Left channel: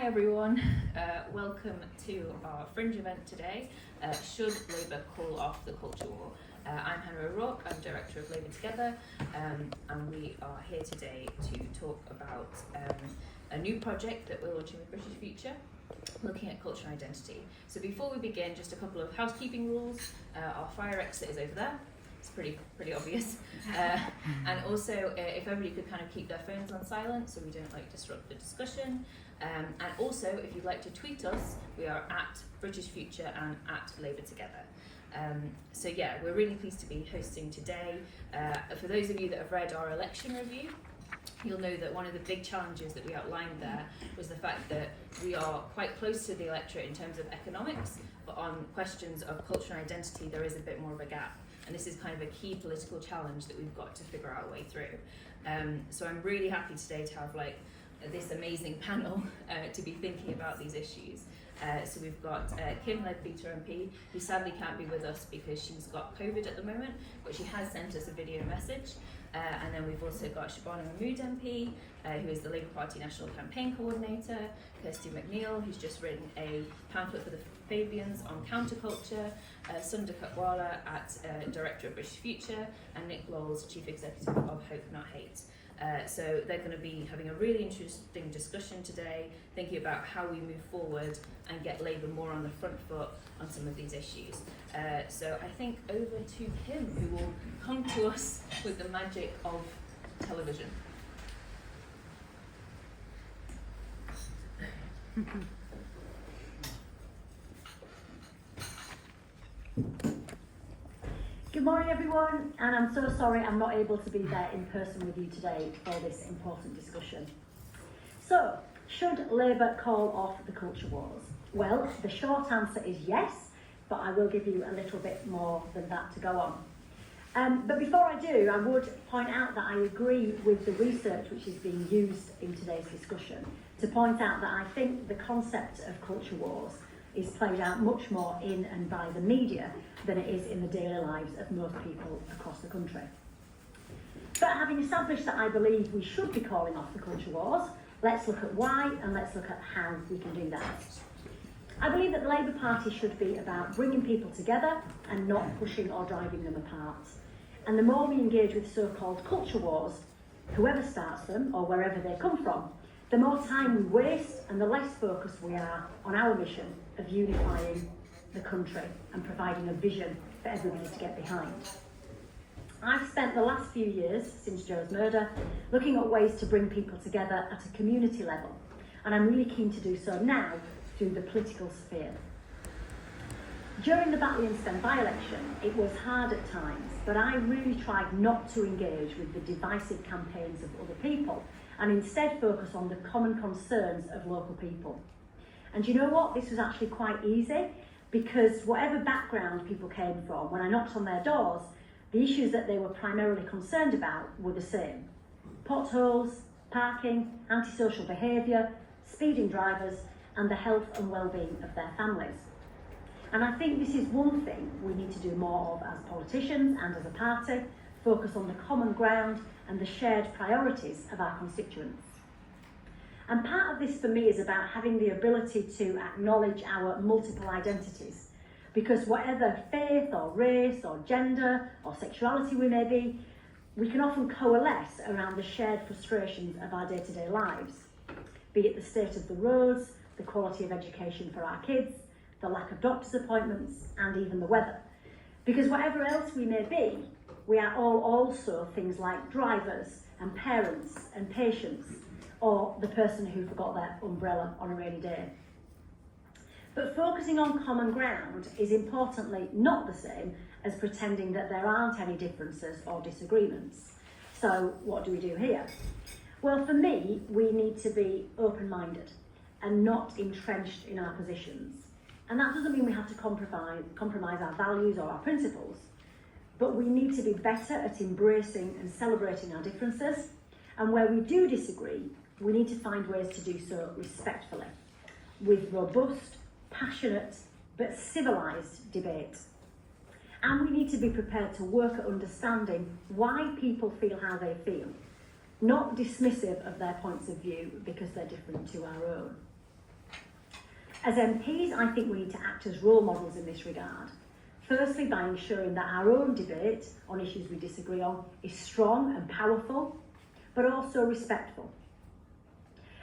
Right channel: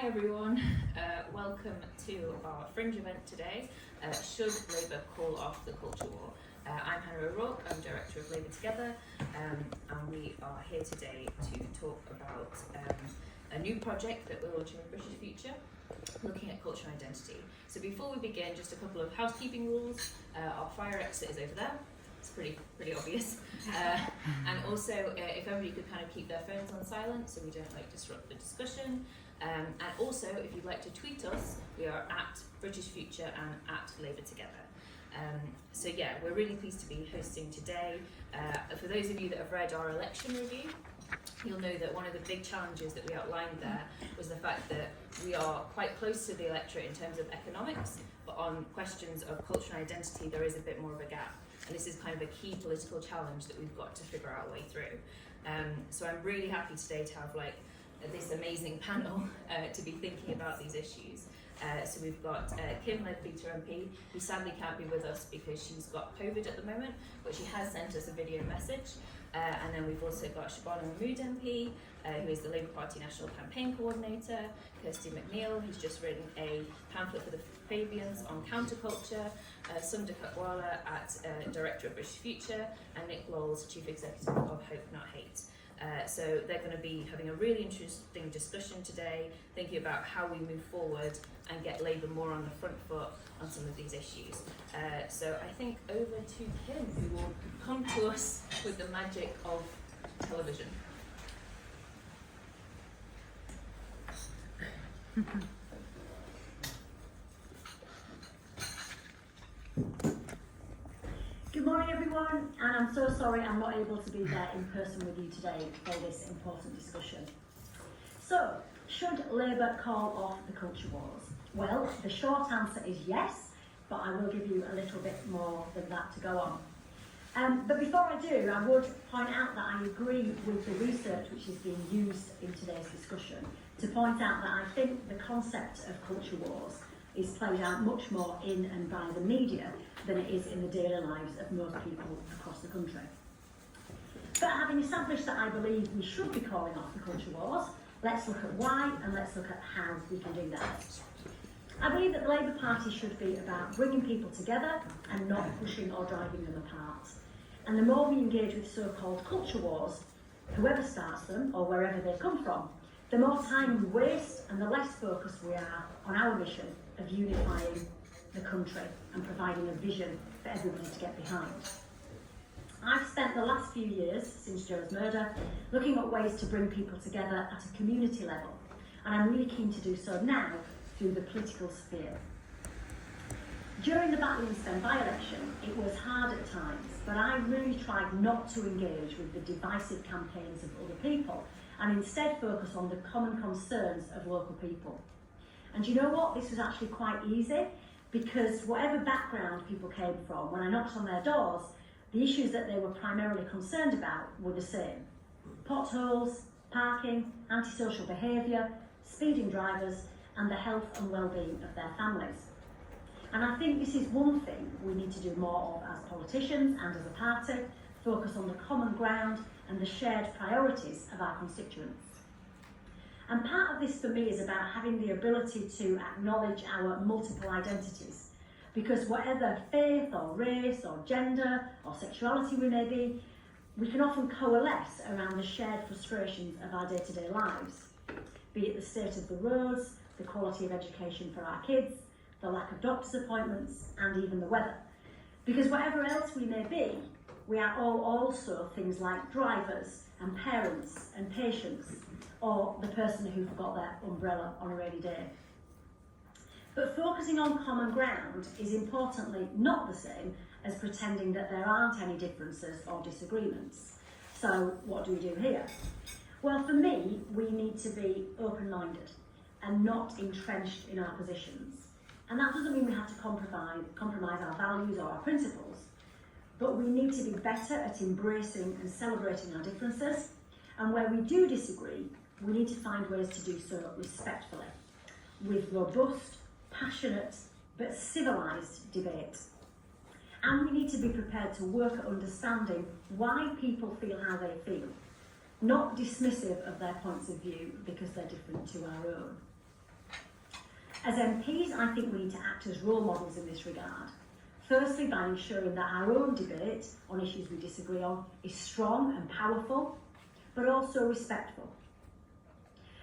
Hi everyone, welcome to our Fringe event today, Should Labour Call Off the Culture War? I'm Hannah O'Rourke, I'm Director of Labour Together, and we are here today to talk about a new project that we're launching with British Future, looking at culture and identity. So before we begin, just a couple of housekeeping rules. Our fire exit is over there. It's pretty obvious. And also, if everybody could kind of keep their phones on silent so we don't disrupt the discussion. And also, if you'd like to tweet us, we are at British Future and at Labour Together. So yeah, we're really pleased to be hosting today. For those of you that have read our election review, you'll know that one of the big challenges that we outlined there was the fact that we are quite close to the electorate in terms of economics, but on questions of culture and identity, there is a bit more of a gap. And this is kind of a key political challenge that we've got to figure out a way through. So I'm really happy today to have this amazing panel to be thinking about these issues. So we've got Kim Leadbeater MP, who sadly can't be with us because she's got COVID at the moment, but she has sent us a video message. And then we've also got Shavana Ahmed MP, who is the Labour Party National Campaign Coordinator, Kirsty McNeill, who's just written a pamphlet for the Fabians on CounterCulture, Sunder Katwala Director of British Future, and Lowles, Chief Executive of Hope Not Hate. So they're going to be having a really interesting discussion today, thinking about how we move forward and get Labour more on the front foot on some of these issues. So I think over to Kim, who will come to us with the magic of television. Good morning everyone, and I'm so sorry I'm not able to be there in person with you today for this important discussion. So, should Labour call off the culture wars? Well, the short answer is yes, but I will give you a little bit more than that to go on. But before I do, I would point out that I agree with the research which is being used in today's discussion to point out that I think the concept of culture wars is played out much more in and by the media than it is in the daily lives of most people across the country. But having established that I believe we should be calling off the culture wars, let's look at why and let's look at how we can do that. I believe that the Labour Party should be about bringing people together and not pushing or driving them apart. And the more we engage with so-called culture wars, whoever starts them or wherever they come from, the more time we waste and the less focused we are on our mission of unifying the country and providing a vision for everybody to get behind. I've spent the last few years since Joe's murder looking at ways to bring people together at a community level, and I'm really keen to do so now through the political sphere. During the Batley-and-Spen by-election, it was hard at times, but I really tried not to engage with the divisive campaigns of other people and instead focus on the common concerns of local people. And you know what? This was actually quite easy because whatever background people came from, when I knocked on their doors, the issues that they were primarily concerned about were the same. Potholes, parking, antisocial behaviour, speeding drivers, and the health and well-being of their families. And I think this is one thing we need to do more of as politicians and as a party, focus on the common ground and the shared priorities of our constituents. And part of this for me is about having the ability to acknowledge our multiple identities, because whatever faith or race or gender or sexuality we may be, we can often coalesce around the shared frustrations of our day-to-day lives, be it the state of the roads, the quality of education for our kids, the lack of doctor's appointments, and even the weather. Because whatever else we may be, we are all also things like drivers and parents and patients, or the person who forgot their umbrella on a rainy day. But focusing on common ground is importantly not the same as pretending that there aren't any differences or disagreements. So what do we do here? Well, for me, we need to be open-minded and not entrenched in our positions. And that doesn't mean we have to compromise our values or our principles, but we need to be better at embracing and celebrating our differences. And where we do disagree, we need to find ways to do so respectfully, with robust, passionate, but civilised debate. And we need to be prepared to work at understanding why people feel how they feel, not dismissive of their points of view because they're different to our own. As MPs, I think we need to act as role models in this regard. Firstly, by ensuring that our own debate on issues we disagree on is strong and powerful, but also respectful.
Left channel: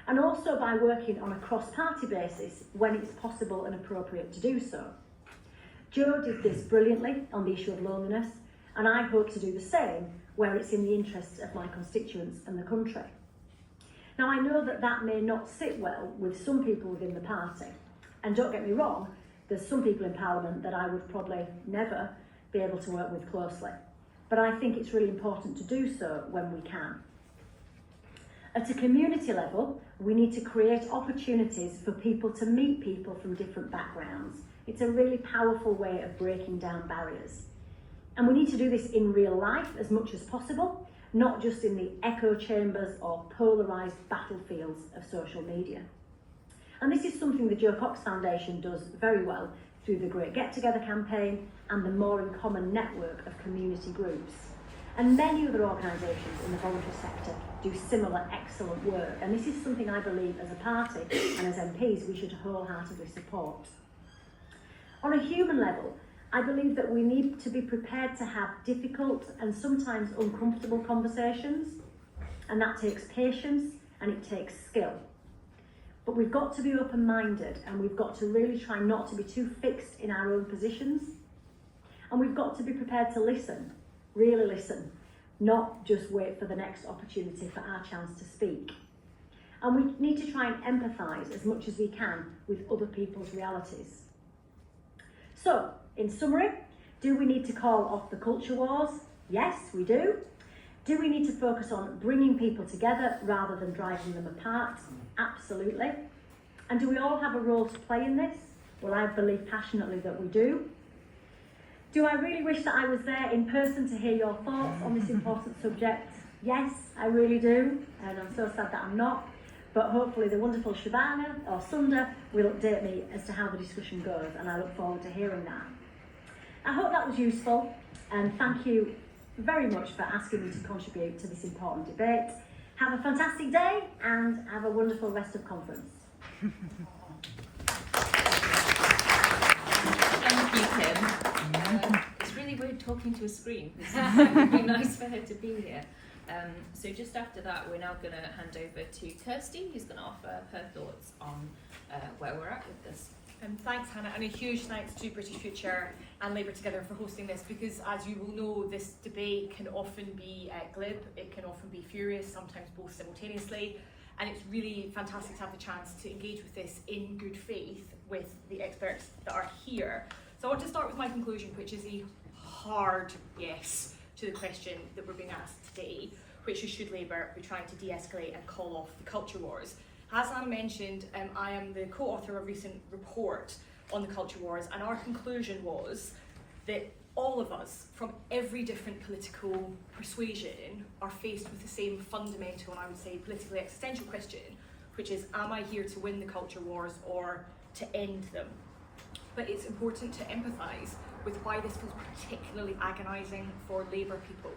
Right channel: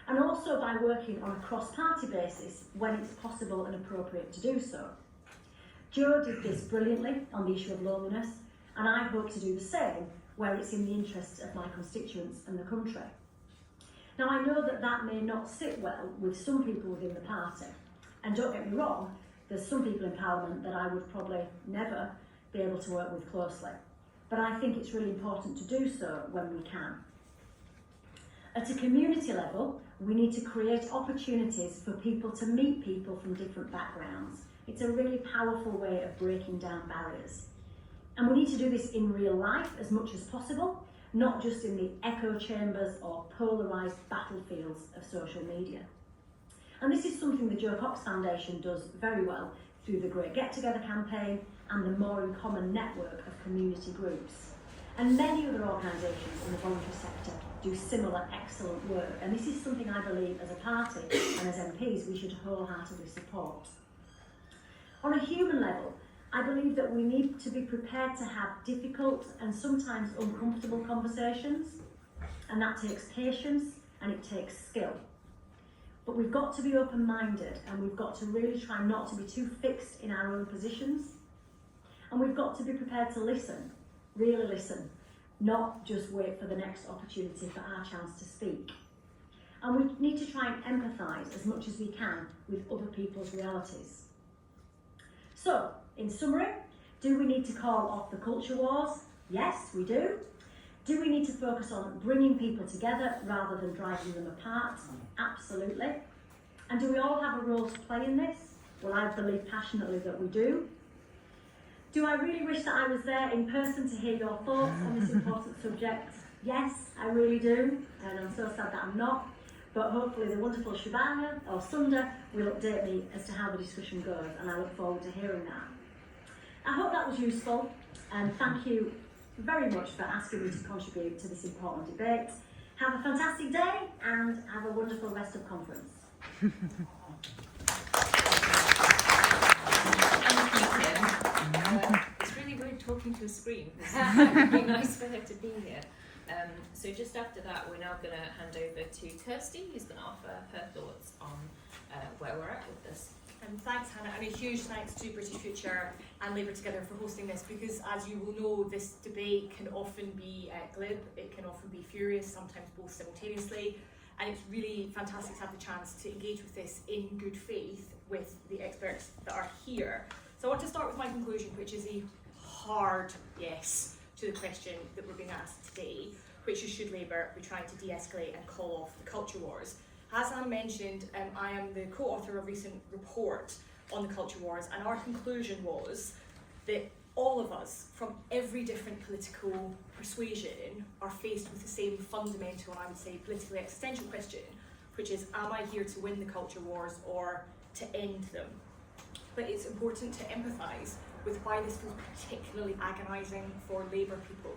And also by working on a cross-party basis when it's possible and appropriate to do so. Jo did this brilliantly on the issue of loneliness, and I hope to do the same where it's in the interests of my constituents and the country. Now, I know that that may not sit well with some people within the party, and don't get me wrong, there's some people in Parliament that I would probably never be able to work with closely, but I think it's really important to do so when we can. At a community level, we need to create opportunities for people to meet people from different backgrounds. It's a really powerful way of breaking down barriers. And we need to do this in real life as much as possible, not just in the echo chambers or polarised battlefields of social media. And this is something the Jo Cox Foundation does very well through the Great Get Together campaign and the More in Common network of community groups. And many other organisations in the voluntary sector do similar excellent work. And this is something I believe as a party and as MPs we should wholeheartedly support. On a human level, I believe that we need to be prepared to have difficult and sometimes uncomfortable conversations, and that takes patience and it takes skill. But we've got to be open-minded, and we've got to really try not to be too fixed in our own positions, and we've got to be prepared to listen, really listen, not just wait for the next opportunity for our chance to speak. And we need to try and empathise as much as we can with other people's realities. So, in summary, do we need to call off the culture wars? Yes, we do. Do we need to focus on bringing people together rather than driving them apart? Absolutely. And do we all have a role to play in this? Well, I believe passionately that we do. Do I really wish that I was there in person to hear your thoughts on this important subject? Yes, I really do. And I'm so sad that I'm not. But hopefully the wonderful Shabana or Sunder will update me as to how the discussion goes, and I look forward to hearing that. I hope that was useful, and thank you very much for asking me to contribute to this important debate. Have a fantastic day and have a wonderful rest of conference. Thank you, Kim. It's really weird talking to a screen. It would be nice for her to be here. So just after that, we're now going to hand over to Kirsty, who's going to offer her thoughts on where we're at with this. Thanks, Hannah, and a huge thanks to British Future and Labour Together for hosting this, because as you will know, this debate can often be glib, it can often be furious, sometimes both simultaneously, and it's really fantastic to have the chance to engage with this in good faith with the experts that are here. So I want to start with my conclusion, which is a hard yes to the question that we're being asked today, which is, should Labour be trying to de-escalate and call off the culture wars? As Anna mentioned, I am the co-author of a recent report on the culture wars, and our conclusion was that all of us, from every different political persuasion, are faced with the same fundamental, and I would say politically existential question, which is, am I here to win the culture wars or to end them? But it's important to empathise with why this feels particularly agonising for Labour people.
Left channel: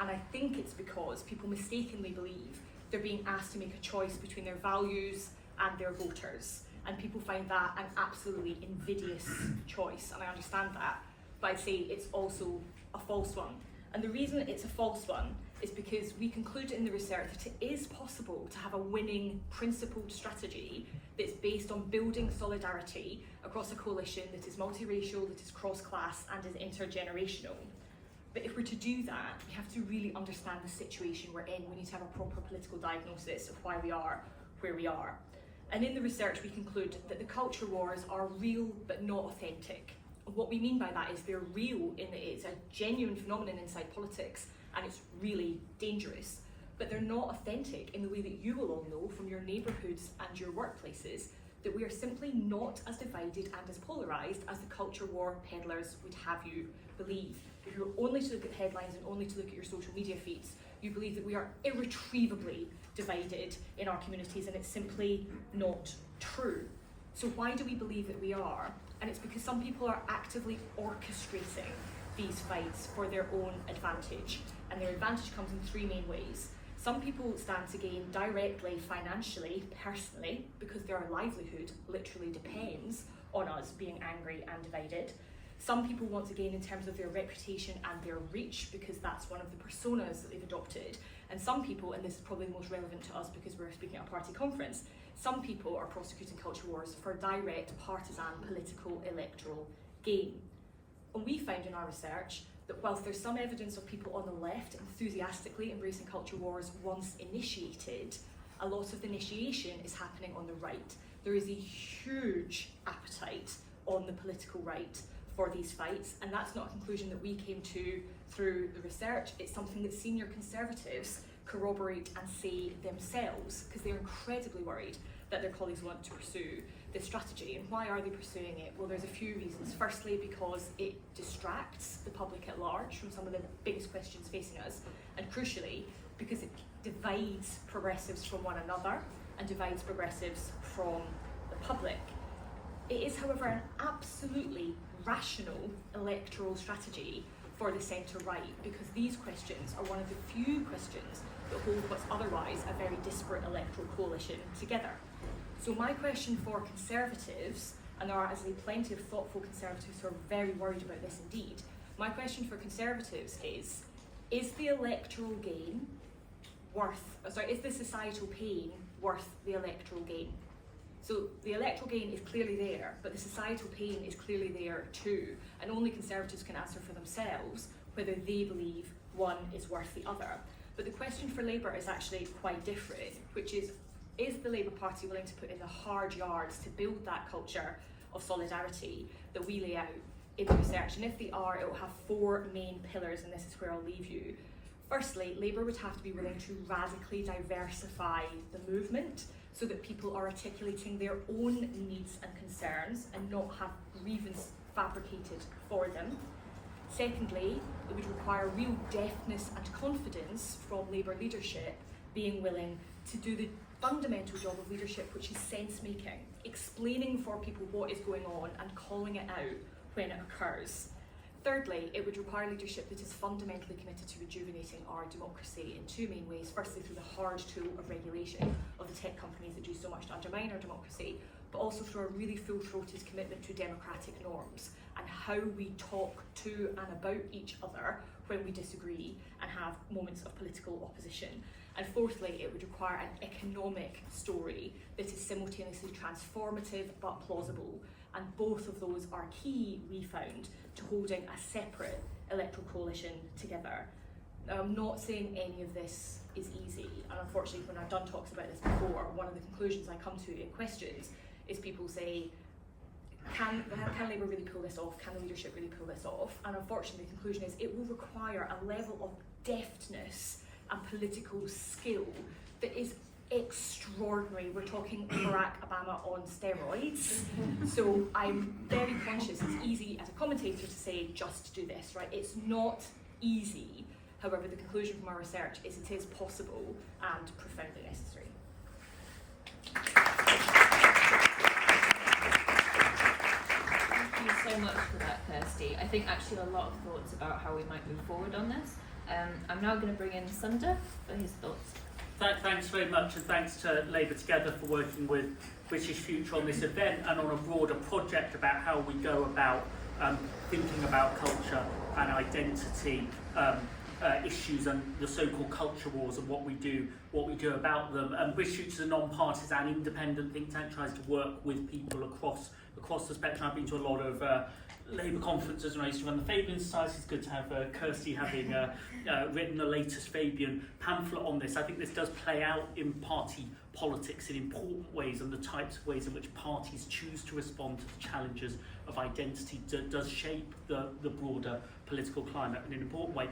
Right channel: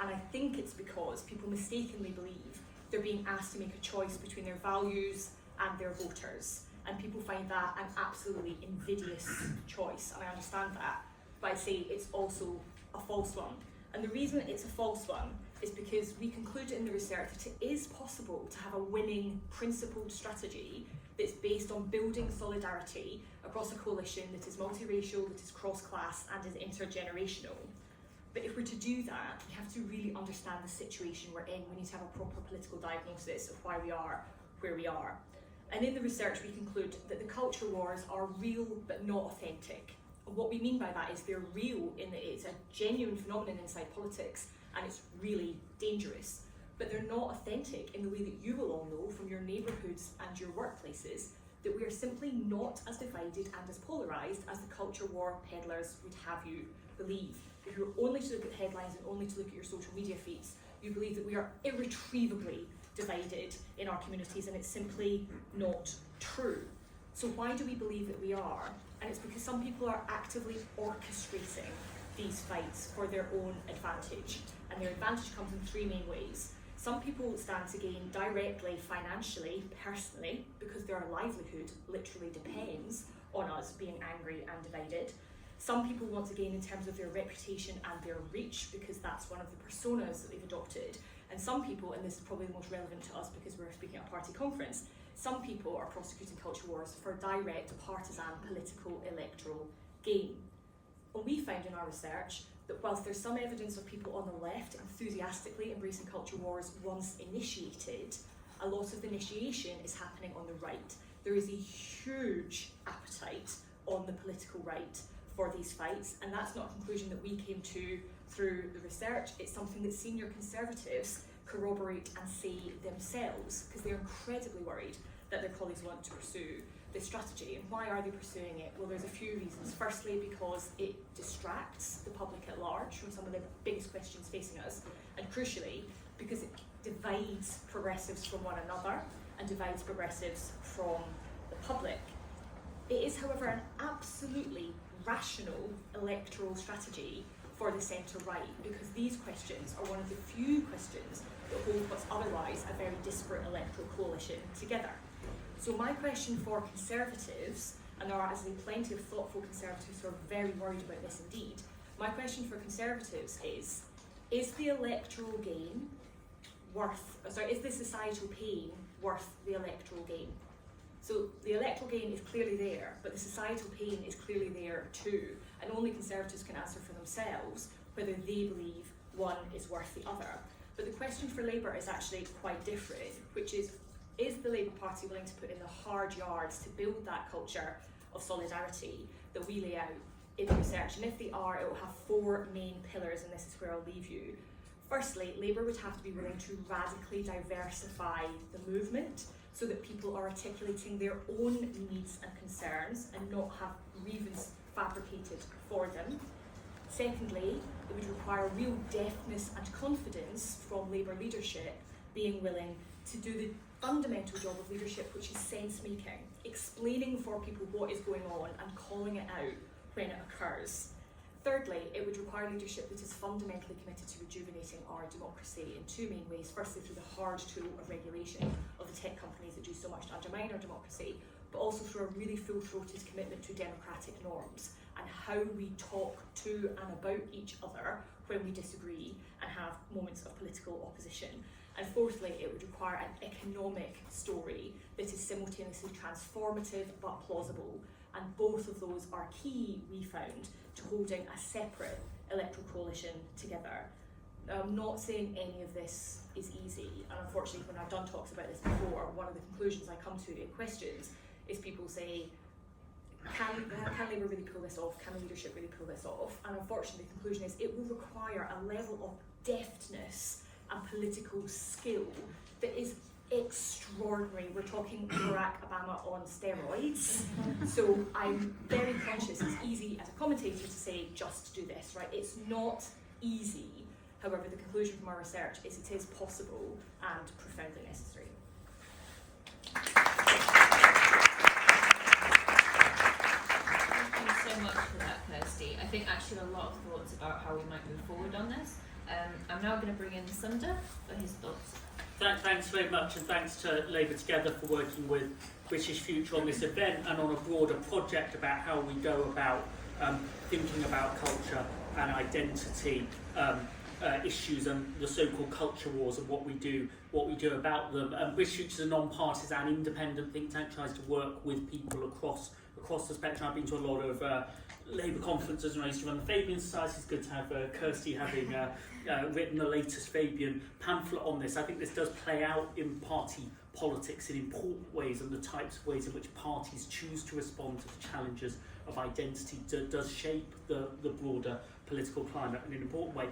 And I think it's because people mistakenly believe they're being asked to make a choice between their values and their voters. And people find that an absolutely invidious choice, and I understand that. But I'd say it's also a false one. And the reason it's a false one is because we conclude in the research that it is possible to have a winning, principled strategy that's based on building solidarity across a coalition that is multiracial, that is cross-class, and is intergenerational. But if we're to do that, we have to really understand the situation we're in. We need to have a proper political diagnosis of why we are where we are. And in the research, we conclude that the culture wars are real but not authentic. And what we mean by that is they're real in that it's a genuine phenomenon inside politics, and it's really dangerous. But they're not authentic in the way that you will all know from your neighbourhoods and your workplaces, that we are simply not as divided and as polarised as the culture war peddlers would have you believe. If you're only to look at headlines and only to look at your social media feeds, you believe that we are irretrievably divided in our communities, and it's simply not true. So why do we believe that we are? And it's because some people are actively orchestrating these fights for their own advantage. And their advantage comes in three main ways. Some people stand to gain directly, financially, personally, because their livelihood literally depends on us being angry and divided. Some people want to gain in terms of their reputation and their reach, because that's one of the personas that they've adopted. And some people, and this is probably the most relevant to us because we're speaking at a party conference, some people are prosecuting culture wars for direct partisan political electoral gain. And we found in our research that whilst there's some evidence of people on the left enthusiastically embracing culture wars once initiated, a lot of the initiation is happening on the right. There is a huge appetite on the political right for these fights, and that's not a conclusion that we came to through the research. It's something that senior Conservatives corroborate and say themselves, because they're incredibly worried that their colleagues want to pursue this strategy. And why are they pursuing it? Well, there's a few reasons. Firstly, because it distracts the public at large from some of the biggest questions facing us, and crucially, because it divides progressives from one another and divides progressives from the public. It is, however, an absolutely rational electoral strategy for the centre-right, because these questions are one of the few questions that hold what's otherwise a very disparate electoral coalition together. So my question for Conservatives, and there are as plenty of thoughtful Conservatives who are very worried about this indeed, my question for Conservatives is the electoral gain is the societal pain worth the electoral gain? So the electoral gain is clearly there, but the societal pain is clearly there too, and only Conservatives can answer for themselves whether they believe one is worth the other. But the question for Labour is actually quite different, which is the Labour Party willing to put in the hard yards to build that culture of solidarity that we lay out in the research? And if they are, it will have four main pillars, and this is where I'll leave you. Firstly, Labour would have to be willing to radically diversify the movement so that people are articulating their own needs and concerns and not have grievance fabricated for them. Secondly, it would require real deftness and confidence from Labour leadership being willing to do the fundamental job of leadership, which is sense-making, explaining for people what is going on and calling it out when it occurs. Thirdly, it would require leadership that is fundamentally committed to rejuvenating our democracy in two main ways. Firstly, through the hard tool of regulation of the tech companies that do so much to undermine our democracy, but also through a really full-throated commitment to democratic norms and how we talk to and about each other when we disagree and have moments of political opposition. And fourthly, it would require an economic story that is simultaneously transformative but plausible. And both of those are key, we found, to holding a separate electoral coalition together. Now, I'm not saying any of this is easy, and unfortunately when I've done talks about this before, one of the conclusions I come to in questions is people say, can Labour really pull this off? Can the leadership really pull this off? And unfortunately the conclusion is it will require a level of deftness and political skill that is extraordinary. We're talking Barack Obama on steroids. So I'm very conscious it's easy as a commentator to say just do this, right? It's not easy. However, the conclusion from our research is it is possible and profoundly necessary. Thank you so much for that, Kirsty. I think actually a lot of thoughts about how we might move forward on this. I'm now going to bring in Sunder for his thoughts. Thanks very much, and thanks to Labour Together for working with British Future on this event and on a broader project about how we go about thinking about culture and identity issues and the so-called culture wars and what we do about them. British Future is a non-partisan, independent think tank, tries to work with people across the spectrum. I've been to a lot of Labour conferences and I used to run the Fabian Society. It's good to have Kirsty having written the latest Fabian pamphlet on this. I think this does play out in party politics in important ways, and the types of ways in which parties choose to respond to the challenges of identity does shape the broader political climate in an important way.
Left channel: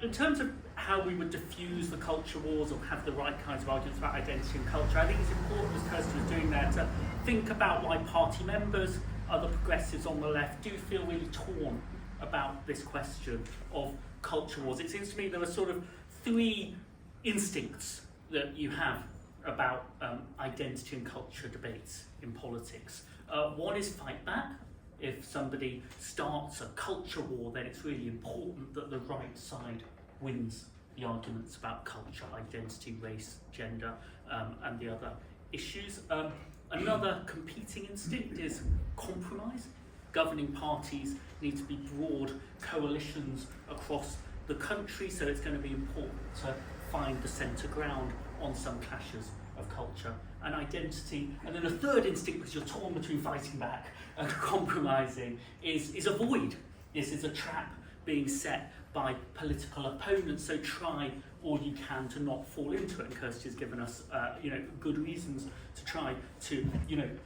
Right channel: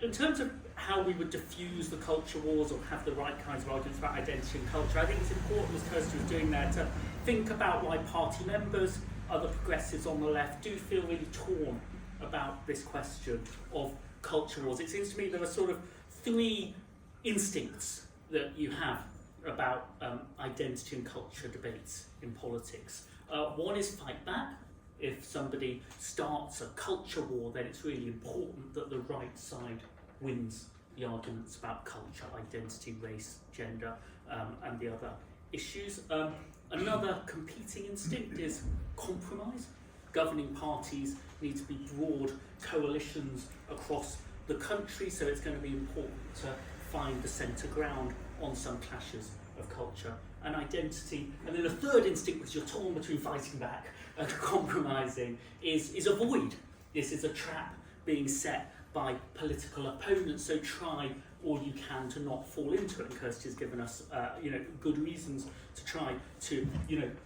In terms of how we would diffuse the culture wars or have the right kinds of arguments about identity and culture, I think it's important, as Kirsty was doing there, to think about why party members, other progressives on the left, do feel really torn about this question of culture wars. It seems to me there are sort of three instincts that you have about identity and culture debates in politics. One is fight back. If somebody starts a culture war, then it's really important that the right side wins the arguments about culture, identity, race, gender, and the other issues. Another competing instinct is compromise. Governing parties need to be broad coalitions across the country, so it's going to be important to find the centre ground on some clashes of culture and identity. And then a third instinct, because you're torn between fighting back and compromising, is avoid. This is a trap being set by political opponents, so try all you can to not fall into it. And Kirsty has given us good reasons to try to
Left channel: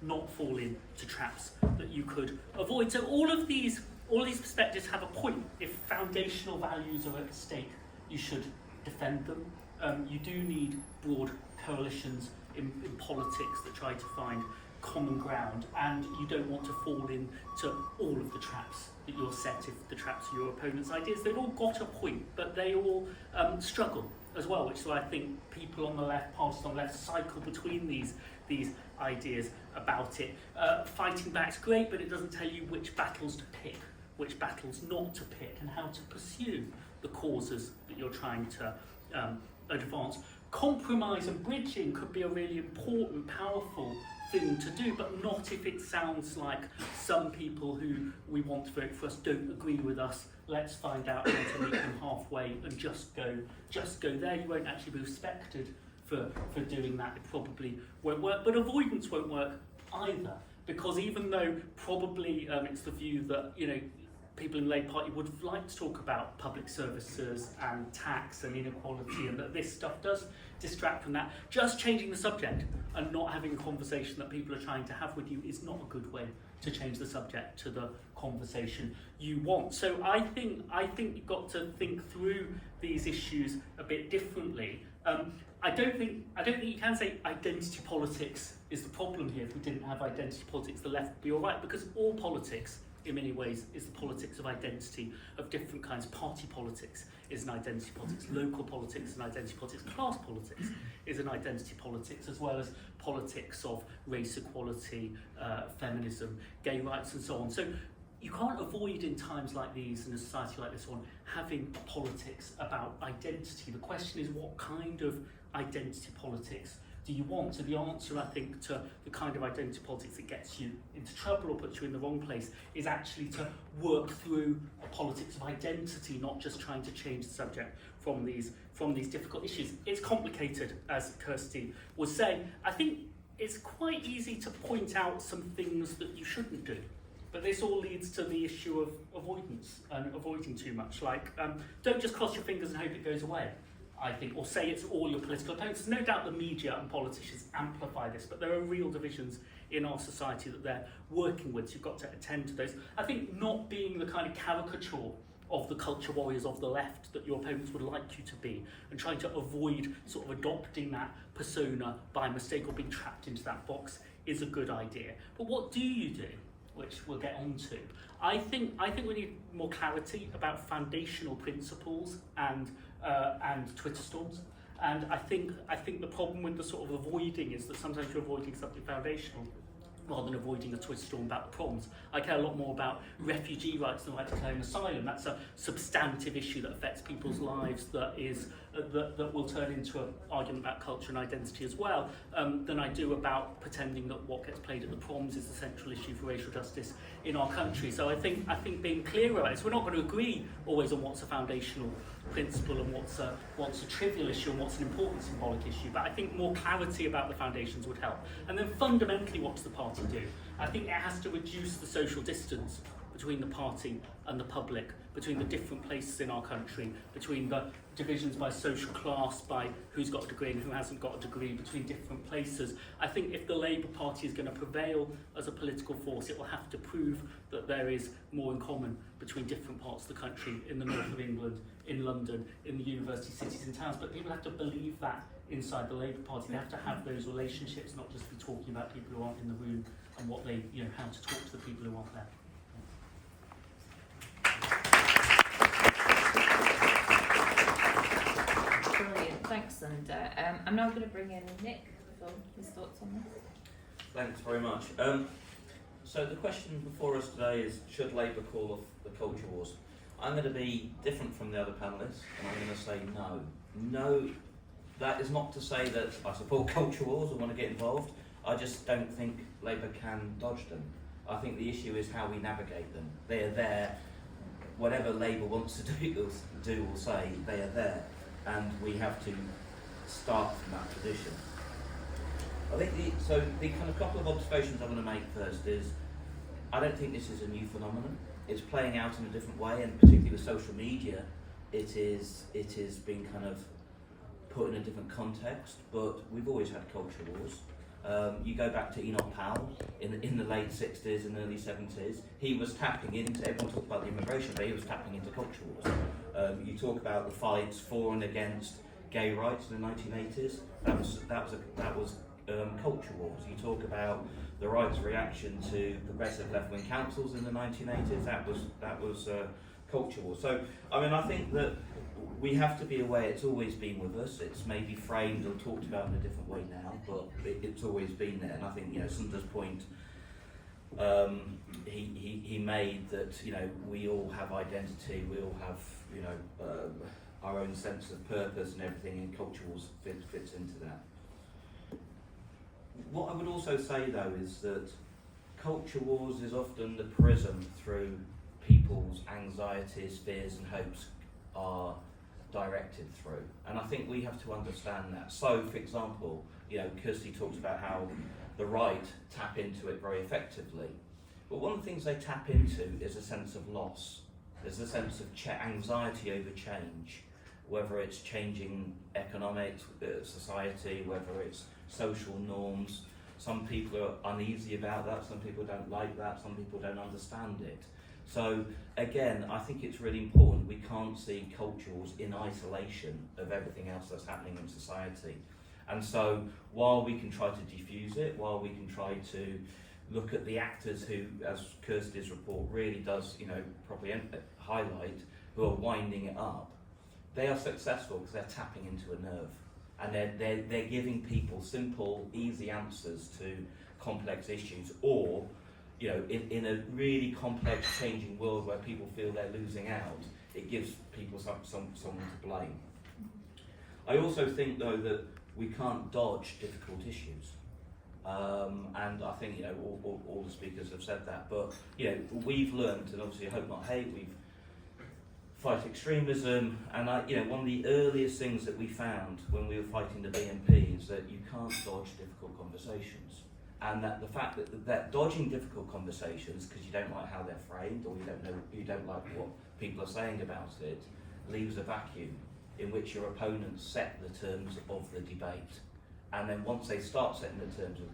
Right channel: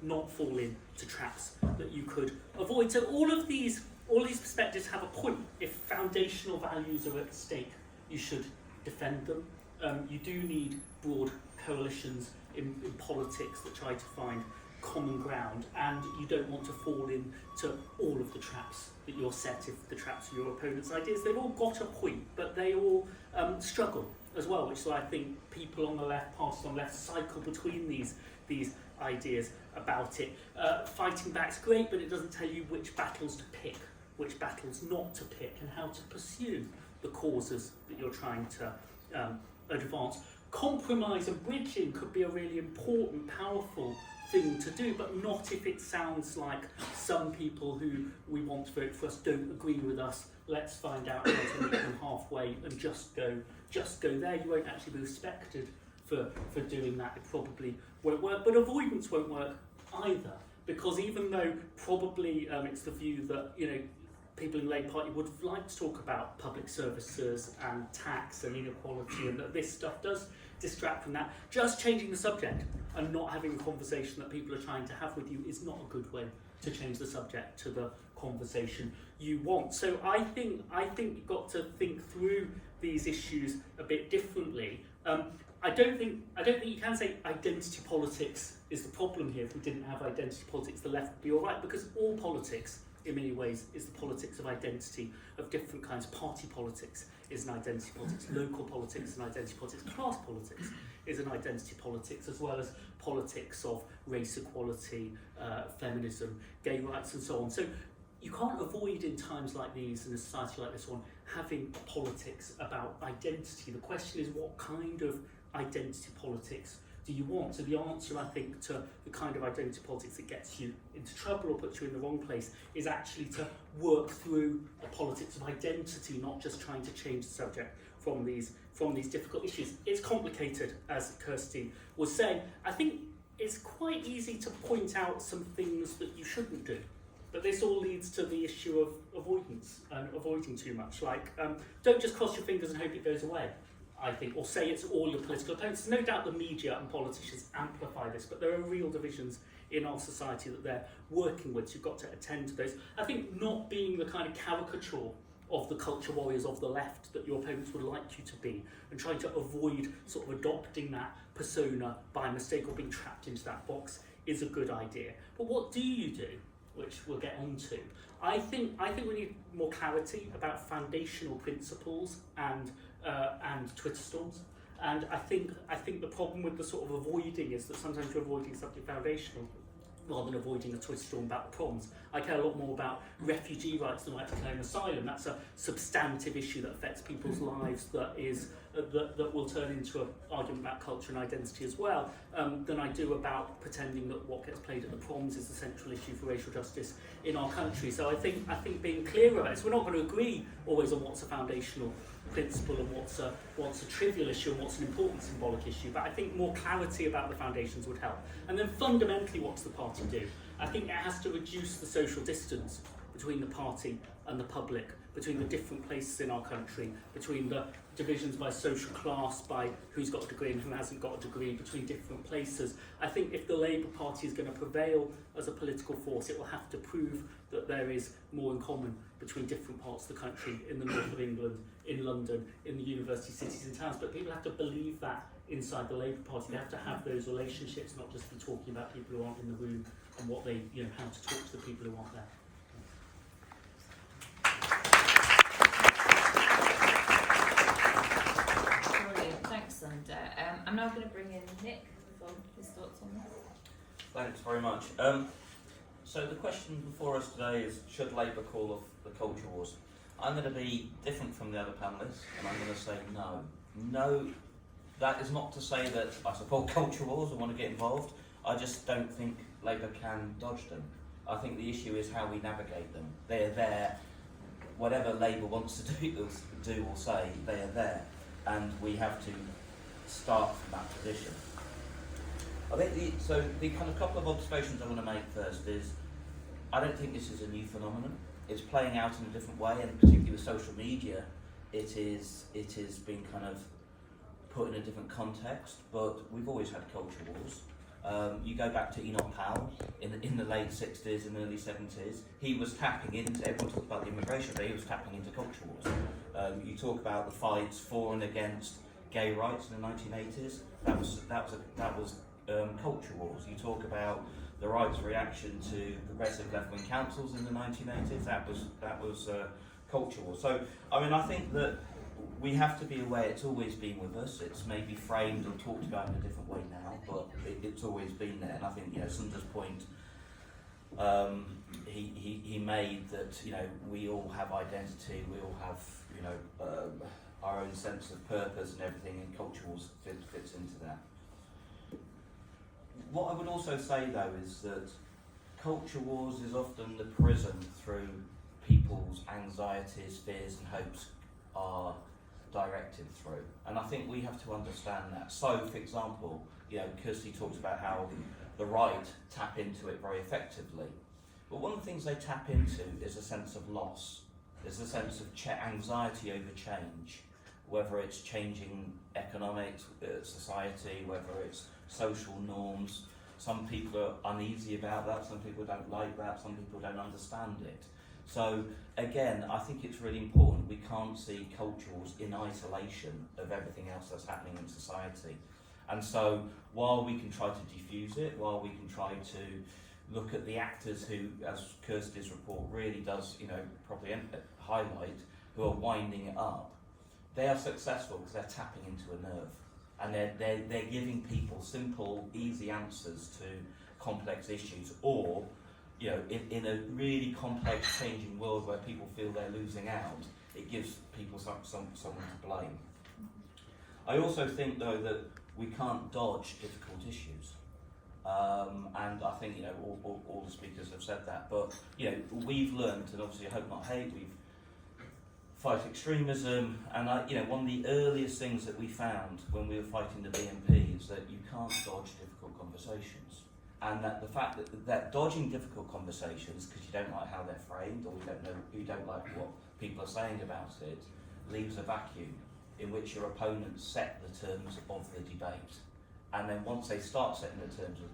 not fall into traps that you could avoid. So all of these perspectives have a point. If foundational values are at stake, you should defend them. You do need broad coalitions in politics that try to find common ground, and you don't want to fall into all of the traps that you're set if the traps are your opponent's ideas. They've all got a point, but they all struggle as well, which is why I think people on the left, parties on the left, cycle between these ideas about it. Fighting back's great, but it doesn't tell you which battles to pick, which battles not to pick, and how to pursue the causes that you're trying to advance. Compromise and bridging could be a really important, powerful thing to do, but not if it sounds like some people who we want to vote for us don't agree with us. Let's find out how to meet them halfway and just go there. You won't actually be respected for doing that. It probably won't work, but avoidance won't work either, because even though probably it's the view that people in the Labour Party would like to talk about public services and tax and inequality, and that this stuff does distract from that, just changing the subject and not having a conversation that people are trying to have with you is not a good way to change the subject to the conversation you want. So I think you've got to think through these issues a bit differently. I don't think you can say identity politics is the problem here. If we didn't have identity politics, the left would be all right, because all politics in many ways is the politics of identity of different kinds. Party politics is an identity politics, local politics is an identity politics, class politics is an identity politics, as well as politics of race equality, feminism, gay rights and so on. So you can't avoid in times like these, in a society like this one, having politics about identity. The question is, what kind of identity politics do you want? So the answer, I think, to the kind of identity politics that gets you into trouble or puts you in the wrong place is actually to work through a politics of identity, not just trying to change the subject from these difficult issues. It's complicated, as Kirsty was saying. I think it's quite easy to point out some things that you shouldn't do. But this all leads to the issue of avoidance and avoiding too much. Like, don't just cross your fingers and hope it goes away, I think, or say it's all your political opponents. There's no doubt the media and politicians amplify this, but there are real divisions in our society that they're working with, so you've got to attend to those. I think not being the kind of caricature of the culture warriors of the left that your opponents would like you to be, and trying to avoid sort of adopting that persona by mistake or being trapped into that box is a good idea. But what do you do? Which we'll get on to. I think we need more clarity about foundational principles and Twitter storms. And I think the problem with the sort of avoiding is that sometimes you're avoiding something foundational rather than avoiding a Twitter storm about the problems. I care a lot more about refugee rights and the right to claim asylum. That's a substantive issue that affects people's lives, that will turn into an argument about culture and identity as well, than I do about pretending that what gets played at the proms is the central issue for racial justice in our country. So I think being clearer about it, so we're not going to agree always on what's a foundational principle and what's a trivial issue and what's an important symbolic issue, but I think more clarity about the foundations would help. And then fundamentally, what does the party do? I think it has to reduce the social distance between the party and the public, between the different places in our country, between the divisions by social class, by who's got a degree and who hasn't got a degree, between different places. I think if the Labour Party is going to prevail as a political force, it will have to prove that there is more in common between different parts of the country, in the north of England, in London, in the university cities and towns. But people have to believe that inside the Labour Party. They have to have those relationships, not just be talking about people who aren't in the room and what they, how to talk to the people who aren't there. Brilliant, thanks, Sunder. I'm now going to bring in Nick for his thoughts on this. Thanks very much. So the question before us today is, should Labour call off the culture wars? I'm going to be different from the other panellists, and I'm going to say no. No, that is not to say that I support culture wars or want to get involved. I just don't think Labour can dodge them. I think the issue is how we navigate them. They are there. Whatever Labour wants to do or say, they are there, and we have to start from that position. I think the kind of couple of observations I want to make first is, I don't think this is a new phenomenon. It's playing out in a different way, and particularly with social media, it is being kind of put in a different context. But we've always had culture wars. You go back to Enoch Powell in the late 60s and early 70s. He was tapping into, everyone talks about the immigration, but he was tapping into culture wars. You talk about the fights for and against gay rights in the 1980s. That was culture wars. You talk about the right's reaction to progressive left-wing councils in the 1980s. That was culture wars. So I mean, I think that we have to be aware it's always been with us. It's maybe framed or talked about in a different way now, but it's always been there. And I think, Sunder's point he made that, we all have identity, we all have, our own sense of purpose and everything, and culture wars fits into that. What I would also say, though, is that culture wars is often the prism through people's anxieties, fears and hopes are directed through. And I think we have to understand that. So, for example, Kirsty talks about how the right tap into it very effectively. But one of the things they tap into is a sense of loss. There's a sense of anxiety over change, whether it's changing economics, society, whether it's social norms. Some people are uneasy about that, some people don't like that, some people don't understand it. So again, I think it's really important. We can't see culture wars in isolation of everything else that's happening in society. And so while we can try to diffuse it, while we can try to look at the actors who, as Kirsty's report really does, probably highlight, who are winding it up, they are successful because they're tapping into a nerve. And they're giving people simple, easy answers to complex issues, or in a really complex, changing world where people feel they're losing out, it gives people someone to blame. I also think, though, that we can't dodge difficult issues, and I think all the speakers have said that. But we've learned, and obviously I hope not hate, we've fight extremism, and one of the earliest things that we found when we were fighting the BNP is that you can't dodge difficult conversations, and that the fact that dodging difficult conversations because you don't like how they're framed, or you don't like what people are saying about it, leaves a vacuum in which your opponents set the terms of the debate, and then once they start setting the terms of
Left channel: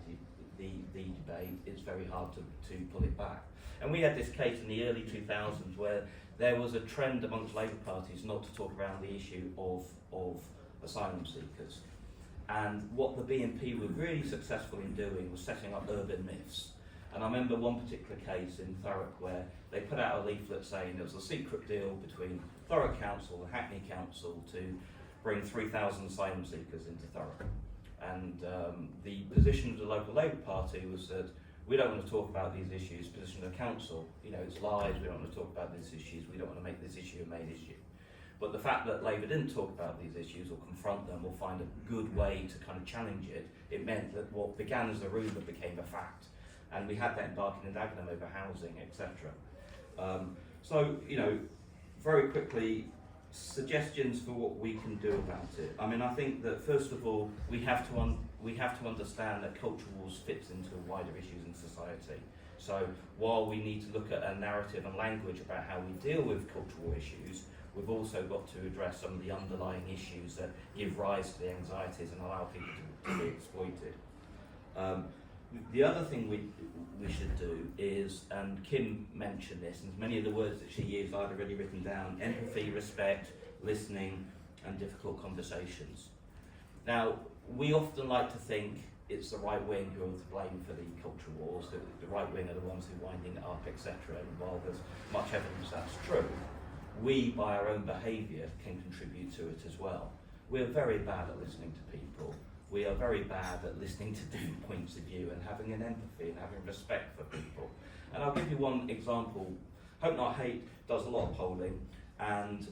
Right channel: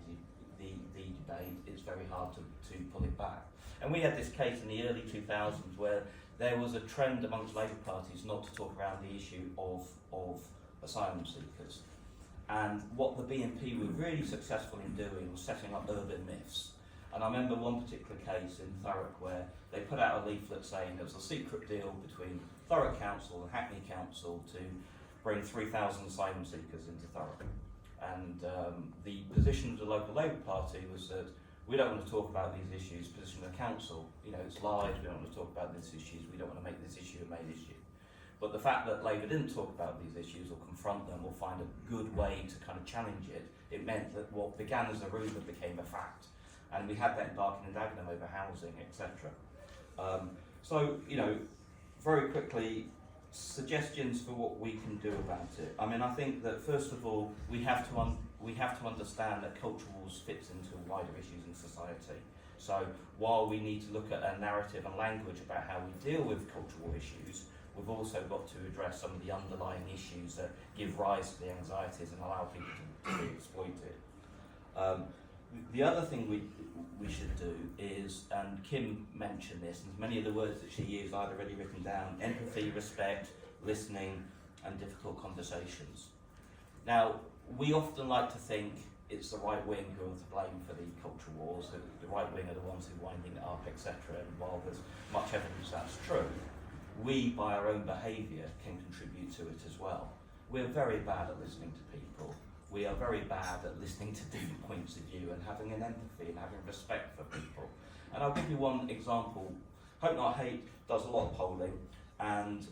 the debate, it's very hard to pull it back. And we had this case in the early 2000s where there was a trend amongst Labour parties not to talk around the issue of asylum seekers. And what the BNP were really successful in doing was setting up urban myths. And I remember one particular case in Thurrock where they put out a leaflet saying there was a secret deal between Thurrock Council and Hackney Council to bring 3,000 asylum seekers into Thurrock. And the position of the local Labour Party was that we don't want to talk about these issues. Position of the council, it's lies, we don't want to talk about these issues, we don't want to make this issue a main issue. But the fact that Labour didn't talk about these issues or confront them or find a good way to kind of challenge it, it meant that what began as a rumour became a fact. And we had that in Barking and Dagenham over housing, etc. So, very quickly, suggestions for what we can do about it. I mean, I think that first of all, we have to understand that culture wars fits into wider issues in society. So while we need to look at a narrative and language about how we deal with cultural issues, we've also got to address some of the underlying issues that give rise to the anxieties and allow people to be exploited. The other thing we should do is, and Kim mentioned this, and many of the words that she used I'd already written down: empathy, respect, listening, and difficult conversations. Now, we often like to think it's the right wing who are to blame for the culture wars, the right wing are the ones who are winding it up, etc. And while there's much evidence that's true, we, by our own behaviour, can contribute to it as well. We're very bad at listening to people. We are very bad at listening to different points of view and having an empathy and having respect for people. And I'll give you one example. Hope Not Hate does a lot of polling, and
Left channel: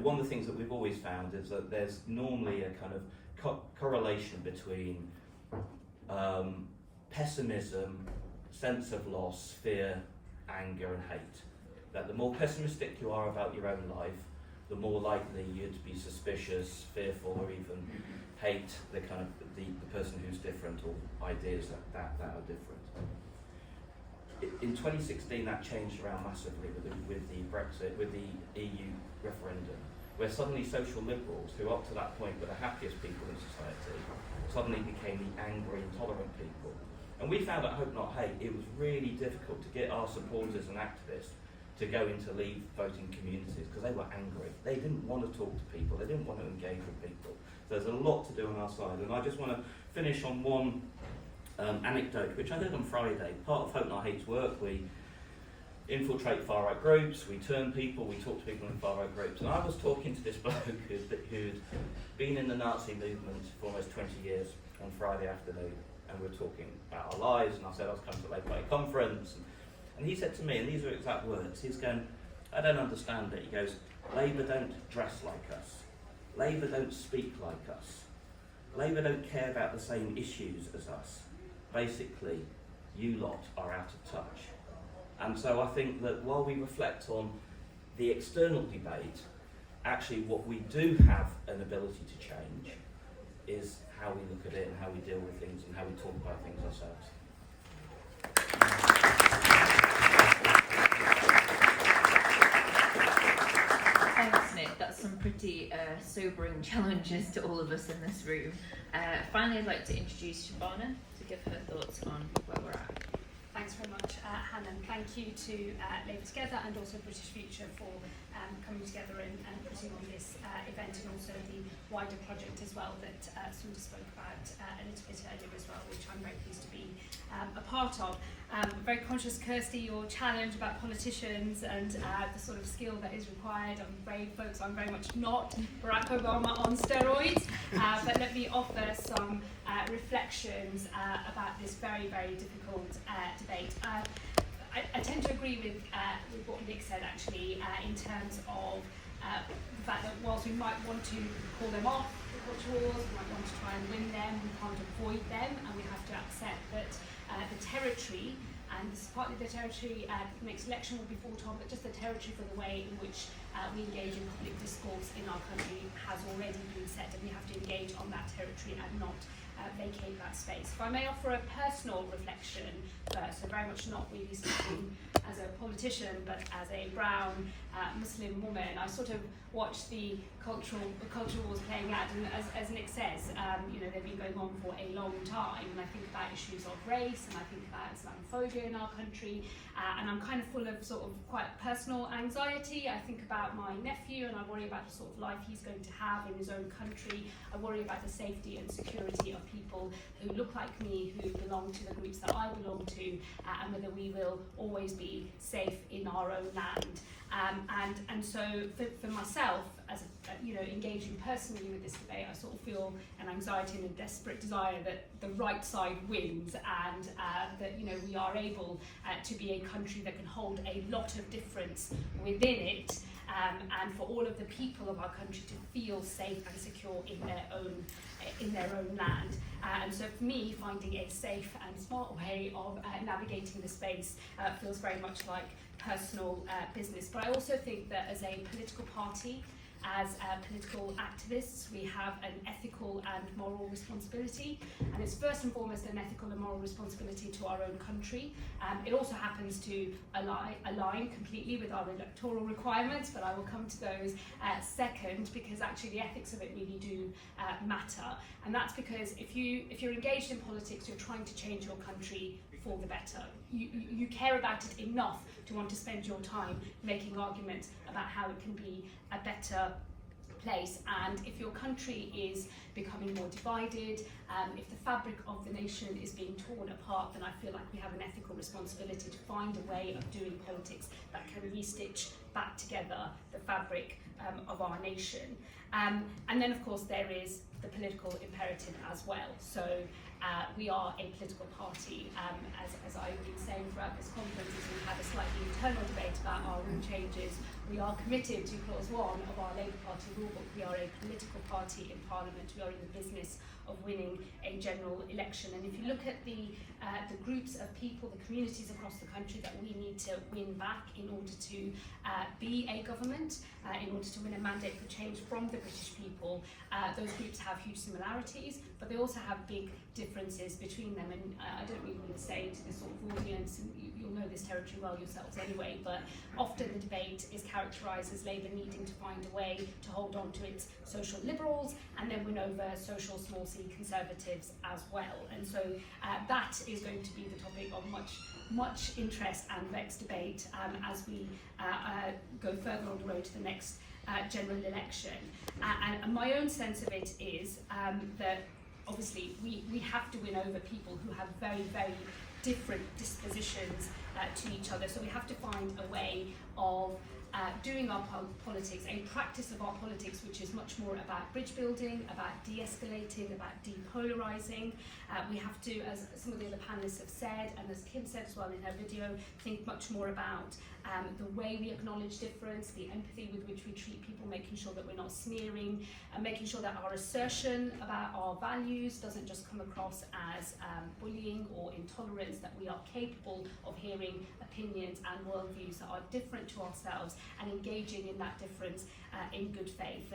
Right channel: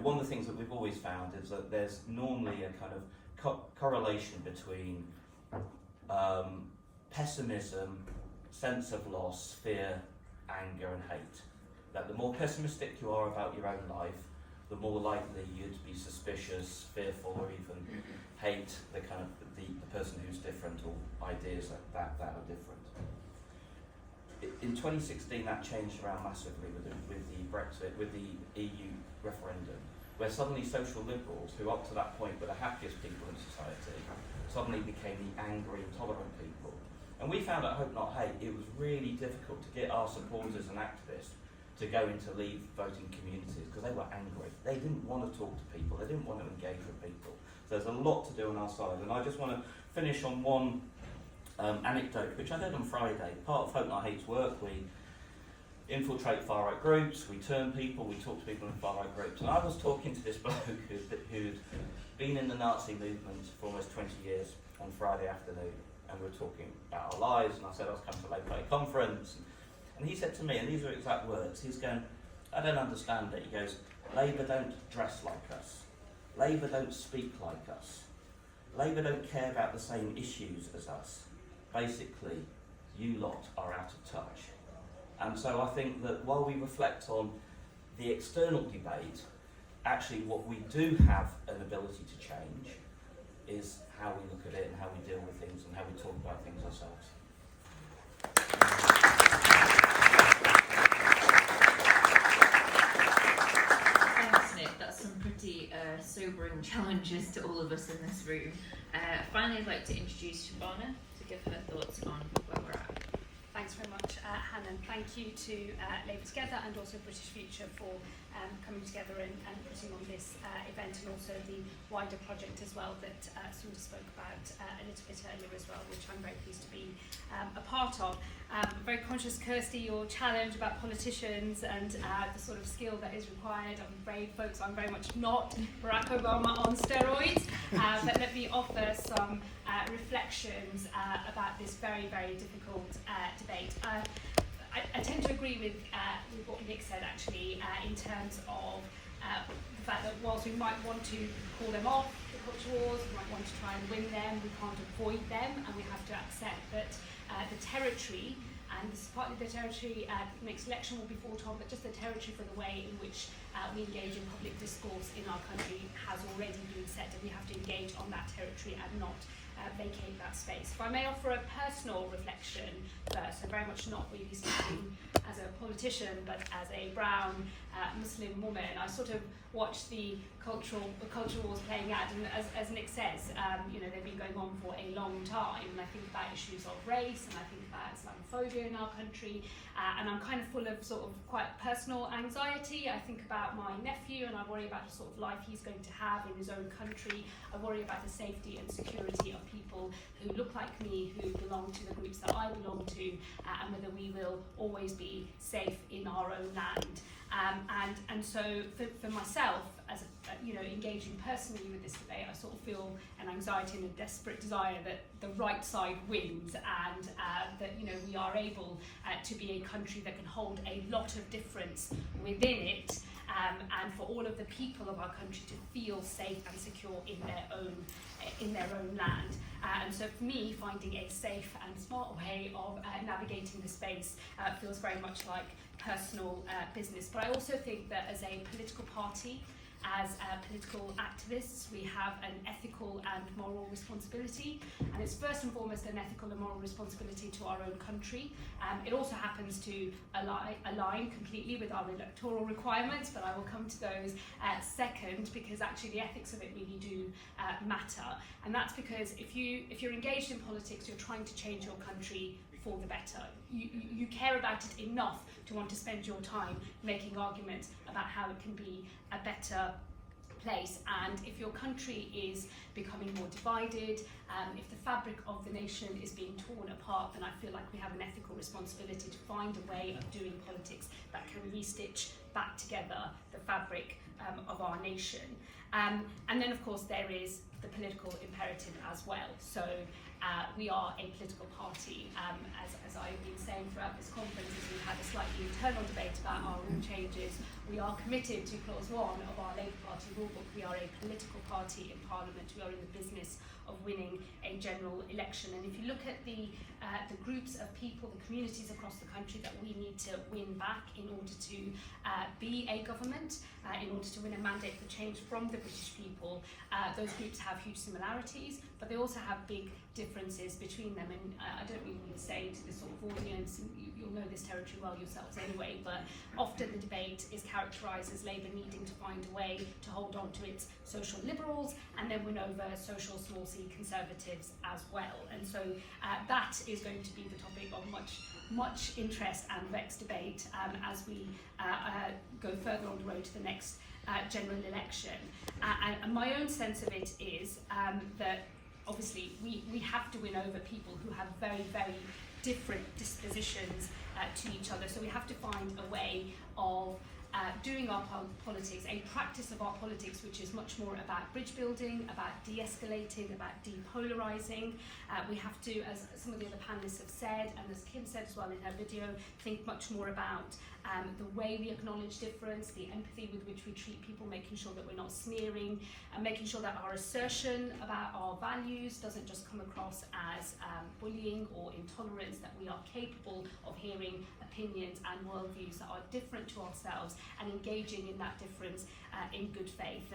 one of the things that we've always found is that there's normally a kind of correlation between pessimism, sense of loss, fear, anger and hate. That the more pessimistic you are about your own life, the more likely you'd be suspicious, fearful, or even hate the person who's different, or ideas that are different. In 2016, that changed around massively with the Brexit, with the EU referendum, where suddenly social liberals, who up to that point were the happiest people in society, suddenly became the angry, intolerant people. And we found at Hope Not Hate it was really difficult to get our supporters and activists to go into Leave voting communities because they were angry. They didn't want to talk to people. They didn't want to engage with people. So there's a lot to do on our side. And I just want to finish on one anecdote, which I did on Friday. Part of Hope Not Hate's work, we infiltrate far-right groups, we turn people, we talk to people in far-right groups. And I was talking to this bloke who'd been in the Nazi movement for almost 20 years on Friday afternoon. And we were talking about our lives, and I said I was coming to a Labour conference. And he said to me, and these are exact words, he's going, I don't understand it. He goes, Labour don't dress like us. Labour don't speak like us. Labour don't care about the same issues as us. Basically, you lot are out of touch. And so I think that while we reflect on the external debate, actually what we do have an ability to change is how we look at it and how we deal with things and how we talk about things ourselves. Thanks, Nick. That's some pretty sobering challenges to all of us in this room. Finally, I'd like to introduce Shabana to give her thoughts on where we're at. Thanks very much, Hannah, and thank you to Labour Together and also British Future for coming together and putting on this event, and also the wider project as well that Sunder spoke about a little bit earlier as well, which I'm very pleased to be a part of. Very conscious, Kirsty, your challenge about politicians and the sort of skill that is required. I'm afraid, folks, I'm very much not Barack Obama on steroids, but let me offer some reflections about this very, very difficult debate. I tend to agree with what Nick said, actually, in terms of the fact that whilst we might want to call them off, the culture wars, we might want to try and win them, we can't avoid them, and we have to accept that the territory, and this is partly the territory the next election will be fought on, but just the territory for the way in which we engage in public discourse in our country has already been set, and we have to engage on that territory and not vacate that space. If I may offer a personal reflection first, so very much not really speaking as a politician, but as a brown Muslim woman, I sort of watched the culture wars playing out, and as Nick says, they've been going on for a long time, and I think about issues of race, and I think about Islamophobia in our country, and I'm kind of full of sort of quite personal anxiety. I think about my nephew, and I worry about the sort of life he's going to have in his own country. I worry about the safety and security of people who look like me, who belong to the groups that I belong to, and whether we will always be safe in our own land. And so for myself, as engaging personally with this debate, I sort of feel an anxiety and a desperate desire that the right side wins, and that we are able to be a country that can hold a lot of difference within it, and for all of the people of our country to feel safe and secure in their own land. And so for me, finding a safe and smart way of navigating the space feels very much like personal business. But I also think that as a political party, as political activists, we have an ethical and moral responsibility, and it's first and foremost an ethical and moral responsibility to our own country. It also happens to align completely with our electoral requirements, but I will come to those second, because actually the ethics of it really do matter. And that's because if you're engaged in politics, you're trying to change your country for the better. You care about it enough to want to spend your time making arguments about how it can be a better place. And if your country is becoming more divided, if the fabric of the nation is being torn apart, then I feel like we have an ethical responsibility to find a way of doing politics that can restitch back together the fabric of our nation. And then, of course, there is the political imperative as well. So we are a political party, as I've been saying throughout this conference, as we've had a slightly internal debate about our rule changes. We are committed to clause 1 of our Labour Party rulebook. We are a political party in Parliament. We are in the business of winning a general election. And if you look at the groups of people, the communities across the country that we need to win back in order to be a government, in order to win a mandate for change from the British people, those groups have huge similarities, but they also have big differences between them. And I don't really need to say to this sort of audience, and you'll know this territory well yourselves anyway, but often the debate is characterised as Labour needing to find a way to hold on to its social liberals and then win over social small c conservatives as well. And so that is going to be the topic of much interest and vexed debate as we go further on the road to the next general election. And my own sense of it is that obviously we have to win over people who have very, very different dispositions to each other. So we have to find a way of doing our politics, a practice of our politics which is much more about bridge building, about de-escalating, about depolarising. We have to, as some of the other panellists have said, and as Kim said as well in her video, think much more about the way we acknowledge difference, the empathy with which we treat people, making sure that we're not smearing, and making sure that our assertion about our values doesn't just come across as bullying or intolerance, that we are capable of hearing opinions and worldviews that are different to ourselves and engaging in that difference in good faith.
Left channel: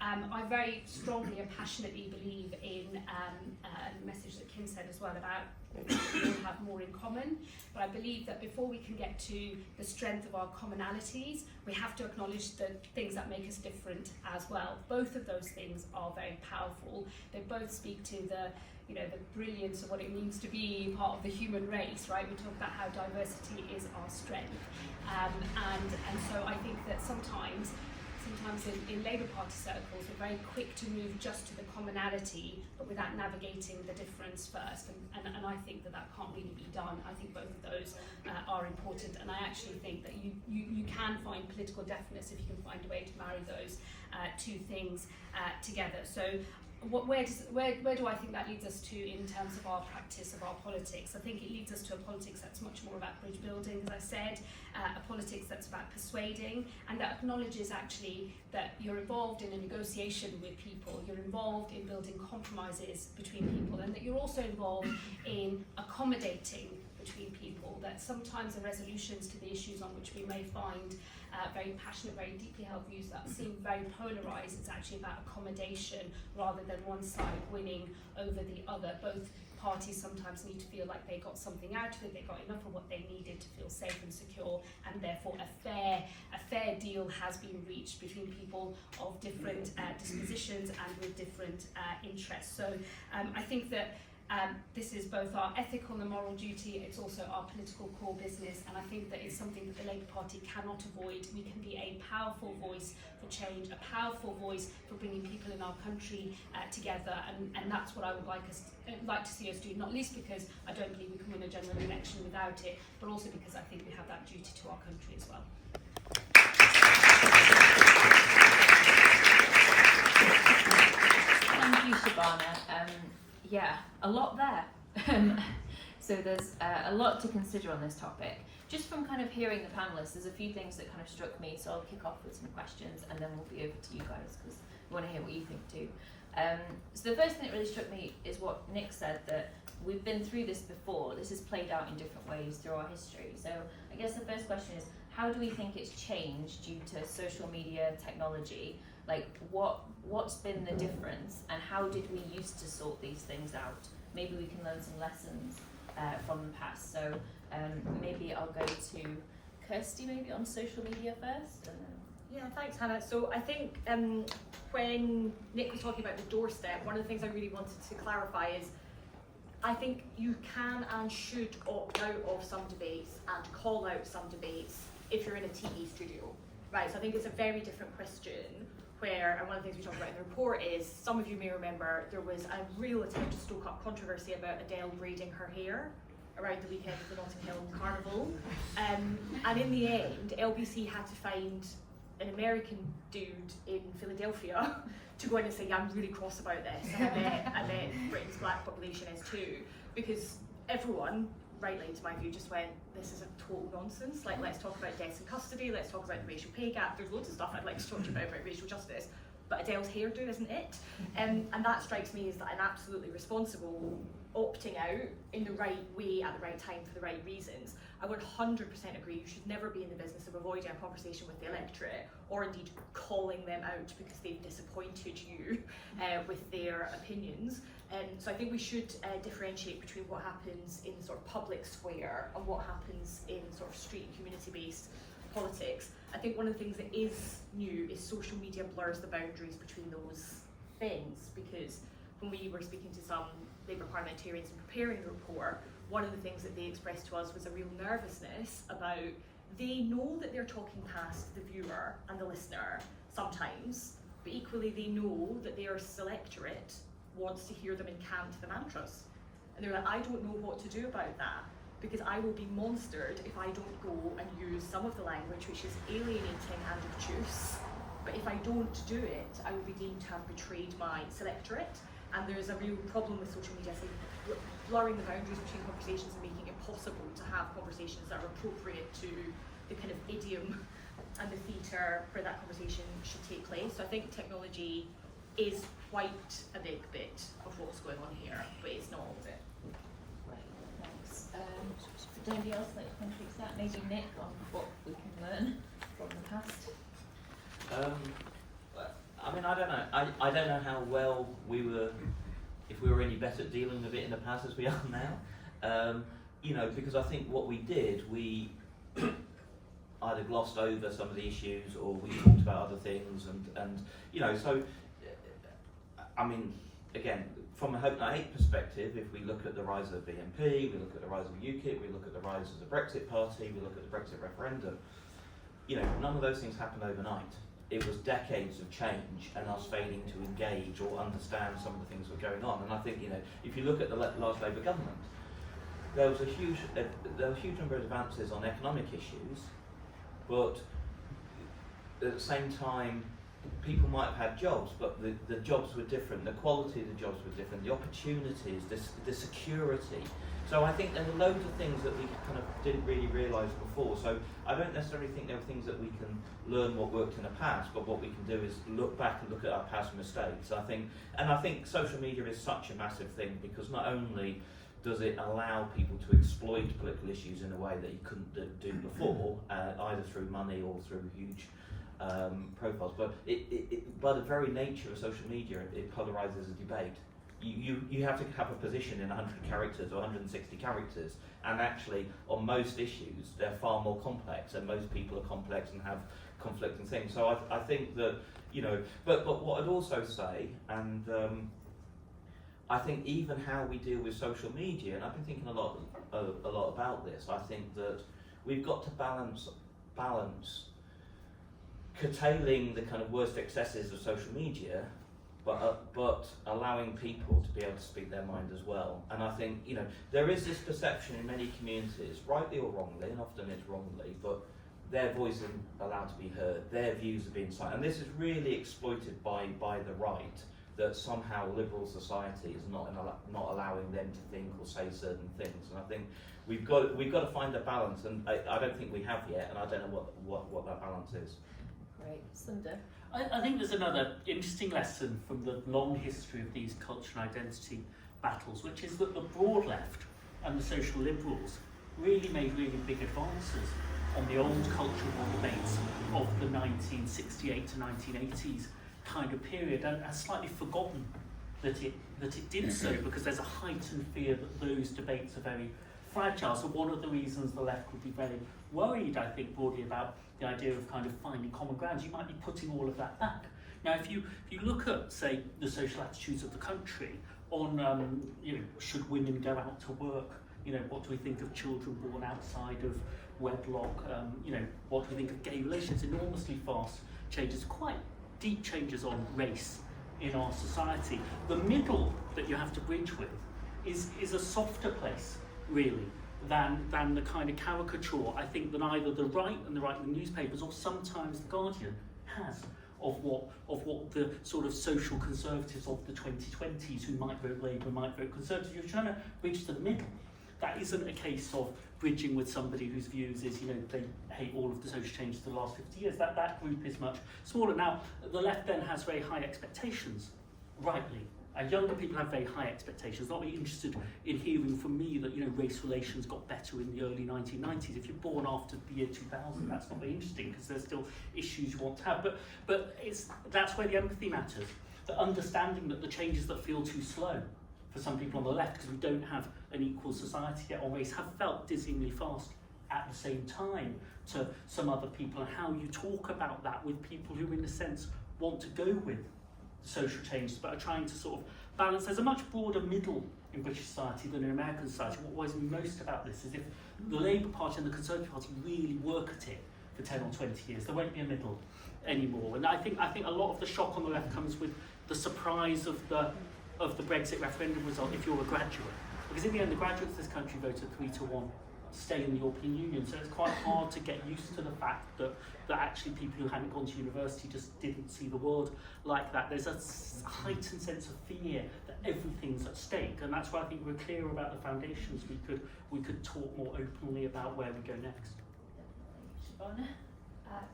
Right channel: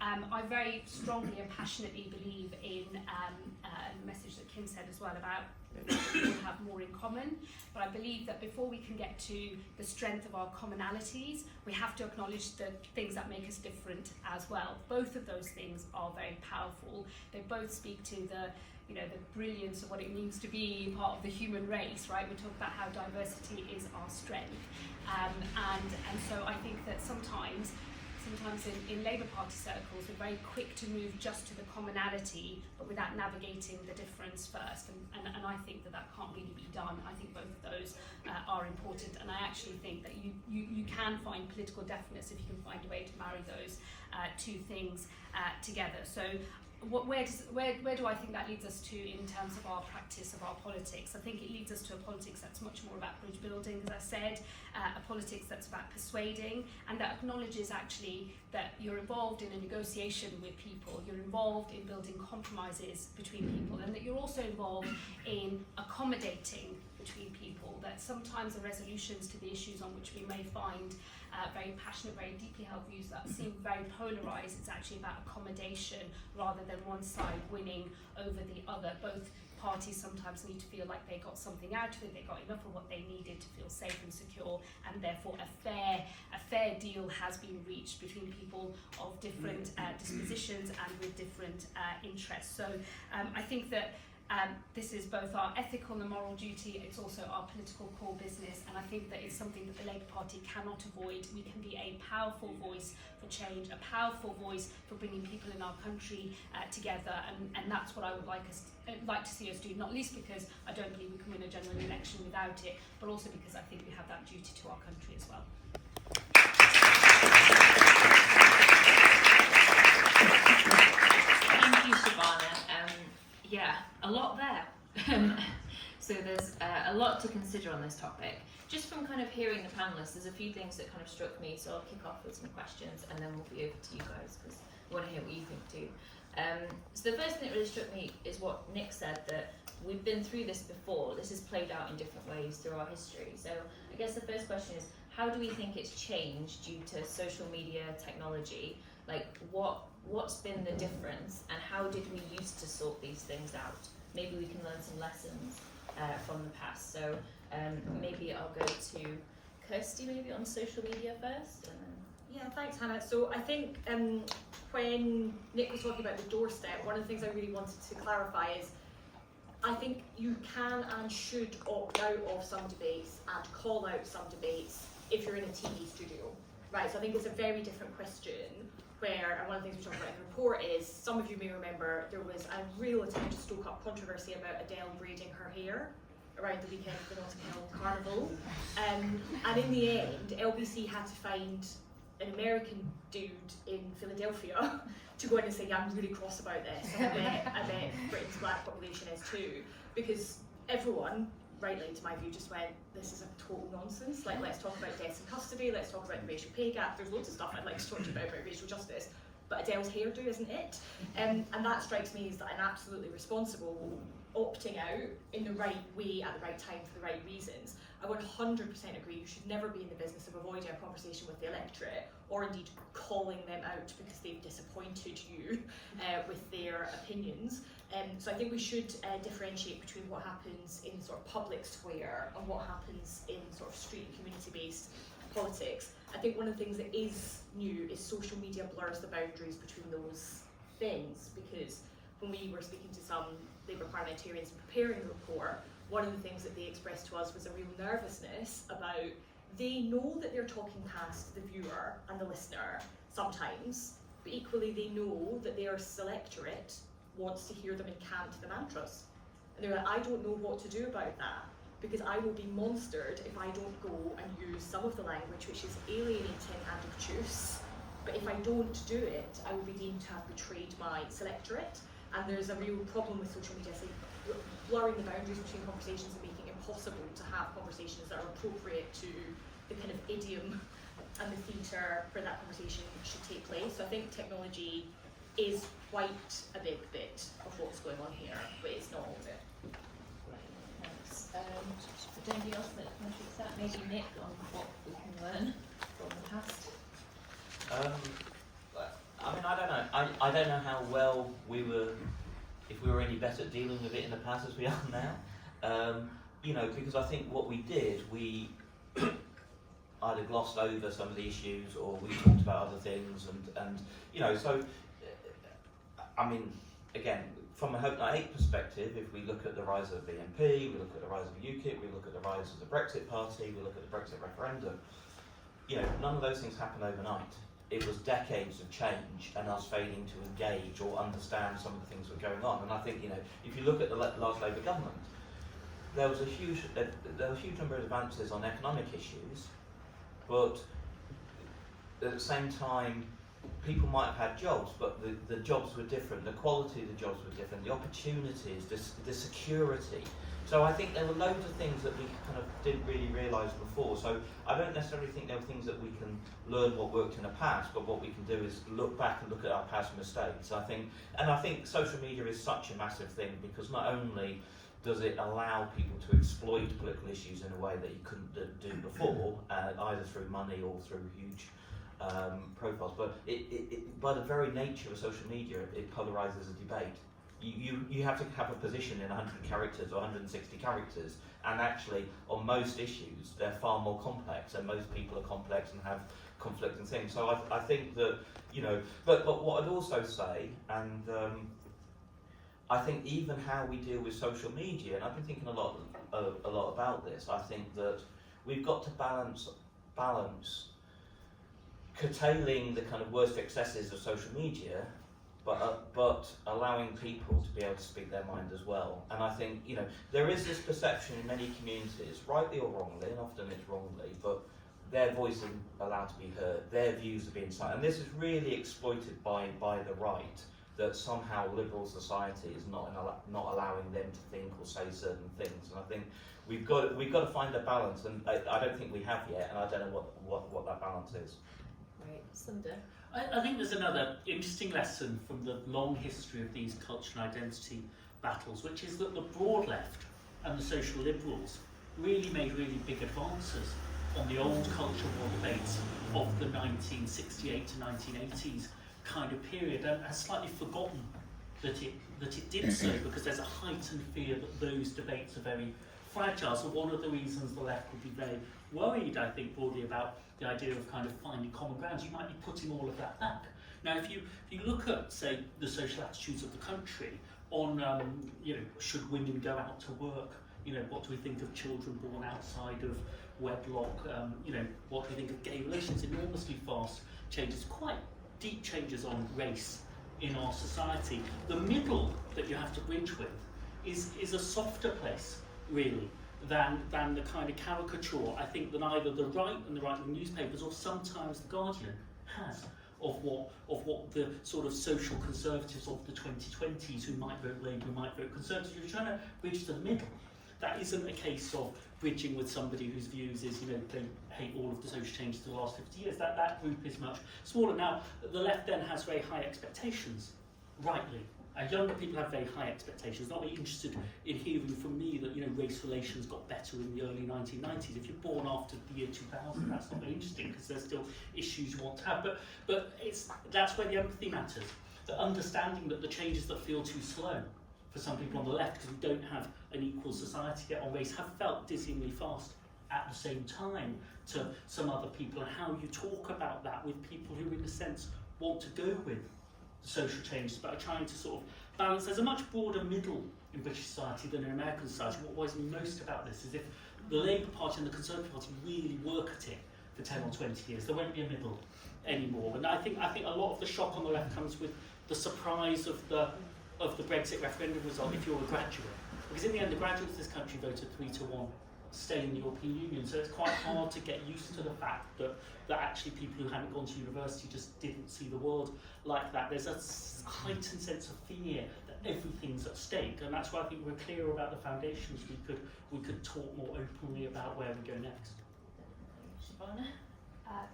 And I very strongly and passionately believe in the message that Kim said as well about we all have more in common, but I believe that before we can get to the strength of our commonalities, we have to acknowledge the things that make us different as well. Both of those things are very powerful. They both speak to the brilliance of what it means to be part of the human race, right? We talk about how diversity is our strength. And so I think that sometimes in Labour Party circles, we're very quick to move just to the commonality, but without navigating the difference first. And I think that can't really be done. I think both of those are important. And I actually think that you can find political deafness if you can find a way to marry those two things together. So where do I think that leads us to in terms of our practice of our politics? I think it leads us to a politics that's much more about bridge building, as I said, a politics that's about persuading, and that acknowledges actually that you're involved in a negotiation with people, you're involved in building compromises between people, and that you're also involved in accommodating between people, that sometimes the resolutions to the issues on which we may find very passionate, very deeply held views that seem very polarised, it's actually about accommodation rather than one side winning over the other. Both parties sometimes need to feel like they got something out of it, they got enough of what they needed to feel safe and secure, and therefore a fair deal has been reached between people of different dispositions and with different interests. So I think that this is both our ethical and moral duty, it's also our political core business, and I think that it's something that the Labour Party cannot avoid. We can be a powerful voice for change, a powerful voice for bringing people in our country together, and that's what I would like to see us do, not least because I don't believe we can win a general election without it, but also because I think we have that duty to our country as well. Thank you, Shabana. Yeah, a lot there. So there's a lot to consider on this topic. Just from kind of hearing the panellists, there's a few things that kind of struck me, so I'll kick off with some questions and then we'll be over to you guys because we want to hear what you think too. So the first thing that really struck me is what Nick said, that we've been through this before. This has played out in different ways through our history. So I guess the first question is, how do we think it's changed due to social media technology? Like what's been the difference and how did we used to sort these things out? Maybe we can learn some lessons from the past. So maybe I'll go to Kirsty maybe on social media first and then... Yeah, thanks Hannah. So I think when Nick was talking about the doorstep, one of the things I really wanted to clarify is I think you can and should opt out of some debates and call out some debates if you're in a TV studio. Right, so I think it's a very different question where, and one of the things we talked about in the report is, some of you may remember there was a real attempt to stoke up controversy about Adele braiding her hair around the weekend of the Notting Hill Carnival. And in the end, LBC had to find an American dude in Philadelphia to go in and say, yeah, I'm really cross about this, and I bet Britain's black population is too, because everyone, rightly to my view, just went, this is a total nonsense, like let's talk about deaths in custody, let's talk about the racial pay gap, there's loads of stuff I'd like to talk to you about racial justice, but Adele's hairdo isn't it? And that strikes me as an absolutely responsible opting out in the right way at the right time for the right reasons. I would 100% agree, you should never be in the business of avoiding a conversation with the electorate, or indeed calling them out because they've disappointed you with their opinions. So I think we should differentiate between what happens in sort of public square and what happens in sort of street and community-based politics. I think one of the things that is new is social media blurs the boundaries between those things, because when we were speaking to some Labour parliamentarians and preparing the report, one of the things that they expressed to us was a real nervousness about, they know that they're talking past the viewer and the listener sometimes, but equally they know that their electorate wants to hear them incant the mantras. And they're like, I don't know what to do about that, because I will be monstered if I don't go and use some of the language which is alienating and obtuse. But if I don't do it, I will be deemed to have betrayed my electorate. And there's a real problem with social media, say, blurring the boundaries between conversations and making it impossible to have conversations that are appropriate to the kind of idiom and the theatre where that conversation should take place. So I think technology is quite a big bit of what's going on here, but it's not all of it. Right, thanks. Would anybody else like to contribute to that? Maybe Nick on what we can learn from the past? I mean, I don't know. I don't know how well if we were any better at dealing with it in the past as we are now. You know, because I think what we did, we either glossed over some of the issues or we talked about other things, and you know, so I mean, again, from a Hope Night 8 perspective, if we look at the rise of BNP, we look at the rise of UKIP, we look at the rise of the Brexit Party, we look at the Brexit referendum, you know, none of those things happened overnight. It was decades of change and us failing to engage or understand some of the things that were going on. And I think, you know, if you look at the last Labour government, there was a huge number of advances on economic issues, but at the same time, people might have had jobs, but the jobs were different, the quality of the jobs were different, the opportunities, the security. So I think there were loads of things that we kind of didn't really realise before. So I don't necessarily think there are things that we can learn what worked in the past, but what we can do is look back and look at our past mistakes. I think social media is such a massive thing, because not only does it allow people to exploit political issues in a way that you couldn't do before, either through money or through huge profiles, but it by the very nature of social media, it polarises a debate. You have to have a position in 100 characters or 160 characters, and actually on most issues they're far more complex, and most people are complex and have conflicting things. So I think that, you know, but what I'd also say, and I think even how we deal with social media, and I've been thinking a lot about this, I think that we've got to balance curtailing the kind of worst excesses of social media, but allowing people to be able to speak their mind as well. And I think, you know, there is this perception in many communities, rightly or wrongly, and often it's wrongly, but their voice isn't allowed to be heard, their views are being silenced. And this is really exploited by the right, that somehow liberal society is not allowing them to think or say certain things. And I think we've got to find a balance, and I don't think we have yet, and I don't know what that balance is. Right, Sunder. I think there's another interesting lesson from the long history of these culture and identity battles, which is that the broad left and the social liberals really made really big advances on the old culture war debates of the 1968 to 1980s kind of period, and has slightly forgotten that it did so, because there's a heightened fear that those debates are very fragile. So one of the reasons the left would be very worried, I think, broadly about the idea of kind of finding common grounds, you might be putting all of that back. Now, if you look at, say, the social attitudes of the country on, you know, should women go out to work? You know, what do we think of children born outside of wedlock? You know, what do we think of gay relations? Enormously fast changes, quite deep changes on race in our society. The middle that you have to bridge with is a softer place, really, than the kind of caricature I think that either the right and the right-wing newspapers or sometimes the Guardian has of what the sort of social conservatives of the 2020s who might vote Labour, might vote Conservative. You're trying to bridge to the middle. That isn't a case of bridging with somebody whose views is, you know, they hate all of the social changes of the last 50 years. That group is much smaller. Now, the left then has very high expectations, rightly. Younger people have very high expectations, not very interested in hearing from me that, you know, race relations got better in the early 1990s. If you're born after the year 2000, that's not very interesting because there's still issues you want to have. But that's where the empathy matters. The understanding that the changes that feel too slow for some people on the left, because we don't have an equal society yet on race, have felt dizzyingly fast at the same time to some other people, and how you talk about that with people who, in a sense, want to go with social changes, but are trying to sort of balance. There's a much broader middle in British society than in American society. What worries me most about this is if the Labour Party and the Conservative Party really work at it for 10 or 20 years, there won't be a middle anymore. And I think a lot of the shock on the left comes with the surprise of the Brexit referendum result if you're a graduate. Because in the end, the graduates of this country voted 3-1 to stay in the European Union. So it's quite hard to get used to the fact that actually people who hadn't gone to university just didn't see the world like that. There's a heightened sense of fear that everything's at stake, and that's why I think we're clear about the foundations. We could talk more openly about where we go next. Shabana?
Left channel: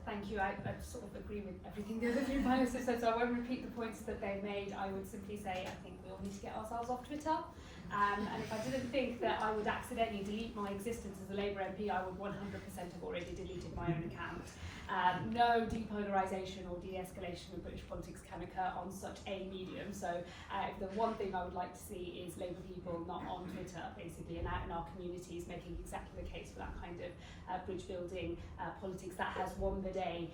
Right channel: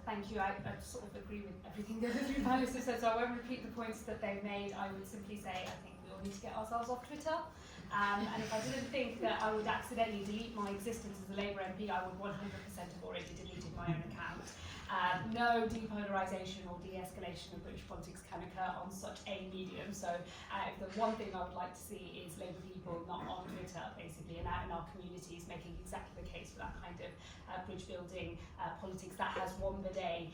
Thank you. I sort of agree with everything the other three panellists have said, so I won't repeat the points that they made. I would simply say I think we all need to get ourselves off Twitter. And if I didn't think that I would accidentally delete my existence as a Labour MP, I would 100% have already deleted my own account. No depolarisation or de-escalation of British politics can occur on such a medium. So the one thing I would like to see is Labour people not on Twitter, basically, and out in our communities, making exactly the case for that kind of bridge building politics that has won the day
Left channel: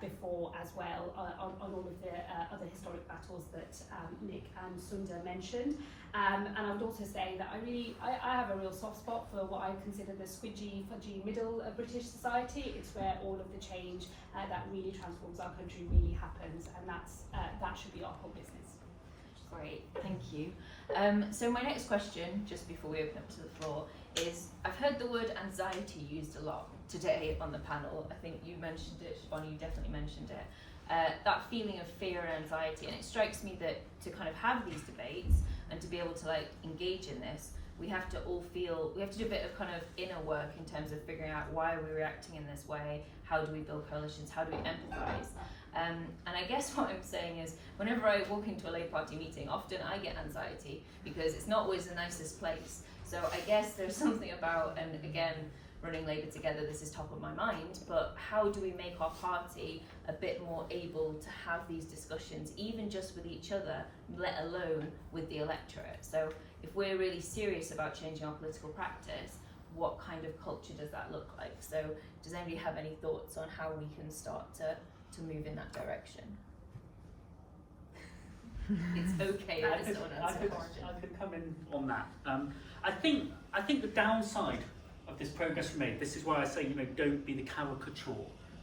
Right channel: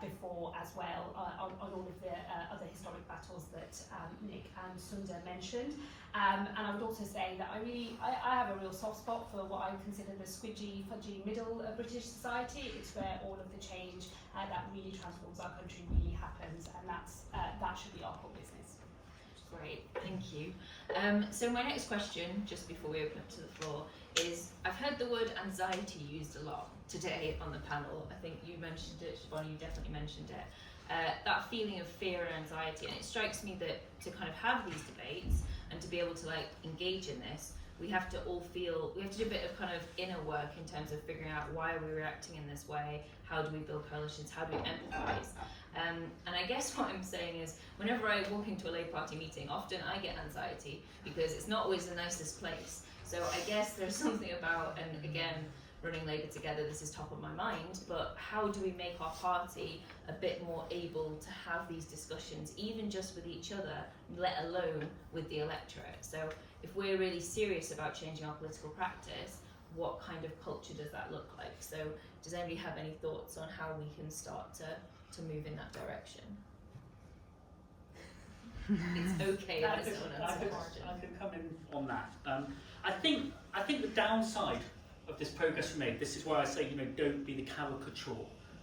before as well on all of the other historic battles that Nick and Sunder mentioned. And I would also say that I have a real soft spot for what I consider the squidgy, fudgy middle of British society. It's where all of the change that really transforms our country really happens, and that should be our core business. Great, thank you. So my next question, just before we open up to the floor, is I've heard the word anxiety used a lot today on the panel. I think you mentioned it, Shavana, you definitely mentioned it. That feeling of fear and anxiety, and it strikes me that to kind of have these debates and to be able to like engage in this, we have to do a bit of kind of inner work in terms of figuring out why are we reacting in this way, how do we build coalitions, how do we empathise. And I guess what I'm saying is, whenever I walk into a Labour Party meeting, often I get anxiety because it's not always the nicest place. So I guess there's something about, and again, running Labour together, this is top of my mind, but how do we make our party a bit more able to have these discussions, even just with each other, let alone with the electorate? So if we're really serious about changing our political practice, what kind of culture does that look like? So does anybody have any thoughts on how we can start to move in that direction? It's okay. I could come in on that. I think the downside of this progress we made, this is why I say, don't be the caricature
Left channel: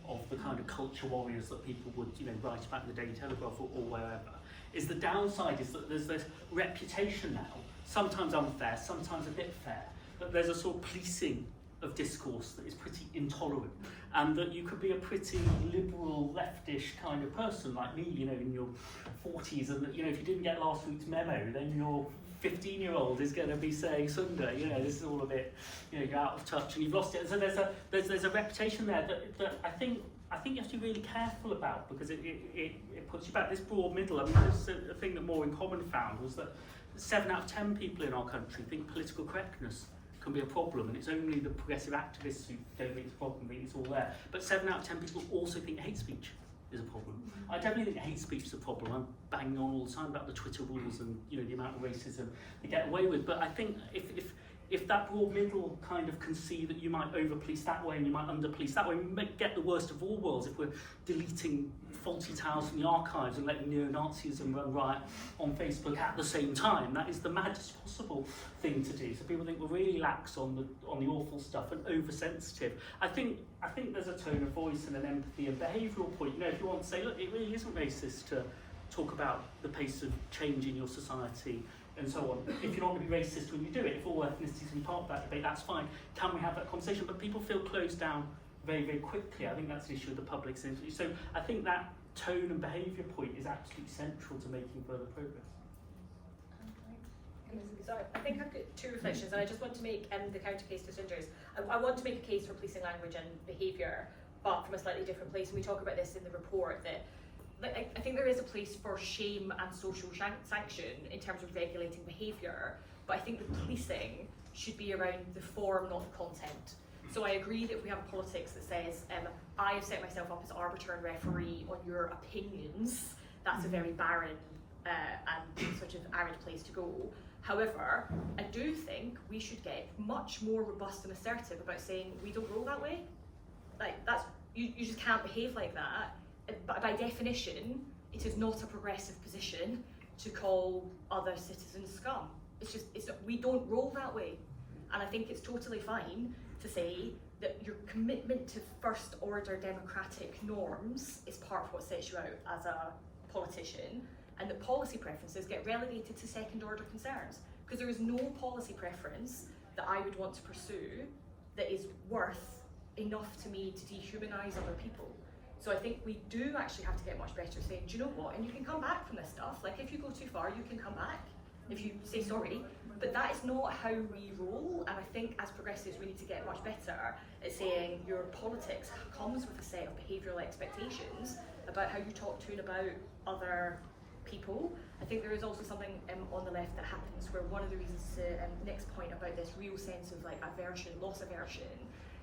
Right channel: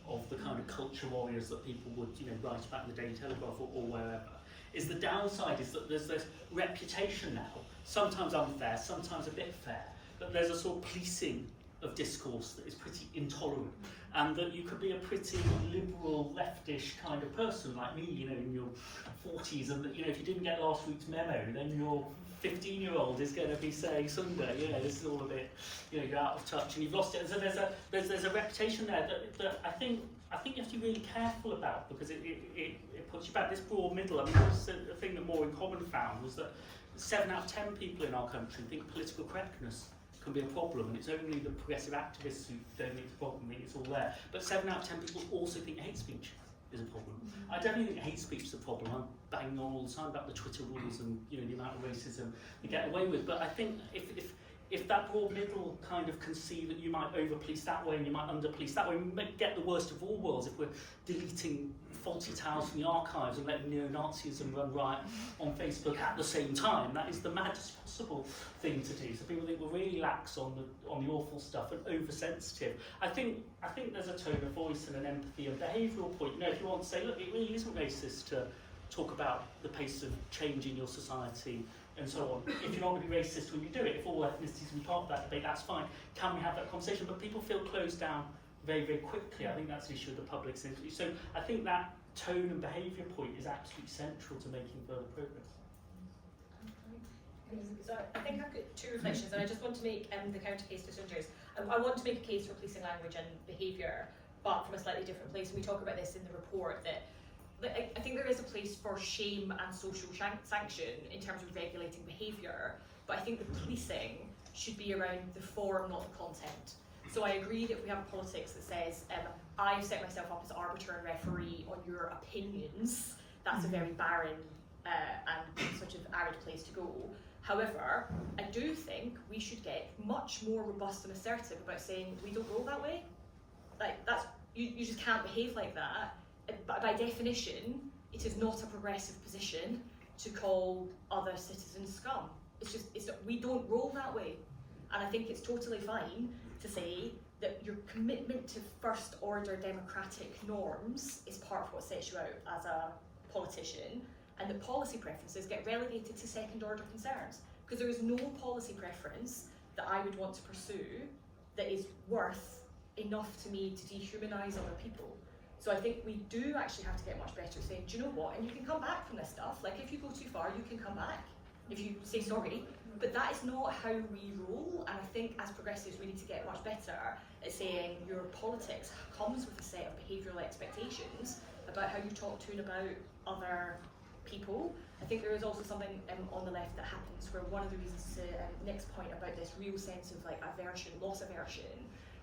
of the kind of culture warriors that people would, write about in the Daily Telegraph or wherever, is the downside is that there's this reputation now, sometimes unfair, sometimes a bit fair, that there's a sort of policing of discourse that is pretty intolerant, and that you could be a pretty liberal, leftish kind of person like me, in your 40s, and that, if you didn't get last week's memo, then your 15-year-old is going to be saying, Sunder, this is all a bit, you're out of touch and you've lost it. And so there's a reputation there that I think you have to be really careful about, because it puts you back. This broad middle, this is a thing that More in Common found, was that 7 out of 10 people in our country think political correctness can be a problem, and it's only the progressive activists who don't think it's a problem, think it's all there. But 7 out of 10 people also think hate speech is a problem. I definitely think hate speech is a problem. I'm banging on all the time about the Twitter rules and the amount of racism they get away with. But I think if that broad middle kind of can see that you might over-police that way and you might under-police that way, we might get the worst of all worlds if we're deleting faulty towels from the archives and letting neo-Nazism run riot on Facebook at the same time. That is the maddest possible thing to do. So people think we're really lax on the awful stuff and oversensitive. I think there's a tone of voice and an empathy and behavioural point. If you want to say, look, it really isn't racist to talk about the pace of change in your society and so on. If you're not going to be racist when you do it, if all ethnicities can be part of that debate, that's fine. Can we have that conversation? But people feel closed down very, very quickly. I think that's an issue of the public. So I think that tone and behaviour point is absolutely central to making further progress. So I think I've got two reflections, and I just want to make the counter case to Sunder's. I want to make a case for policing language and behaviour, but from a slightly different place. And we talk about this in the report, that I think there is a place for shame and social sanction in terms of regulating behaviour, but I think the policing should be around the form, not the content. So I agree that if we have a politics that says, I've set myself up as arbiter and referee on your opinions, that's a very barren and sort of arid place to go. However, I do think we should get much more robust and assertive about saying we don't roll that way. Like, that's, you just can't behave like that. But by definition, it is not a progressive position to call other citizens scum. It's not, we don't roll that way. And I think it's totally fine to say that your commitment to first order democratic norms is part of what sets you out as a politician, and that policy preferences get relegated to second order concerns, because there is no policy preference that I would want to pursue that is worth enough to me to dehumanise other people. So I think we do actually have to get much better at saying, do you know what, and you can come back from this stuff, like if you go too far you can come back if you say sorry, but that is not how we roll. And I think as progressives we need to get much better at saying your politics comes with a set of behavioural expectations about how you talk to and about other people. I think there is also something on the left that happens where one of the reasons to Nick's point about this real sense of like aversion, loss aversion,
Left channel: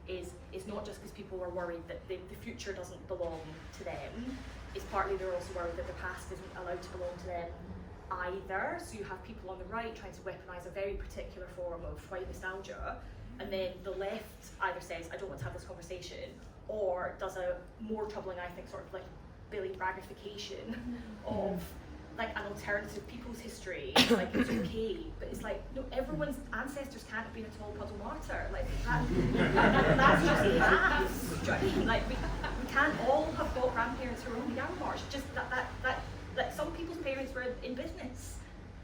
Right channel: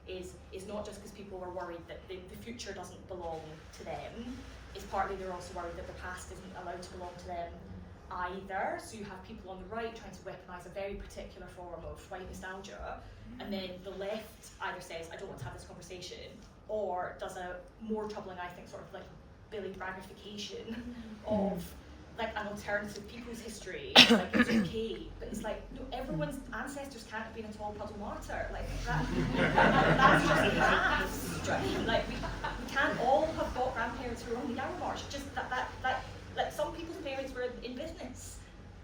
is not just because people are worried that the future doesn't belong to them. It's partly they're also worried that the past isn't allowed to belong to them either. So you have people on the right trying to weaponise a very particular form of white nostalgia, and then the left either says, I don't want to have this conversation, or does a more troubling, I think, sort of like Billy Braggification of like an alternative people's history. Like, it's okay, but it's like, no, everyone's ancestors can't have been a tall puddle martyr. Like that's just the past. Do you know what I mean? Like we can't all have got grandparents who are on the Yarrow March. Just that like some people's parents were in business,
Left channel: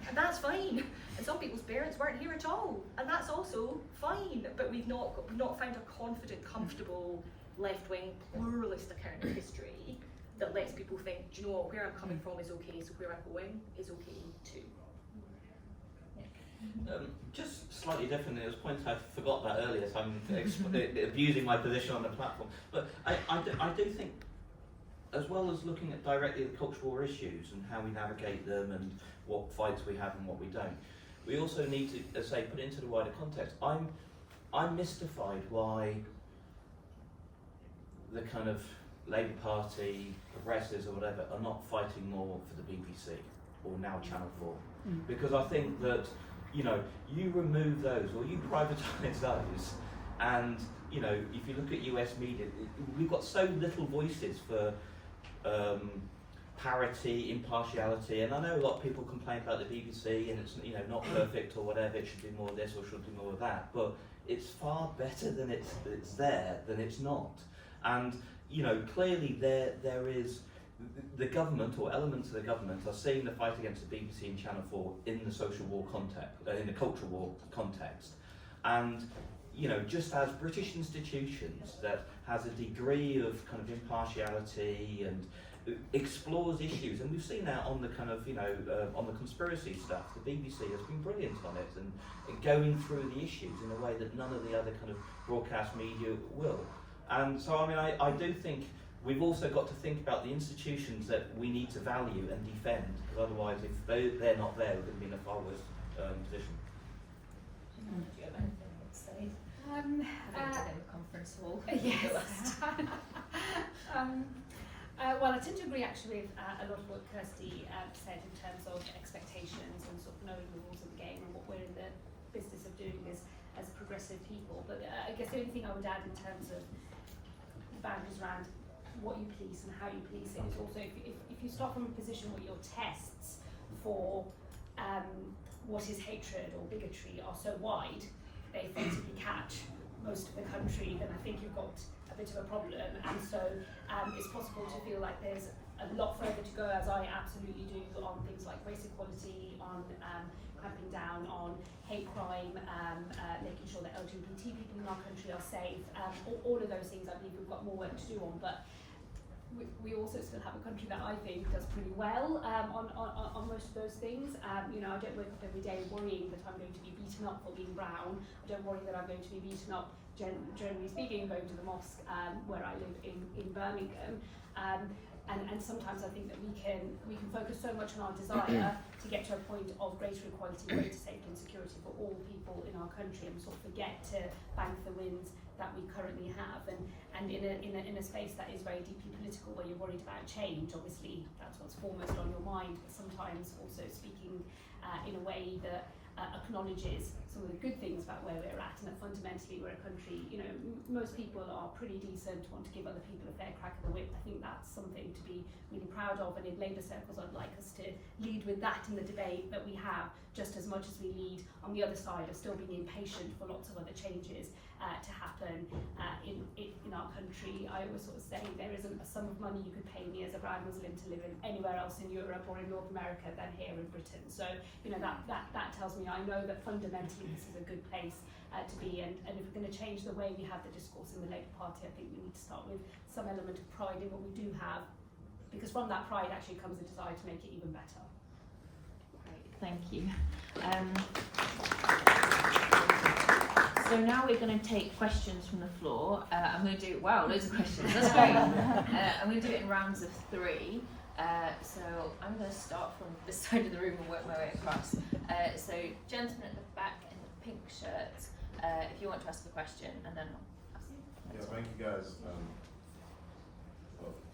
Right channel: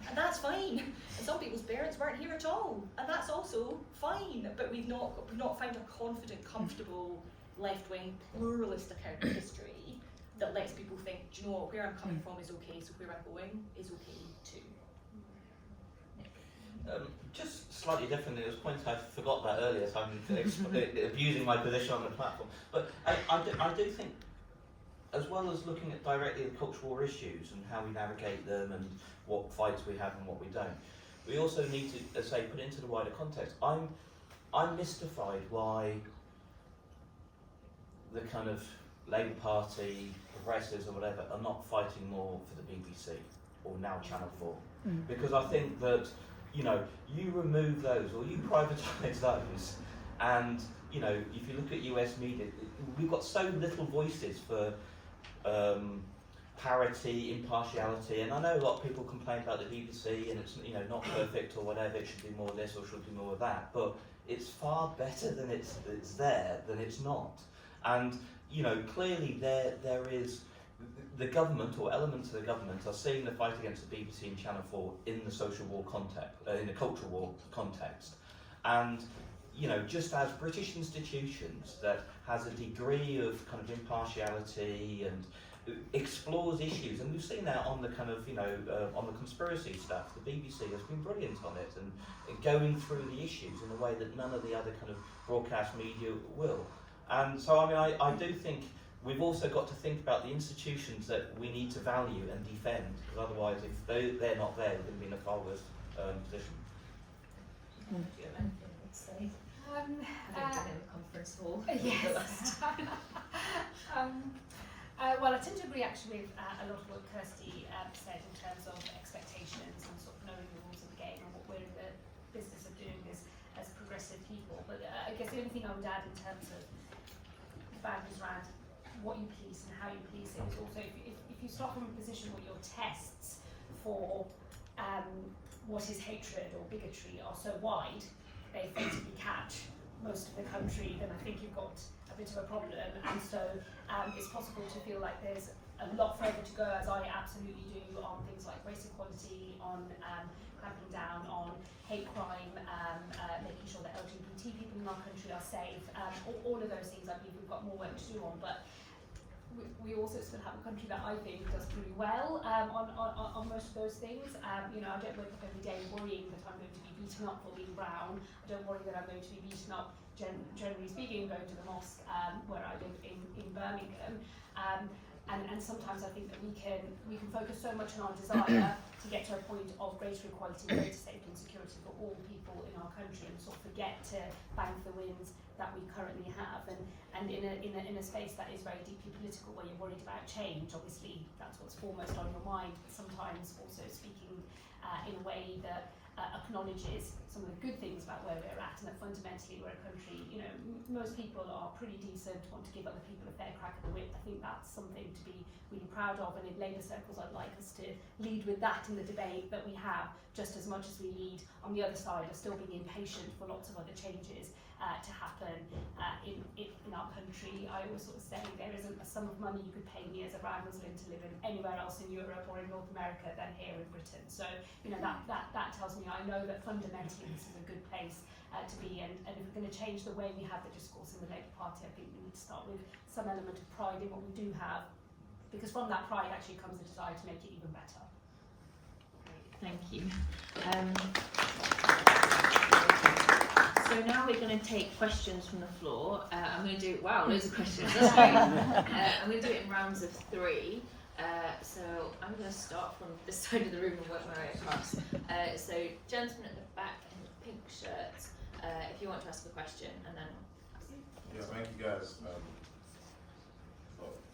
and that's fine. And some people's parents weren't here at all, and that's also fine. But we've not found a confident, comfortable left-wing pluralist account of history that lets people think, do you know what, where I'm coming from is okay, so where I'm going is okay too. Just slightly differently, it was a point I forgot about earlier, so I'm abusing my position on the platform. But I do think, as well as looking at directly the cultural war issues and how we navigate them and what fights we have and what we don't, we also need to, as I say, put it into the wider context. I'm mystified why the kind of Labour Party, progressives or whatever, are not fighting more for the BBC or now Channel 4. Because I think that, you know, you remove those or you privatise those, and, you know, if you look at US media, we've got so little voices for parity, impartiality, and I know a lot of people complain about the BBC and it's, you know, not perfect or whatever, it should do more of this or should do more of that, but it's far better than it's there than it's not. And, you know, clearly there is, the government or elements of the government are seeing the fight against the BBC and Channel 4 in the social war context, in the cultural war context. And, you know, just as British institutions that has a degree of kind of impartiality and explores issues, and we've seen that on the kind of, you know, on the conspiracy stuff, the BBC has been brilliant on it and going through the issues in a way that none of the other kind of broadcast media will. And so, I mean, I do think we've also got to think about the institutions that we need to value and defend, because otherwise, if they're not there, we're going to be in a far worse position. Do you have anything to say? Having been in the conference hall. Yes. Well, I tend to agree actually with a lot of what Kirsty said in terms of expectations and sort of knowing the rules of the game and what we're in the business of doing as progressive people. But I guess the only thing I would add in terms of the boundaries around what you police and how you police it is also if you start from a position where your tests for what is hatred or bigotry are so wide, they effectively catch most of the country, then I think you've got a bit of a problem. And so it's possible to feel like there's a lot further to go, as I absolutely do, on things like race equality, on clamping down on hate crime, making sure that LGBT people in our country are safe, all of those things I believe we've got more work to do on, but we also still have a country that I think does pretty well on most of those things. You know, I don't wake up every day worrying that I'm going to be beaten up for being brown. I don't worry that I'm going to be beaten up, generally speaking, going to the mosque where I live in Birmingham. And sometimes I think that we can focus so much on our desire to get to a point of greater equality, greater safety and security for all people in our country, and sort of forget to bank the wins that we currently have. And in a space that is very deeply political, where you're worried about change, obviously that's what's foremost on your mind, but sometimes also speaking in a way that acknowledges some of the good things about where we're at, and that fundamentally we're a country, you know, most people are pretty decent, want to give other people a fair crack of the whip. I think that's something to be really proud of, and in Labour circles I'd like us to lead with that in the debate that we have, just as much as we lead on the other side of still being impatient for lots of other changes to happen in our country. I always sort of say there isn't a sum of money you could pay me as a brown Muslim to live in anywhere else in Europe or in North America than here in Britain. So, you know, that tells me I know that fundamentally this is a good place to be, and if we're going to change the way we have the discourse in the Labour Party, I think we need to start with some element of pride in what we do have, because from that pride actually comes the desire to make it even better. Great, thank you. So now we're going to take questions from the floor. I'm going to do, wow, loads of questions, that's great. I'm going to do it in rounds of 3. So I'm going to start from this side of the room and work my way across. So gentleman at the back in the pink shirt, if you want to ask a question, and then yeah, thank you guys.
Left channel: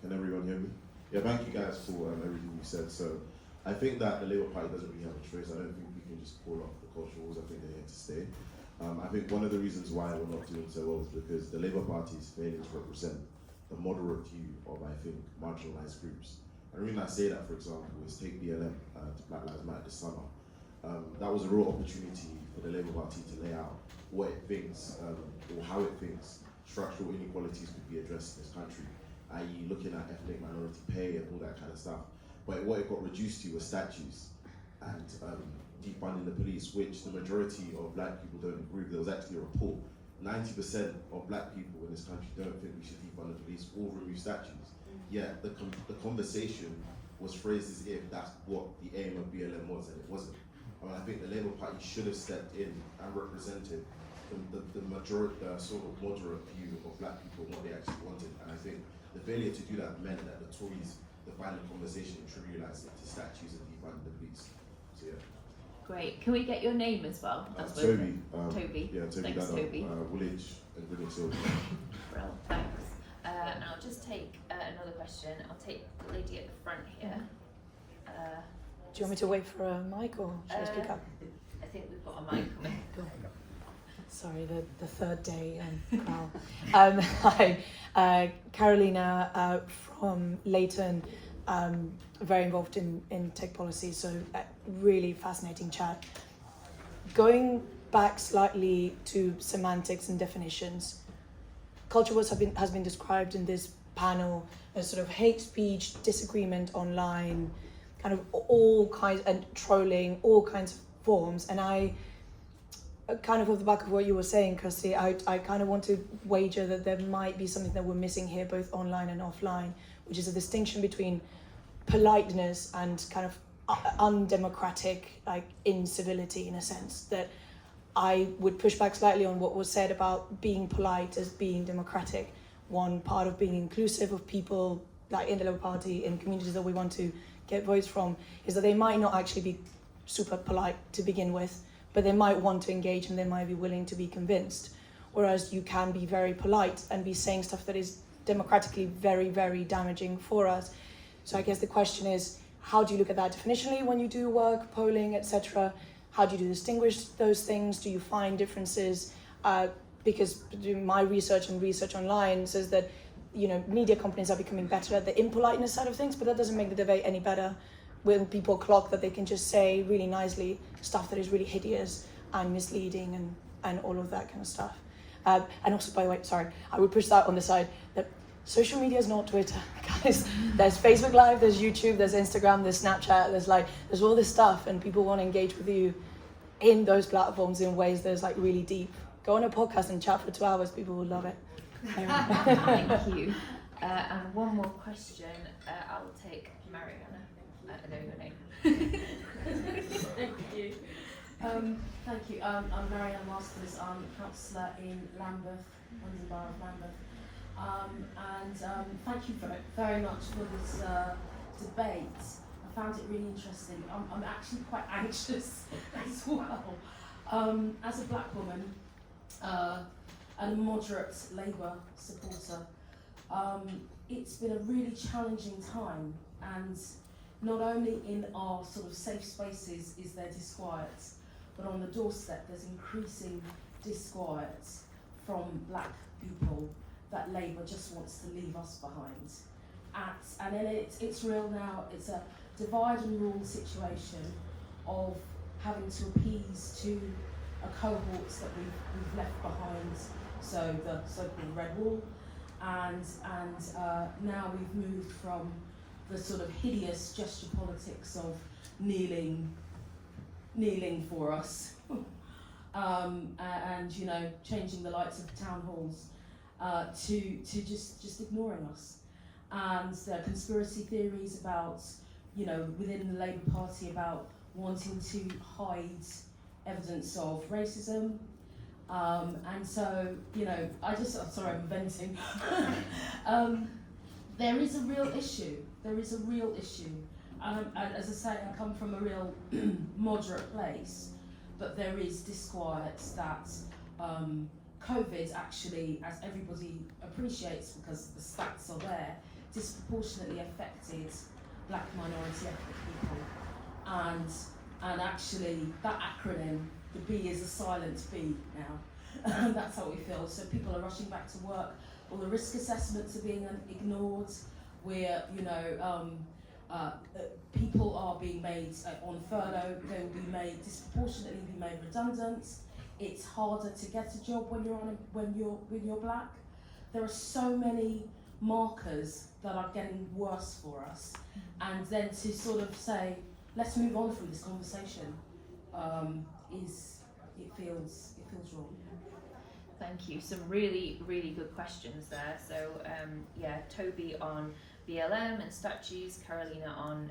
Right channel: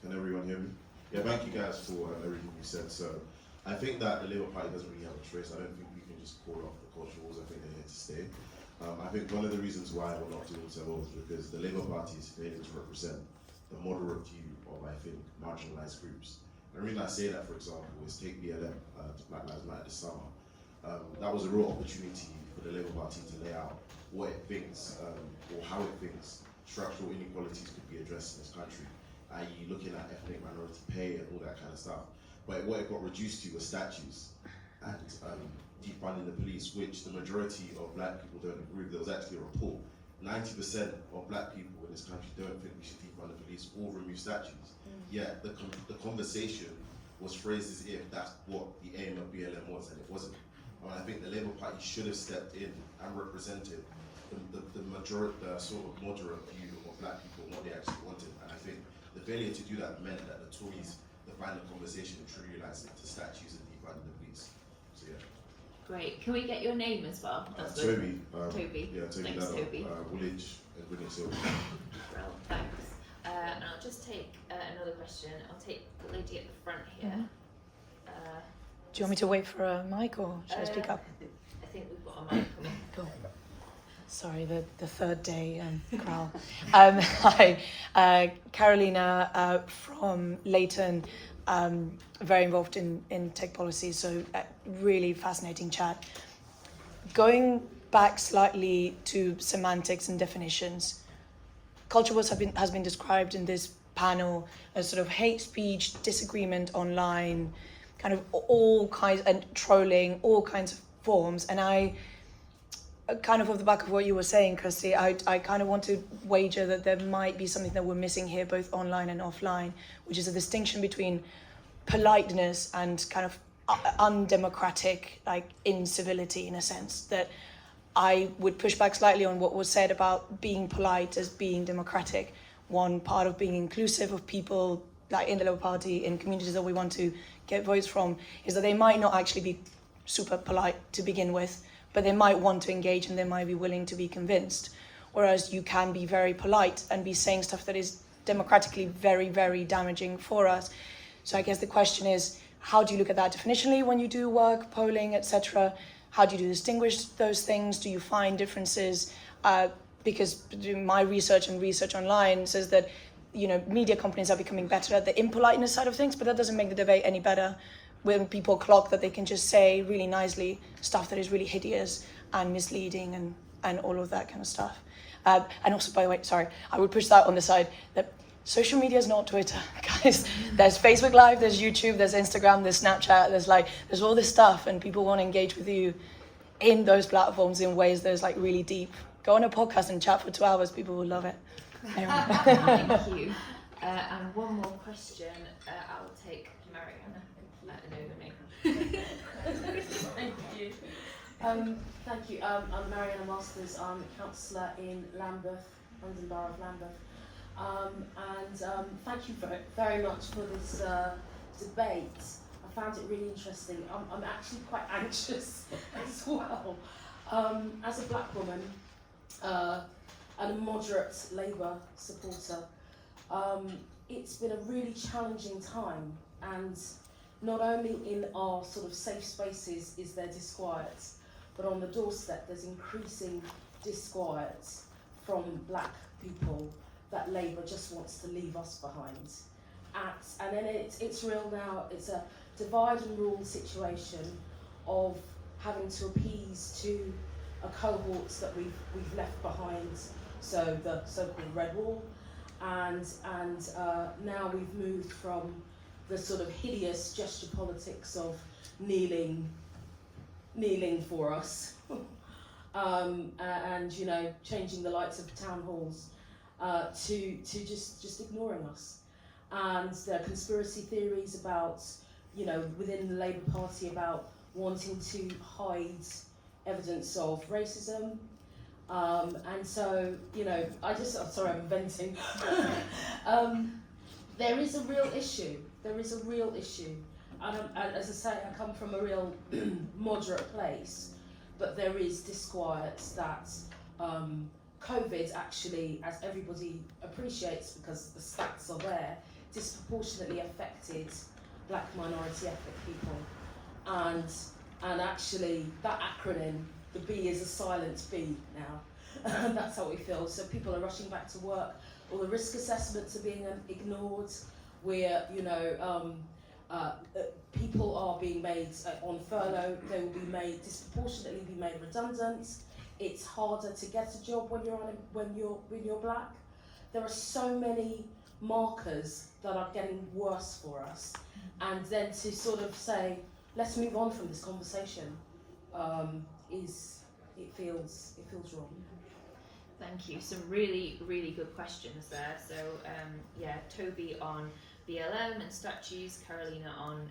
Can everyone hear me? Yeah, thank you guys for everything you said. So I think that the Labour Party doesn't really have a choice. I don't think we can just call off the culture wars. I think they're here to stay. I think one of the reasons why we're not doing so well is because the Labour Party is failing to represent the moderate view of, I think, marginalised groups. And the reason I say that, for example, is take BLM to Black Lives Matter this summer. That was a real opportunity for the Labour Party to lay out what it thinks, or how it thinks structural inequalities could be addressed in this country, i.e. looking at ethnic minority pay and all that kind of stuff. But what it got reduced to was statues and defunding the police, which the majority of black people don't agree with. There was actually a report, 90% of black people in this country don't think we should defund the police or remove statues. Yet the conversation was phrased as if that's what the aim of BLM was, and it wasn't. I think the Labour Party should have stepped in and represented the sort of moderate view of black people and what they actually wanted. And I think the failure to do that meant that the Tories defined the conversation and trivialised it to statues and defunding the police. So yeah. Great. Can we get your name as well? Toby. Toby. Yeah, Toby. Thanks, Toby. Woolwich and British Hill. Well, thanks. And I'll just take another question. I'll take the lady at the front here. Do you want me to wait for a mic, or should I speak up? I think we've got a mic. Cool. Sorry, the third day crowd. Hi, Carolina from Leighton, very involved in tech policy, so really fascinating chat. Going back slightly to semantics and definitions, culture wars has been described in this panel as sort of hate speech, disagreement online, kind of all kinds, and trolling, all kinds of forms. And I, kind of off the back of what you were saying, Kirsty, I kind of want to wager that there might be something that we're missing here, both online and offline, which is a distinction between politeness and kind of undemocratic, like incivility, in a sense. That I would push back slightly on what was said about being polite as being democratic. One part of being inclusive of people, like in the Labour Party, in communities that we want to get votes from, is that they might not actually be super polite to begin with, but they might want to engage and they might be willing to be convinced. Whereas you can be very polite and be saying stuff that is democratically very, very damaging for us. So I guess the question is, how do you look at that definitionally when you do work, polling, etc.? How do you distinguish those things? Do you find differences? Because my research and research online says that, you know, media companies are becoming better at the impoliteness side of things, but that doesn't make the debate any better when people clock that they can just say really nicely stuff that is really hideous and misleading and all of that kind of stuff. And also, by the way, sorry, I would push that on the side that social media is not Twitter, guys. There's Facebook Live, there's YouTube, there's Instagram, there's Snapchat, there's all this stuff, and people want to engage with you in those platforms in ways that's like really deep. Go on a podcast and chat for 2 hours, people will love it. Anyway. Thank you. And one more question. I'll take Mariana. I know your name. Thank you. Thank you. I'm Mariana Masters. I'm a councillor in Lambeth, London Borough of Lambeth. Thank you very much for this debate. I found it really interesting. I'm actually quite anxious as well. As a black woman and a moderate Labour supporter, it's been a really challenging time, and not only in our sort of safe spaces is there disquiet, but on the doorstep there's increasing disquiet from black people that Labour just wants to leave us behind. And then it's real now. It's a divide and rule situation of having to appease to a cohort that we've left behind, so the so-called Red Wall, and now we've moved from the sort of hideous gesture politics of kneeling for us, and you know, changing the lights of town halls to just ignoring us, and the conspiracy theories about, you know, within the Labour Party about wanting to hide evidence of racism, and so, you know, sorry, I'm venting. There is a real issue. There is a real issue, and as I say, I come from a real moderate place, but there is disquiet that COVID actually, as everybody appreciates because the stats are there, disproportionately affected black minority ethnic people, and actually that acronym, the B is a silent B now. That's how we feel. So people are rushing back to work. All the risk assessments are being ignored. Where, you know, people are being made on furlough. They will be made disproportionately redundant. It's harder to get a job when you're black. There are so many markers that are getting worse for us, and then to sort of say, let's move on from this conversation, it feels wrong. Thank you. Some really, really good questions there. So, Toby on BLM and statues, Carolina on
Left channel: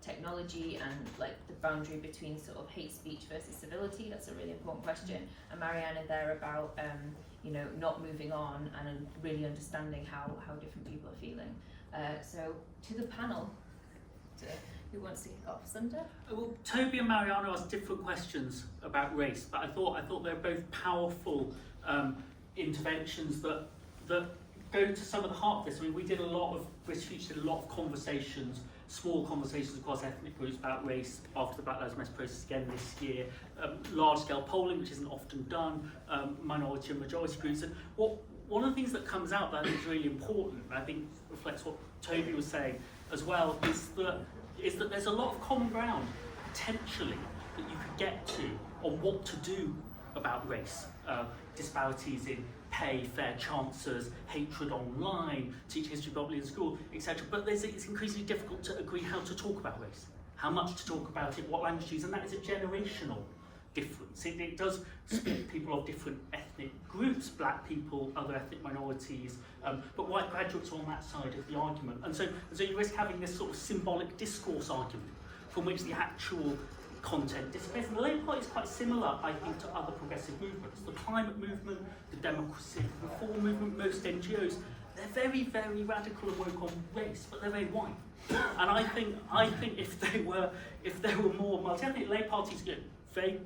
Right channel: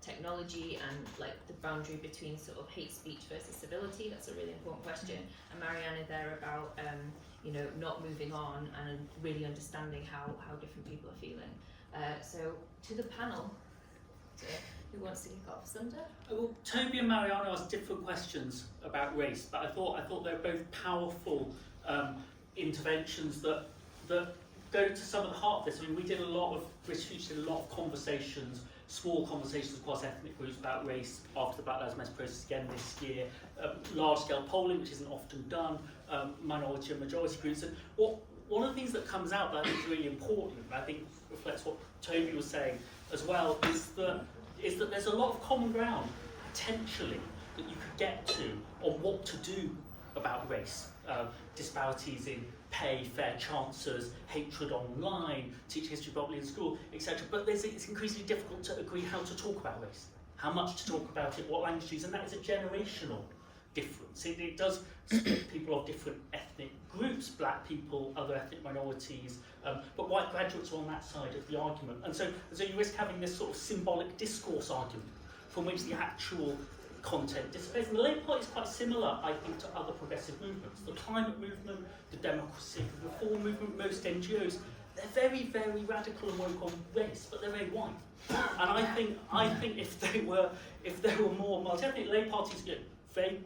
technology and like the boundary between sort of hate speech versus civility. That's a really important question. And Mariana there about you know, not moving on and really understanding how different people are feeling. So to the panel, who wants to kick off? Sunder? Well, Toby and Mariana asked different questions about race, but I thought they're both powerful interventions that go to some of the heart of this. I mean, we did a lot of, British Future did a lot of conversations, small conversations across ethnic groups about race after the Black Lives Matter process again this year, large-scale polling, which isn't often done, minority and majority groups. And one of the things that comes out that I think is really important, and I think reflects what Toby was saying as well, is that there's a lot of common ground, potentially, that you could get to on what to do about race. Disparities in pay, fair chances, hatred online, teach history properly in school, etc. But it's increasingly difficult to agree how to talk about race, how much to talk about it, what language to use, and that is a generational difference. It does split people of different ethnic groups, black people, other ethnic minorities, but white graduates are on that side of the argument. And so you risk having this sort of symbolic discourse argument from which the actual content disappears. And the Labour Party is quite similar, I think, to other progressive movements. The climate movement, the democracy reform movement, most NGOs, they're very, very radical and woke on race, but they're very white. And I think if there were more multi-ethnic, Labour Party's very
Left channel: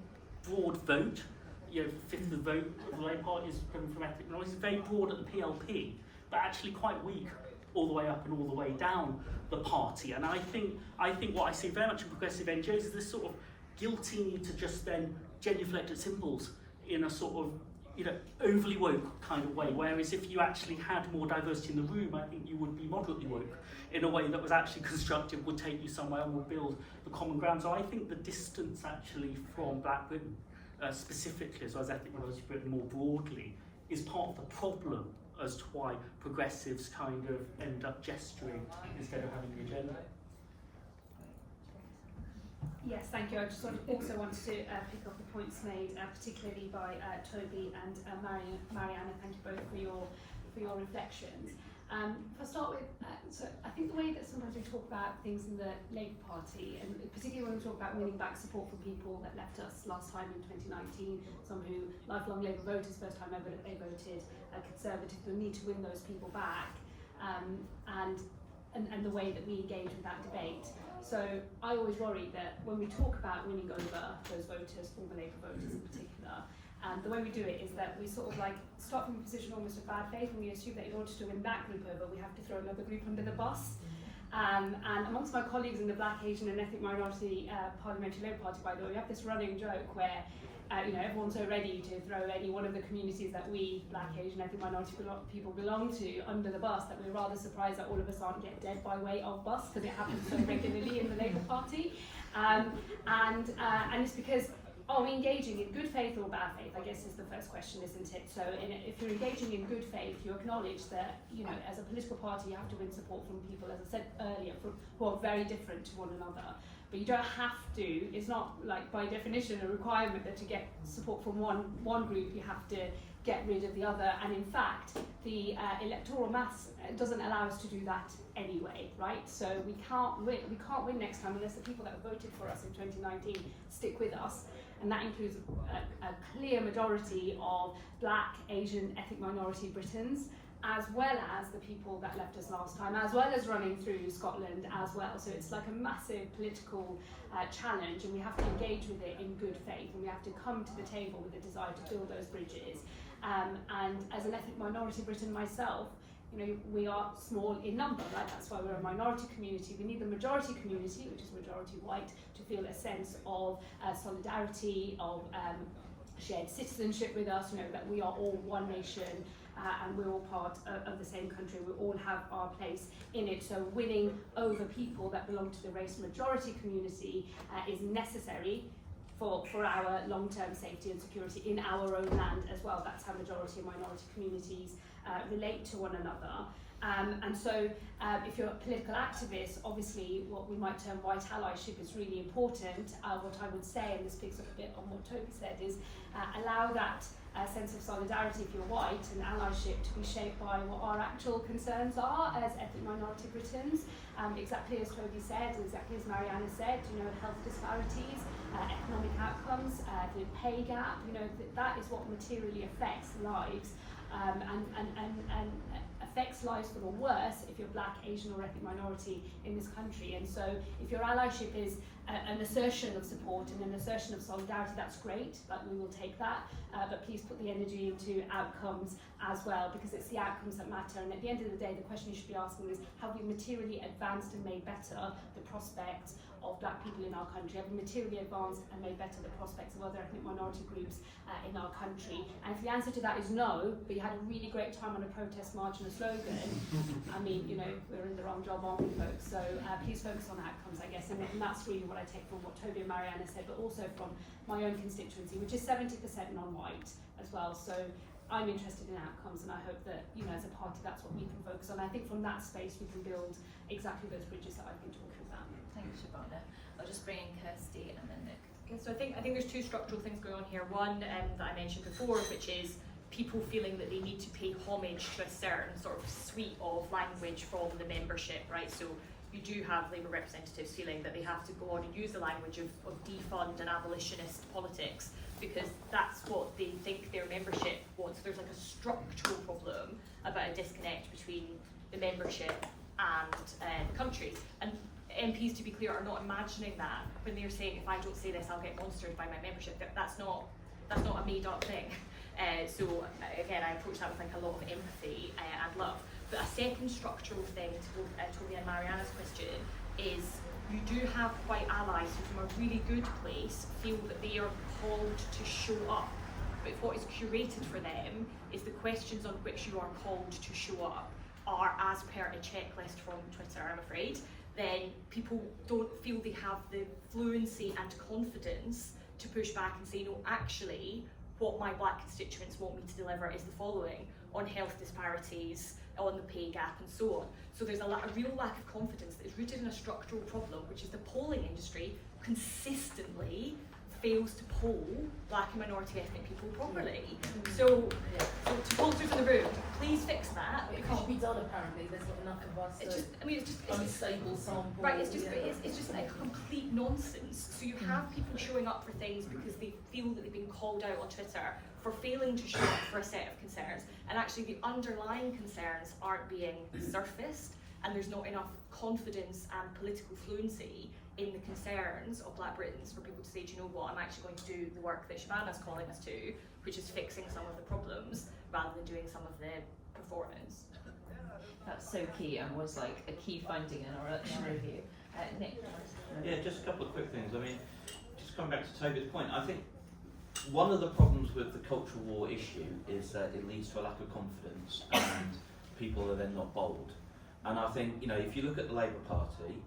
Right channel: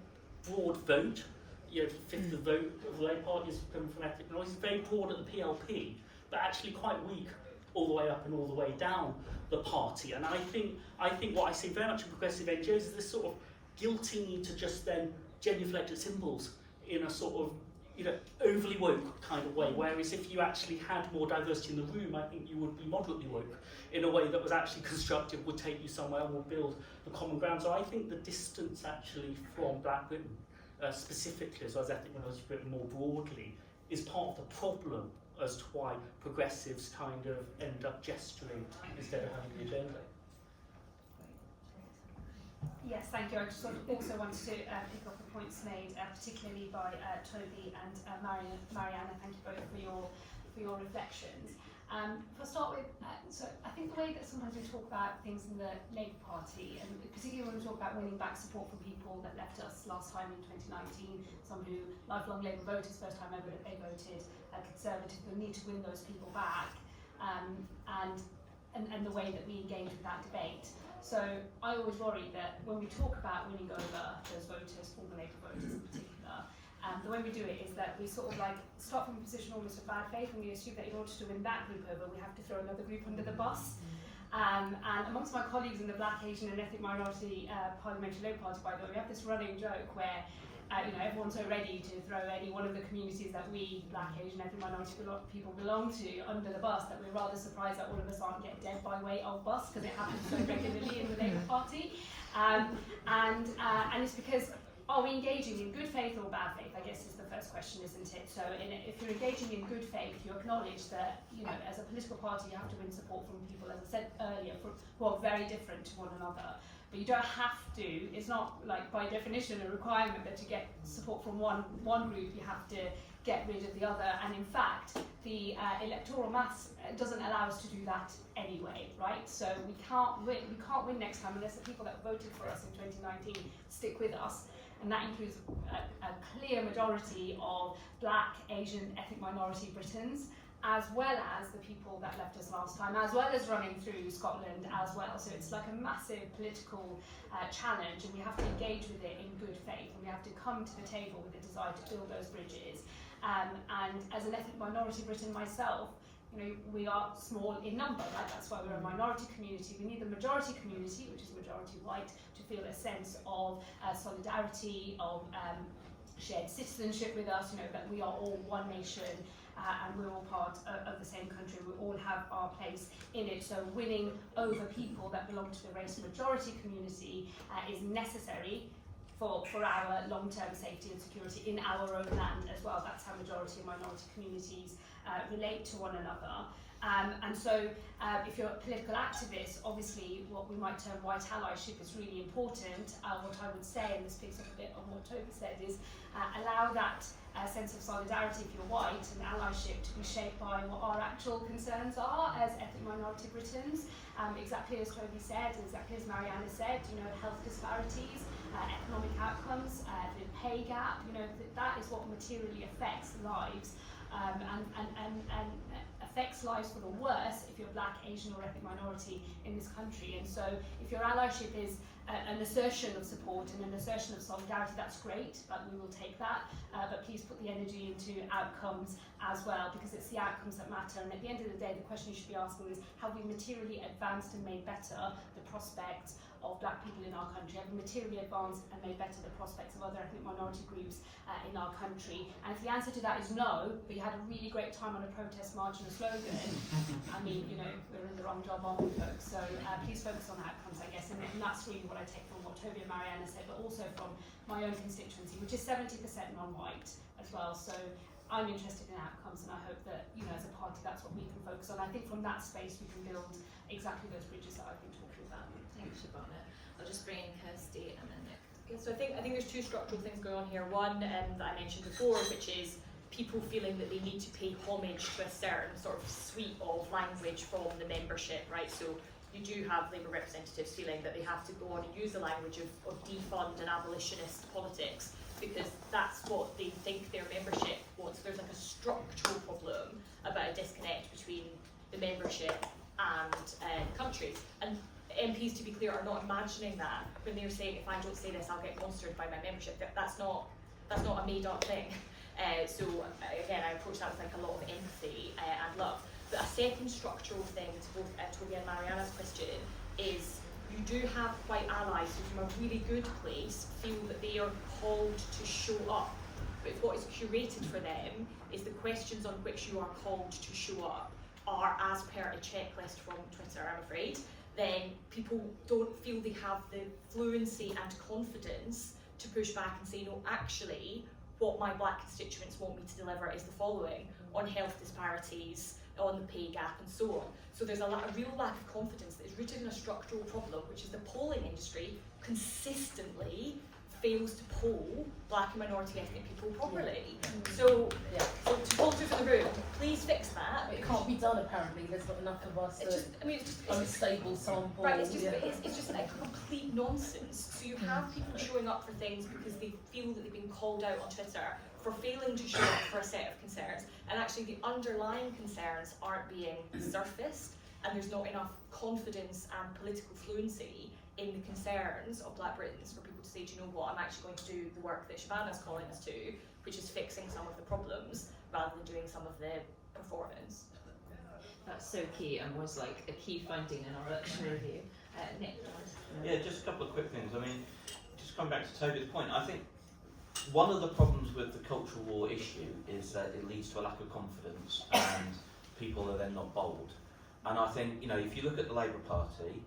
broad vote, you know, fifth of the vote of the Labour Party is from ethnic minorities, very broad at the PLP, but actually quite weak all the way up and all the way down the party. And I think what I see very much in progressive NGOs is this sort of guilting you to just then genuflect at symbols in a sort of, you know, overly woke kind of way, whereas if you actually had more diversity in the room, I think you would be moderately woke in a way that was actually constructive, would take you somewhere and would build the common ground. So I think the distance actually from Black Britain, specifically, as well as ethnic minorities Britain more broadly, is part of the problem as to why progressives kind of end up gesturing instead of having the agenda. Yes, thank you. I just also wanted to pick up the points made, particularly by Toby and Mariana. Thank you both for your reflections. If I start with, so I think the way that sometimes we talk about things in the Labour Party, and particularly when we talk about winning back support from people that left us last time in 2019, some who lifelong Labour voters, first time ever that they voted Conservative, we need to win those people back, and the way that we engage with that debate. So I always worry that when we talk about winning over those voters, former Labour voters in particular, the way we do it is that we sort of like start from a position almost of bad faith, and we assume that in order to win that group over, we have to throw another group under the bus. And amongst my colleagues in the Black, Asian and Ethnic Minority Parliamentary Labour Party, by the way, we have this running joke where everyone's so ready to throw any one of the communities that we, Black, Asian, Ethnic Minority people belong to, under the bus, that we're rather surprised that all of us aren't get dead by way of bus, because it happens so regularly in the Labour Party. And it's because, are we engaging in good faith or bad faith, I guess is the first question, isn't it? So if you're engaging in good faith, you acknowledge that, as a political party, you have to win support from people, as I said earlier, who are very different to one another. But you don't have to, it's not like by definition a requirement that to get support from one group, you have to get rid of the other. And in fact, the electoral maths doesn't allow us to do that anyway, right? So we can't win next time unless the people that voted for us in 2019 stick with us. And that includes a clear majority of Black, Asian, ethnic minority Britons, as well as the people that left us last time, as well as running through Scotland as well. So it's like a massive political challenge, and we have to engage with it in good faith, and we have to come to the table with a desire to build those bridges. And as an ethnic minority Briton myself, we are small in number, right? That's why we're a minority community. We need the majority community, which is majority white, to feel a sense of solidarity, of shared citizenship with us, that we are all one nation, and we're all part of the same country. We all have our place in it. So winning over people that belong to the race majority community is necessary for our long-term safety and security in our own land as well. That's how majority and minority communities relate to one another. And so if you're a political activist, obviously what we might term white allyship is really important. What I would say, and this picks up a bit on what Toby said, is allow that sense of solidarity if you're white and allyship to be shaped by what our actual concerns are as ethnic minority Britons. Exactly as Toby said, and exactly as Mariana said, health disparities, economic outcomes, the pay gap, that is what materially affects lives. And affects lives for the worse if you're Black, Asian or ethnic minority in this country. And so if your allyship is an assertion of support and an assertion of solidarity, that's great, but we will take that. But please put the energy into outcomes as well, because it's the outcomes that matter. And at the end of the day, the question you should be asking is, have we materially advanced and made better the prospects of Black people in our country? Have we materially advanced and made better the prospects of other ethnic minority groups in our country? And if the answer to that is no, but you had a really great time on a protest march and a slogan, I mean, we're in the wrong job, aren't we, folks? So please focus on outcomes, I guess, and that's really what I take from what Toby and Mariana said, but also from my own constituency, which is 70% non-white as well. So I'm interested in outcomes, and I hope that, as a party, that's what we can focus on. I think from that space we can build exactly those bridges that I've been talking about. Thanks, Shabana. I'll just bring in Kirsty and then Nick. Okay, so I think there's two structural things going on here. One that I mentioned before, which is people feeling that they need to pay homage to a certain sort of suite of language from the membership, right? So you do have Labour representatives feeling that they have to go on and use the language of defund and abolitionist politics, because that's what they think their membership wants. There's like a structural problem about a disconnect between the membership and the countries. And MPs, to be clear, are not imagining that when they're saying, if I don't say this, I'll get monstered by my membership. That's not a made-up thing. So again, I approach that with like a lot of empathy and love. But a second structural thing to both Toby and Mariana's question is, you do have white allies who, from a really good place, feel that they are called to show up. But what is curated for them is the questions on which you are called to show up are as per a checklist from Twitter, I'm afraid. Then people don't feel they have the fluency and confidence to push back and say, no, actually, what my Black constituents want me to deliver is the following: on health disparities, on the pay gap and so on. So there's a real lack of confidence that is rooted in a structural problem, which is the polling industry consistently fails to poll black and minority ethnic people properly. So to pollsters in the room, please fix that. It can't be done apparently. There's not enough of us. It's just, I mean, it's just unstable sample. right. It's just like complete nonsense. So you have people showing up for things because they feel that they've been called out on Twitter for failing to show up for a set of concerns, and actually the underlying concerns aren't being surfaced, and there's not enough confidence and political fluency in the concerns of Black Britons for people to say, do you know what, I'm actually going to do the work that Shabana's calling us to, which is fixing some of the problems rather than doing some of the performance. That's so key and was like a key finding in our review. Nick? Yeah, just a couple of quick things. I mean, just coming back to Toby's point, I think one of the problems with the cultural war issue is that it leads to a lack of confidence and people are then not bold. And I think, you know, if you look at the Labour Party,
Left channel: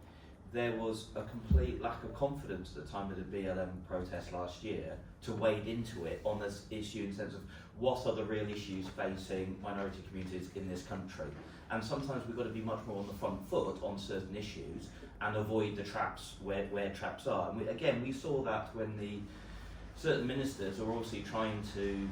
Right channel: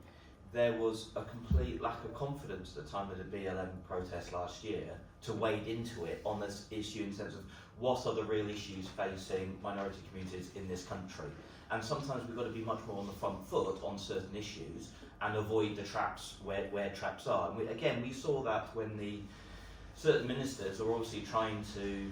there was a complete lack of confidence at the time of the BLM protest last year to wade into it on this issue in terms of what are the real issues facing minority communities in this country. And sometimes we've got to be much more on the front foot on certain issues and avoid the traps where traps are. And we saw that when certain ministers are obviously trying to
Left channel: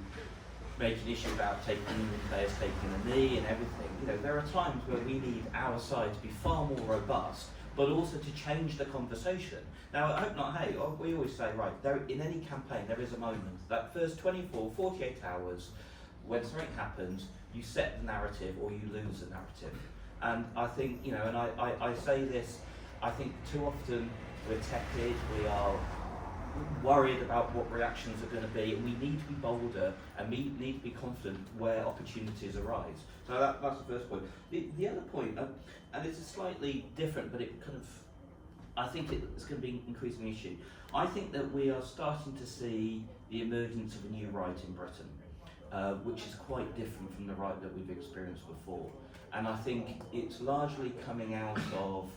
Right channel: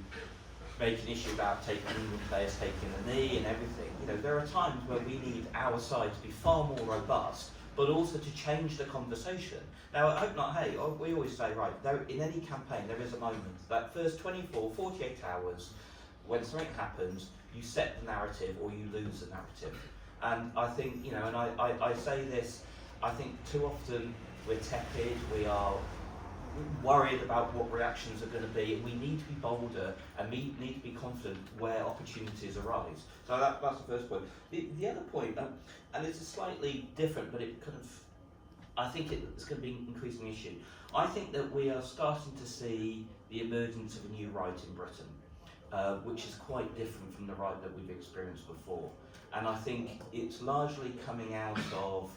make an issue about taking players taking a knee and everything. You know, there are times where we need our side to be far more robust, but also to change the conversation. Now, I hope not, hey, we always say, right, in any campaign there is a moment, that first 24, 48 hours, when something happens, you set the narrative or you lose the narrative. And I think, you know, and I say this, I think too often we're tepid, we are worried about what reactions are going to be, and we need to be bolder and we need to be confident where opportunities arise. So that's the first point. The other point, and it's a slightly different, but it kind of, I think it's going to be an increasing issue. I think that we are starting to see the emergence of a new right in Britain, which is quite different from the right that we've experienced before. And I think it's largely coming out of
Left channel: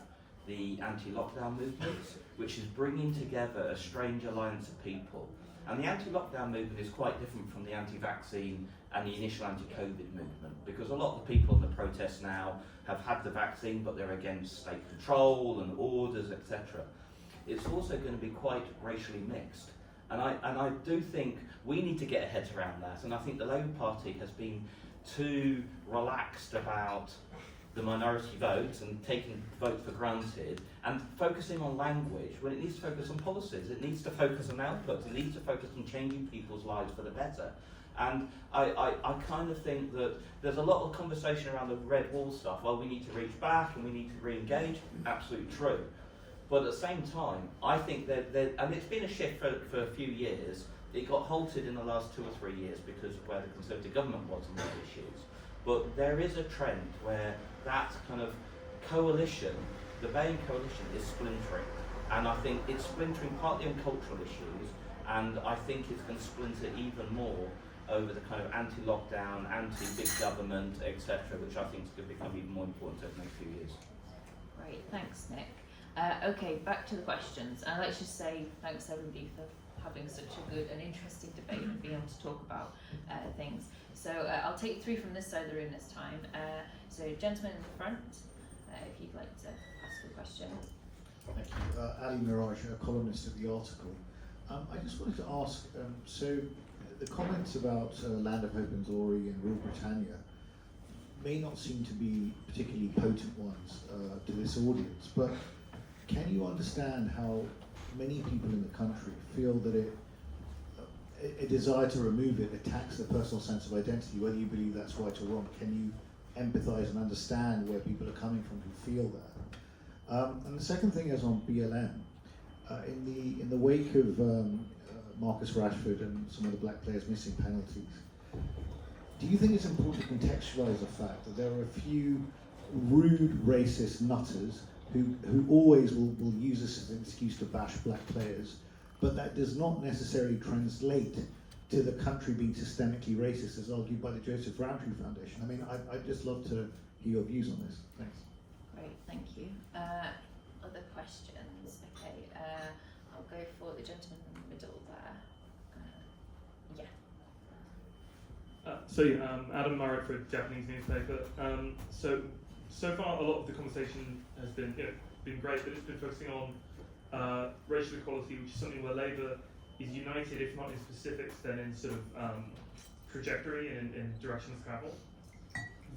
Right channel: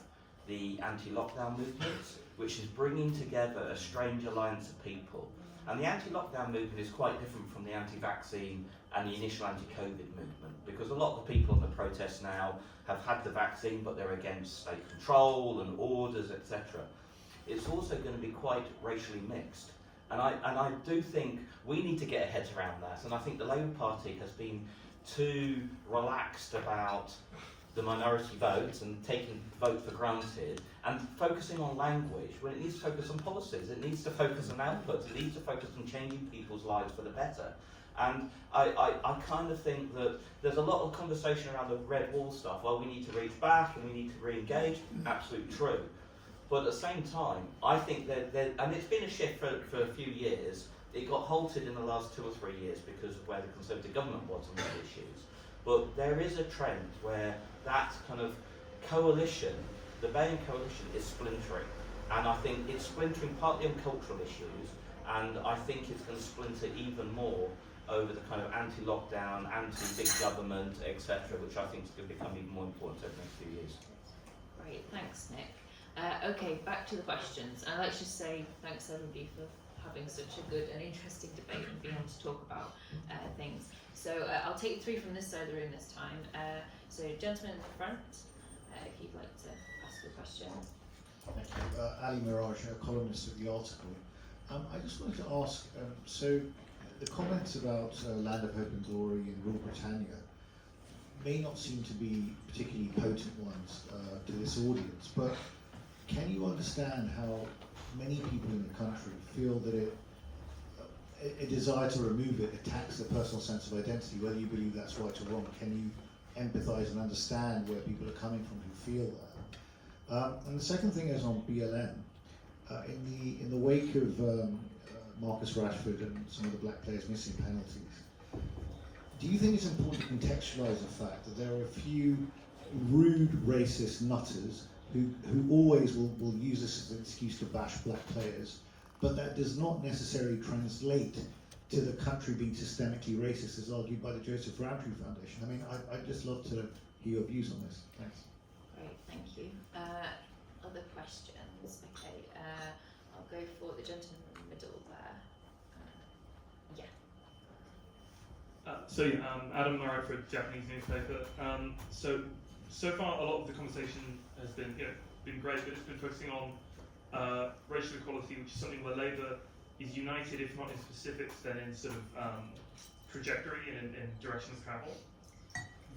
the anti-lockdown movements, which is bringing together a strange alliance of people. And the anti-lockdown movement is quite different from the anti-vaccine and the initial anti-COVID movement, because a lot of the people in the protests now have had the vaccine, but they're against state control and orders, etc. It's also going to be quite racially mixed. And I do think we need to get our heads around that. And I think the Labour Party has been too relaxed about the minority votes and taking vote for granted and focusing on language when it needs to focus on policies, it needs to focus on outputs, it needs to focus on changing people's lives for the better. And I kind of think that there's a lot of conversation around the red wall stuff. Well, we need to reach back and we need to re-engage. Absolutely true. But at the same time, I think that and it's been a shift for a few years. It got halted in the last 2 or 3 years because of where the Conservative government was on these issues. But there is a trend where that kind of coalition, the Bayan coalition, is splintering. And I think it's splintering partly on cultural issues, and I think it's going to splinter even more over the kind of anti-lockdown, anti-big government, etc., which I think is going to become even more important over the next few years. Great, thanks, Nick. Okay, back to the questions. And let's just say thanks everybody for having such a good and interesting debate and being able to talk about things. So I'll take 3 from this side of the room this time. So gentleman in the front, if you'd like to ask a question. Thank you. Ali Mirage, a columnist at The Article. I just wanted to ask, so the comments about Land of Hope and Glory and Rule Britannia may not seem to be particularly potent ones to this audience, but can you understand how many people in the country feel that a desire to remove it attacks their personal sense of identity, whether you believe that's right or wrong? Can you empathise and understand where people are coming from who feel that? And the second thing is on BLM. In the wake of Marcus Rashford and some of the black players missing penalties, do you think it's important to contextualise the fact that there are a few rude racist nutters who always will use this as an excuse to bash black players, but that does not necessarily translate to the country being systemically racist, as argued by the Joseph Rowntree Foundation? I mean, I'd just love to hear your views on this. Thanks. Great, thank you. Other questions? Okay, I'll go for the gentleman in the middle there. Yeah. Adam Murray for a Japanese newspaper. So far, a lot of the conversation has been great, but it's been focusing on racial equality, which is something where Labour is united, if not in specifics, then in sort of trajectory and in directions of travel.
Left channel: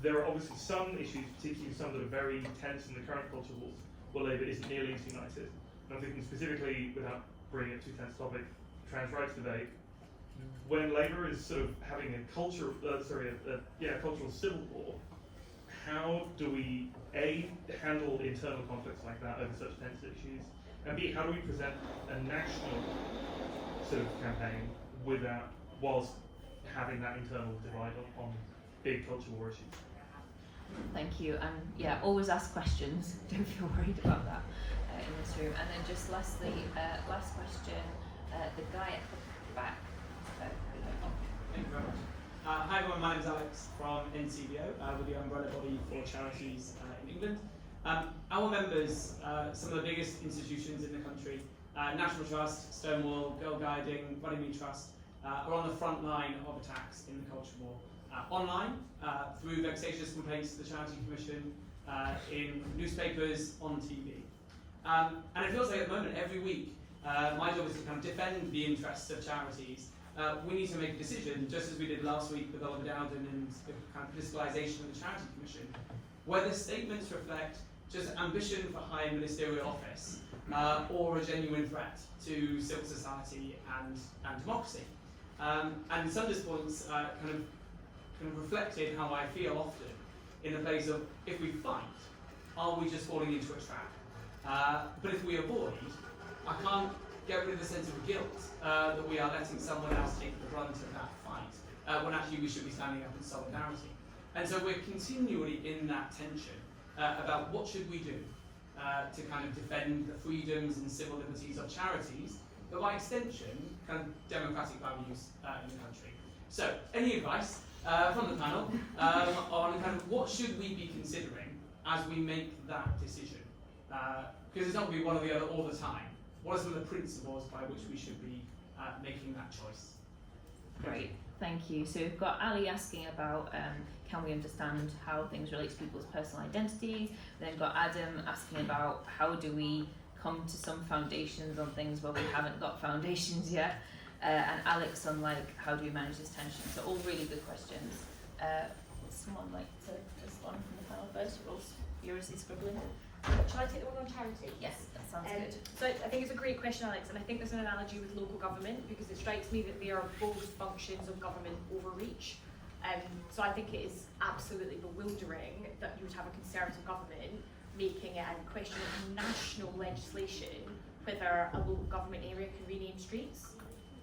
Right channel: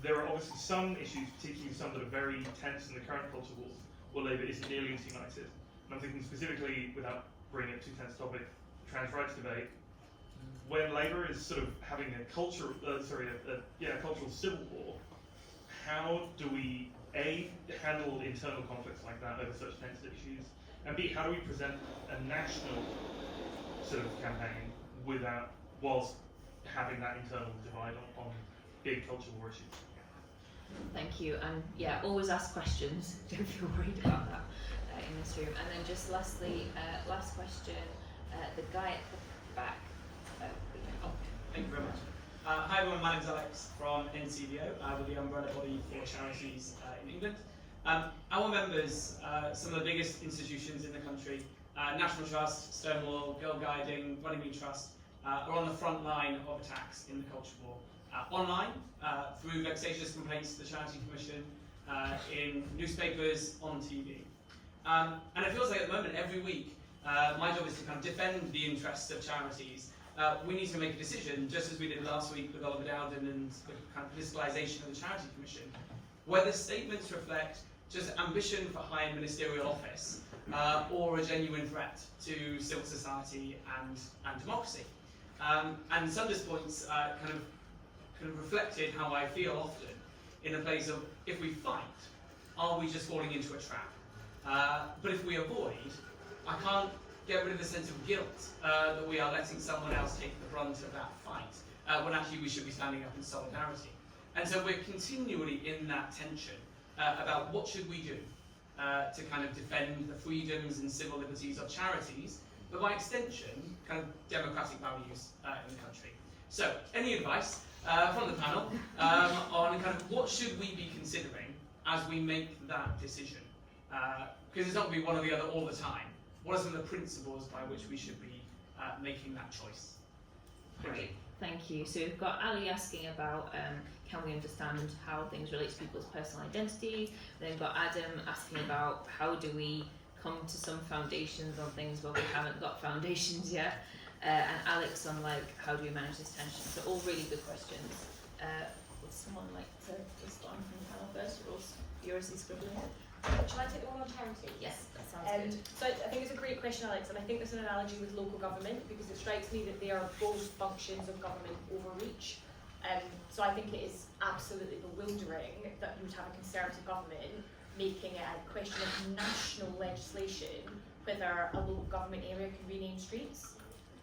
There are obviously some issues, particularly some that are very tense in the current culture wars, where Labour isn't nearly as united. And I'm thinking specifically, without bringing it too tense topic, trans rights debate. When Labour is sort of having a cultural civil war, how do we A, handle internal conflicts like that over such tense issues, and B, how do we present a national sort of campaign whilst having that internal divide on big cultural war issues? Thank you, and always ask questions. Don't feel worried about that in this room. And then just lastly, last question, the guy at the back. Thank you very much. Hi everyone, my name is Alex from NCBO, with the umbrella body for charities in England. Our members, some of the biggest institutions in the country, National Trust, Stonewall, Girl Guiding, Runnymede Trust, are on the front line of attacks in the culture war. Online, through vexatious complaints to the Charity Commission, in newspapers, on TV. And it feels like at the moment, every week, my job is to kind of defend the interests of charities. We need to make a decision, just as we did last week with Oliver Dowden and the kind of politicalisation of the Charity Commission, whether statements reflect just ambition for high ministerial office or a genuine threat to civil society and democracy. And Sunder's points kind of reflected how I feel often in a place of, if we fight, are we just falling into a trap? But if we avoid, I can't get rid of the sense of guilt that we are letting someone else take the brunt of that fight, when actually we should be standing up in solidarity. And so we're continually in that tension about what should we do to kind of defend the freedoms and civil liberties of charities, but by extension, kind of democratic values in the country. So, any advice from the panel on kind of what should we be considering as we make that decision? Because it's not going to be one or the other all the time. What are some of the principles by which we should be making that choice? Great, thank you. So we've got Ali asking about can we understand how things relate to people's personal identity. Then got Adam asking about how do we come to some foundations on things where we haven't got foundations yet. And Alex on how do we manage this tension. So all really good questions. Would someone like to respond from the panel first? Or yours is scribbling. Shall I take the one on charity? Yes, that sounds good. So I think it's a great question, Alex, and I think there's an analogy with local government because it strikes me that they are both functions of government overreach. So I think it is absolutely bewildering that you would have a Conservative government making it a question of national legislation whether a local government area can rename streets.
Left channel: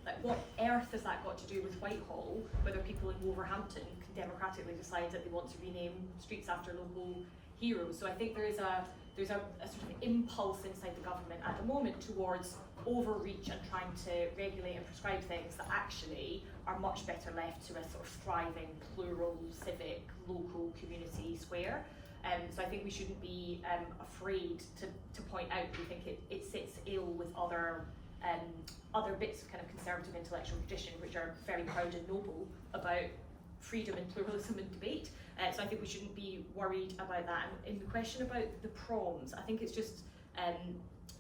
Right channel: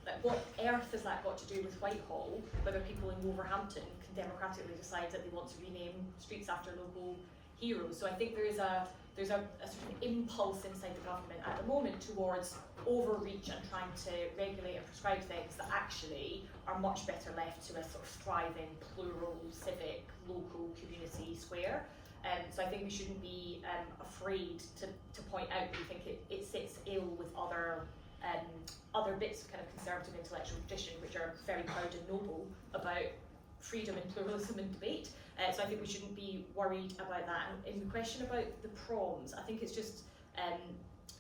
Like, what earth has that got to do with Whitehall, whether people in Wolverhampton can democratically decide that they want to rename streets after local heroes? So I think there's a sort of impulse inside the government at the moment towards overreach and trying to regulate and prescribe things that actually are much better left to a sort of thriving, plural, civic, local community square. So I think we shouldn't be afraid to point out that we think it sits ill with other bits of kind of conservative intellectual tradition which are very proud and noble about freedom and pluralism and debate. So I think we shouldn't be worried about that. And in the question about the proms, I think it's just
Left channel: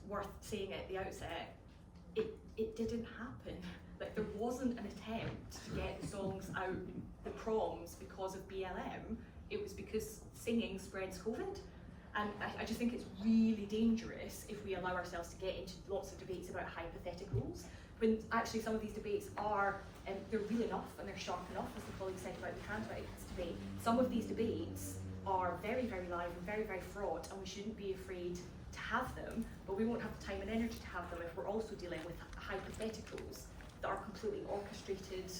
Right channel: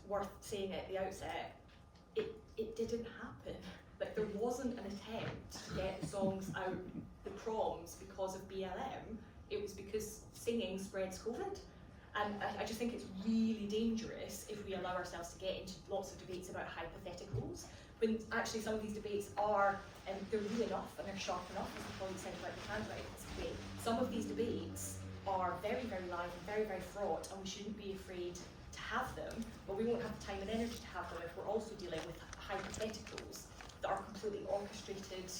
worth saying at the outset, it didn't happen. Like, there wasn't an attempt to get the songs out the proms because of BLM. It was because singing spreads COVID. And I just think it's really dangerous if we allow ourselves to get into lots of debates about hypotheticals, when actually some of these debates are, they're real enough and they're sharp enough, as the colleague said about the trans rights debate. Some of these debates are very, very live and very, very fraught, and we shouldn't be afraid to have them, but we won't have the time and energy to have them if we're also dealing with hypotheticals that are completely orchestrated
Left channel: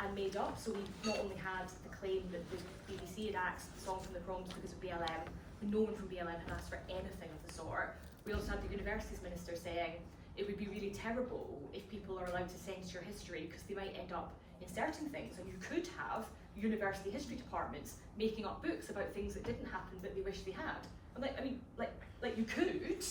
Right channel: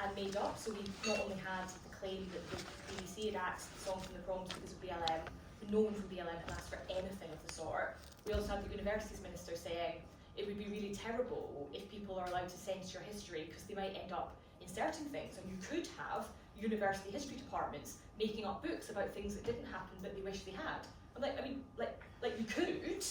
and made up. So we not only had the claim that the BBC had axed the song from the proms because of BLM, no one from BLM had asked for anything of the sort. We also had the Universities Minister saying it would be really terrible if people are allowed to censor history because they might end up inserting things, and you could have university history departments making up books about things that didn't happen that they wish they had. And Like, you could.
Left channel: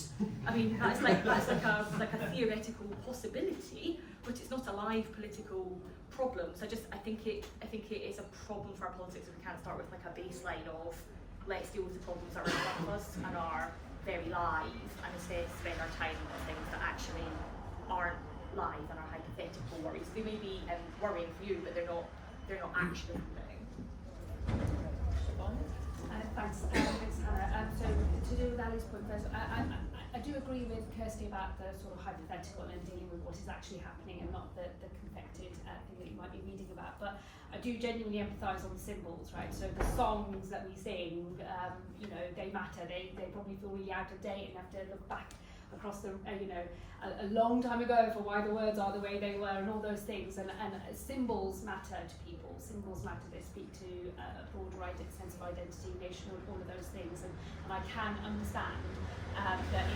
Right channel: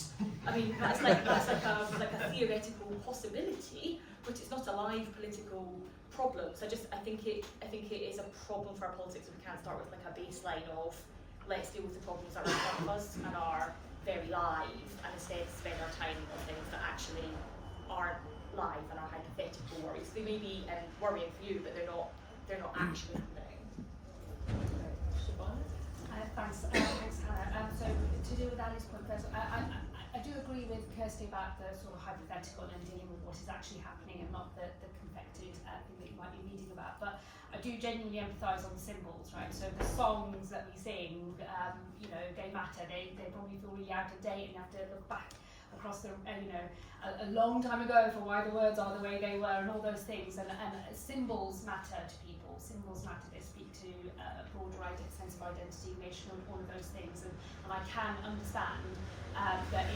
I mean, that's like a theoretical possibility, but it's not a live political problem. So I think it is a problem for our politics if we can't start with like a baseline of let's deal with the problems that are in front of us and are very live, and instead spend our time on things that actually aren't live and are hypothetical worries. They may be worrying for you, but they're not actually happening. Shabana? Thanks, Hannah. So to do with Ali's point first, I do agree with Kirsty about the sort of hypothetical and dealing with what is actually happening and not the confected thing that you might be reading about. But I do genuinely empathise on the symbols, right? So the songs that we sing, you know, they matter. They probably feel really out of date, and you have to look back across the, you know, a long time ago for why the words are the way they were and all those things. And symbols matter to people. Symbols matter. They speak to a broader sense of identity, national, all of those things. And I can understand that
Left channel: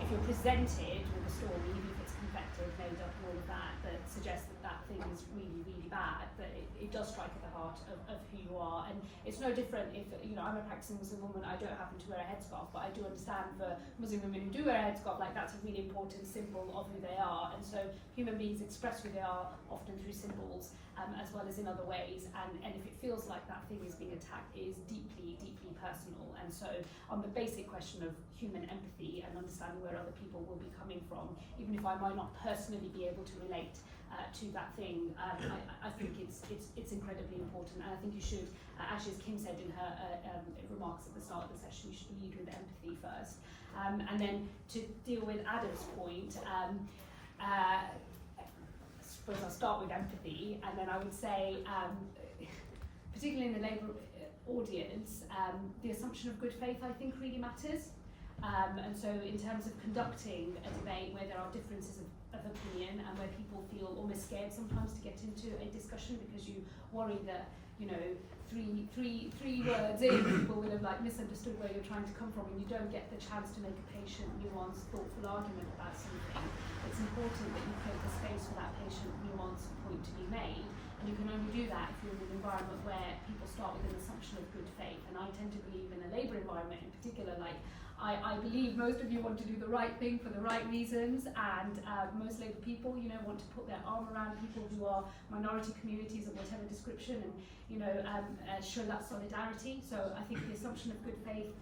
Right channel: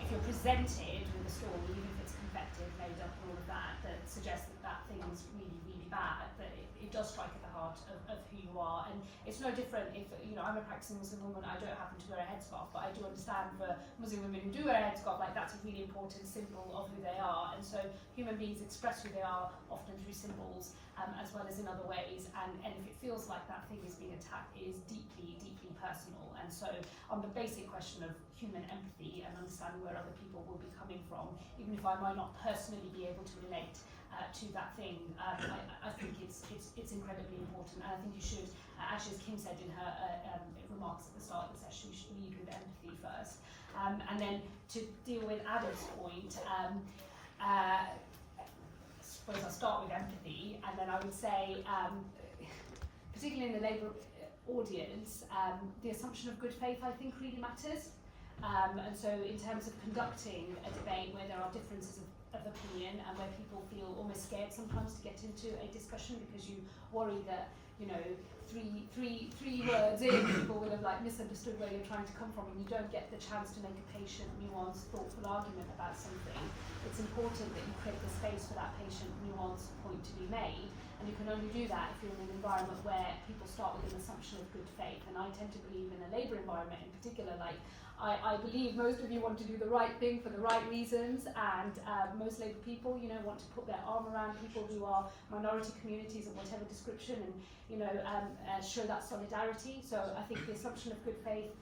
if you're presented with a story, even if it's confected, made up, and all of that, that suggests that thing is really, really bad, that it does strike at the heart of who you are. And it's no different if, you know, I'm a practicing Muslim woman, I don't happen to wear a headscarf, but I do understand for Muslim women who do wear a headscarf, like, that's a really important symbol of who they are. And so human beings express who they are often through symbols, as well as in other ways. And if it feels like that thing is being attacked, it is deeply, deeply personal. And so on the basic question of human empathy and understanding where other people will be coming from, even if I might not personally be able to relate to that thing, I think it's incredibly important. And I think you should, actually, as Kim said in her remarks at the start of the session, you should lead with empathy first. And then to deal with Adam's point, I suppose I'll start with empathy, and then I would say, particularly in the Labour audience, the assumption of good faith, I think, really matters. And so in terms of conducting a debate where there are differences of opinion and where people feel almost scared sometimes to get into a discussion because you worry that, you know, three words in, people will have like misunderstood where you're trying to come from, and you don't get the chance to make a patient, nuanced, thoughtful argument about something. It's important that you create the space for that patient, nuanced point to be made, and you can only do that if you're in an environment where people start with an assumption of good faith. And I tend to believe in a Labour environment in particular, like, I believe most of you want to do the right thing for the right reasons, and most Labour people, you know, want to put their arm around people who are minority communities of whatever description, and, you know, show that solidarity. So I think the assumption of good faith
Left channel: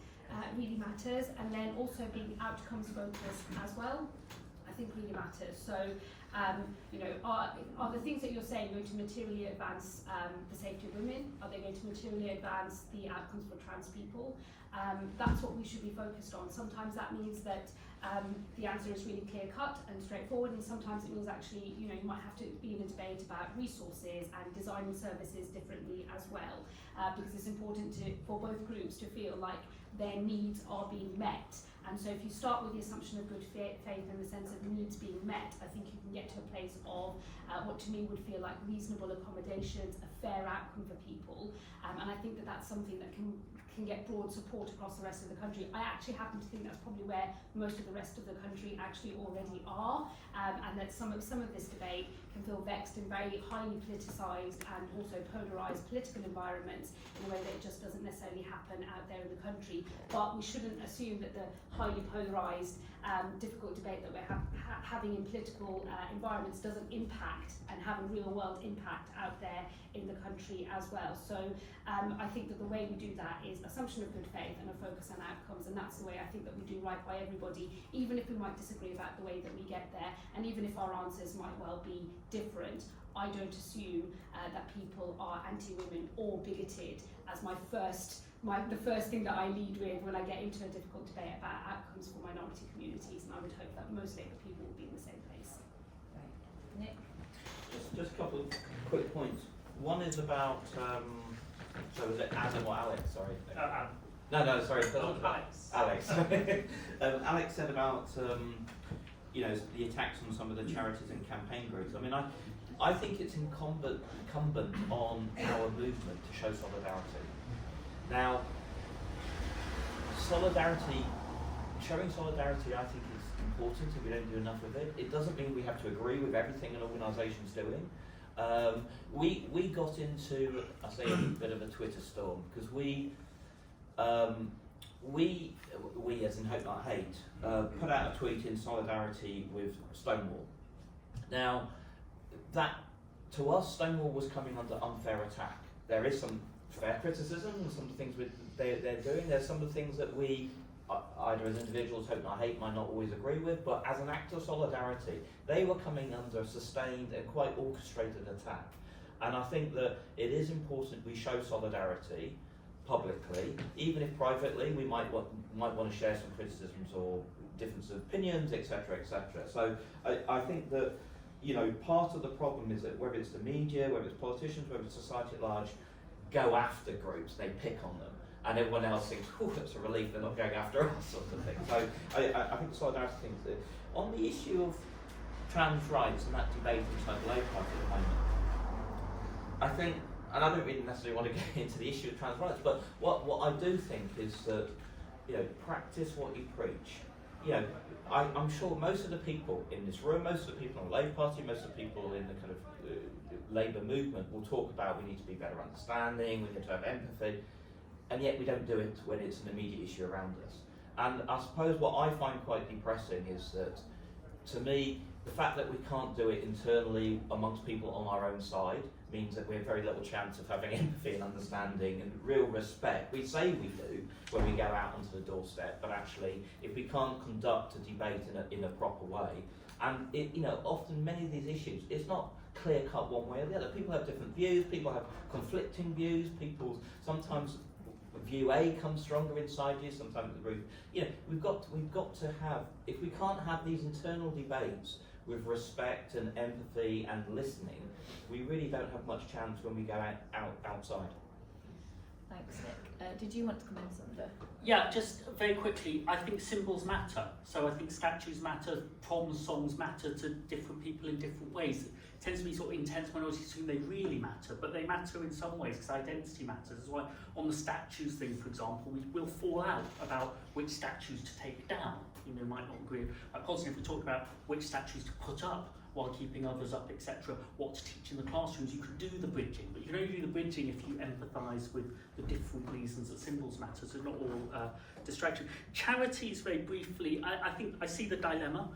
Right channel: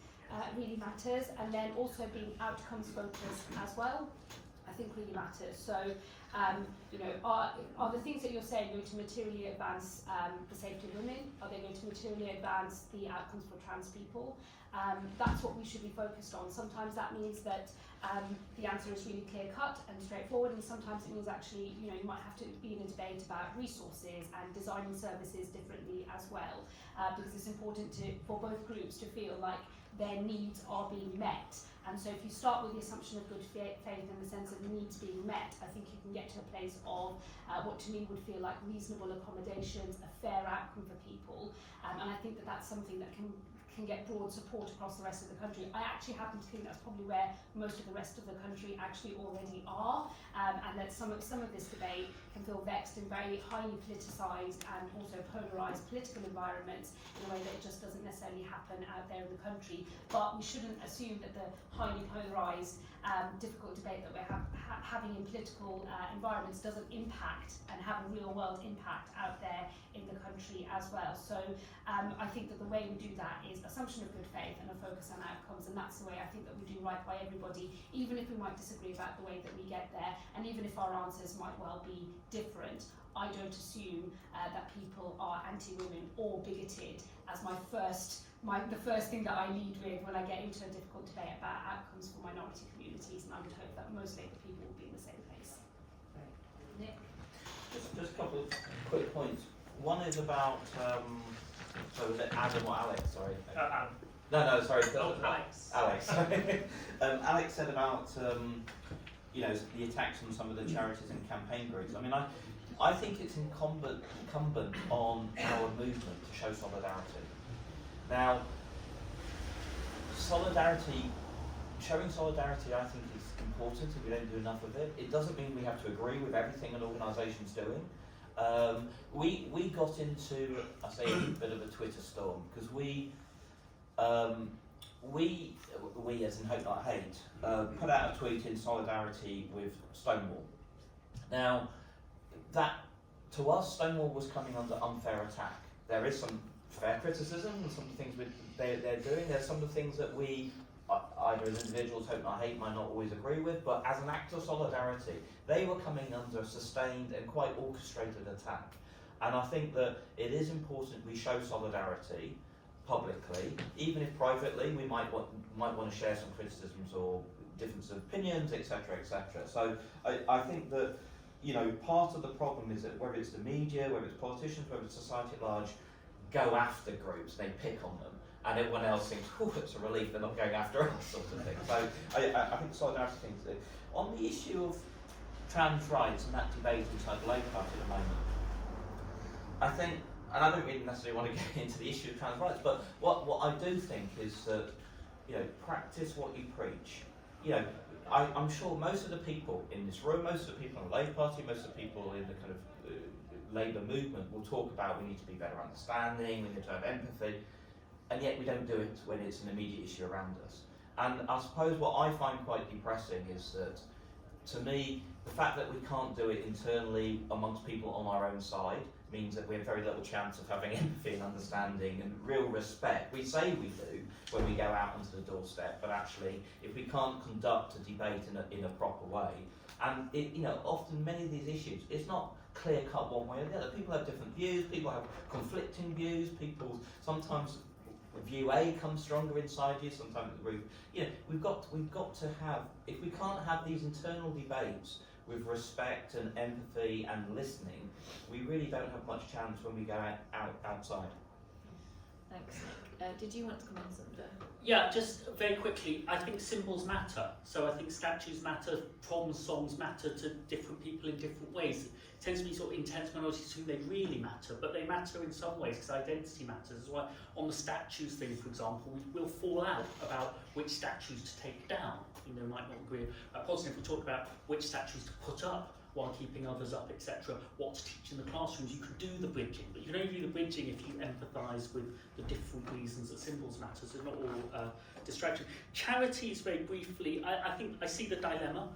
really matters, and then also being outcomes focused as well, I think really matters. So, you know, are the things that you're saying going to materially advance the safety of women? Are they going to materially advance the outcomes for trans people? That's what we should be focused on. Sometimes that means that the answer is really clear-cut and straightforward, and sometimes it means actually, you know, you might have to be in a debate about resources and designing services differently as well, because it's important for both groups to feel like their needs are being met. And so if you start with the assumption of good faith in the sense of the needs being met, I think you can get to a place of what to me would feel like reasonable accommodations, a fair outcome for people. And I think that that's something that can get broad support across the rest of the country. I actually happen to think that's probably where most of the rest of the country actually already are, and that some of this debate can feel vexed in very highly politicised and also polarised political environments in a way that it just doesn't necessarily happen out there in the country. But we shouldn't assume that the highly polarised, difficult debate that we're having in political environments doesn't impact and have a real world impact out there in the country as well. So I think that the way we do that is assumption of good faith and a focus on outcomes, and that's the way I think that we do right by everybody, even if we might disagree about the way that we get there, and even if our answers might well be different. I don't assume that people are anti-women or bigoted as the first thing that I lead with when I get into a difficult debate about outcomes for minority communities, and I would hope that most Labour people will be in the same place. Nick? Just a couple of quick points. One is about, so was it Adam or Alex? Sorry. No, sorry. Alex. Alex. Alex said about, you know, the attacks on some of the charities and campaign groups. I mean, I think it's incumbent on our movement to show solidarity. Now, showing solidarity, I think, is important if we don't do enough of it. It doesn't mean we have to agree with everything an organisation's doing. We got into, I say, a bit of a Twitter storm because we we as in Hope Not Hate, put out a tweet in solidarity with Stonewall. Now, that to us, Stonewall was coming under unfair attack. There is some fair criticism and some things they're doing. There's some of the things that we, either as individuals, Hope Not Hate, might not always agree with, but as an act of solidarity, they were coming under a sustained and quite orchestrated attack. And I think that it is important we show solidarity publicly, even if privately we might want to share some criticisms or difference of opinions, etc., etc. So I think that, you know, part of the problem is that whether it's the media, whether it's politicians, whether it's society at large, go after groups, they pick on them, and everyone else thinks, oh, it's a relief they're not going after us, sort of thing. So I think the solidarity thing is that. On the issue of trans rights and that debate inside the Labour Party at the moment, I think, and I don't really necessarily want to get into the issue of trans rights, but what I do think is that, you know, practice what you preach. You know, I'm sure most of the people in this room, most of the people in the Labour Party, most of the people in the kind of Labour movement will talk about we need to be better understanding, we need to have empathy, and yet we don't do it when it's an immediate issue around us. And I suppose what I find quite depressing is that, to me, the fact that we can't do it internally amongst people on our own side means that we have very little chance of having empathy and understanding and real respect. We say we do when we go out onto the doorstep, but actually, if we can't conduct a debate in a proper way, and it, you know, often many of these issues, it's not clear cut one way or the other. People have different views. People have conflicting views. People sometimes view A comes stronger inside you. Sometimes the group. You know, we've got to have. If we can't have these internal debates with respect and empathy and listening, we really don't have much chance when we go outside. Thanks, Nick. Did you want to comment on Sunder? Yeah, just very quickly, I think symbols matter. So I think statues matter, proms songs matter to different people in different ways. It tends to be sort of intense minorities who they really matter, but they matter in some ways because identity matters. That's why on the statues thing, for example, we will fall out about which statues to take down. You know, might not agree. Positive, we talk about which statues to put up while keeping others up, etc. What to teach in the classrooms. You can do the bridging, but you can only do the bridging if you empathise with the different reasons that symbols matter. So not all distraction. Charities, very briefly, I think I see the dilemma.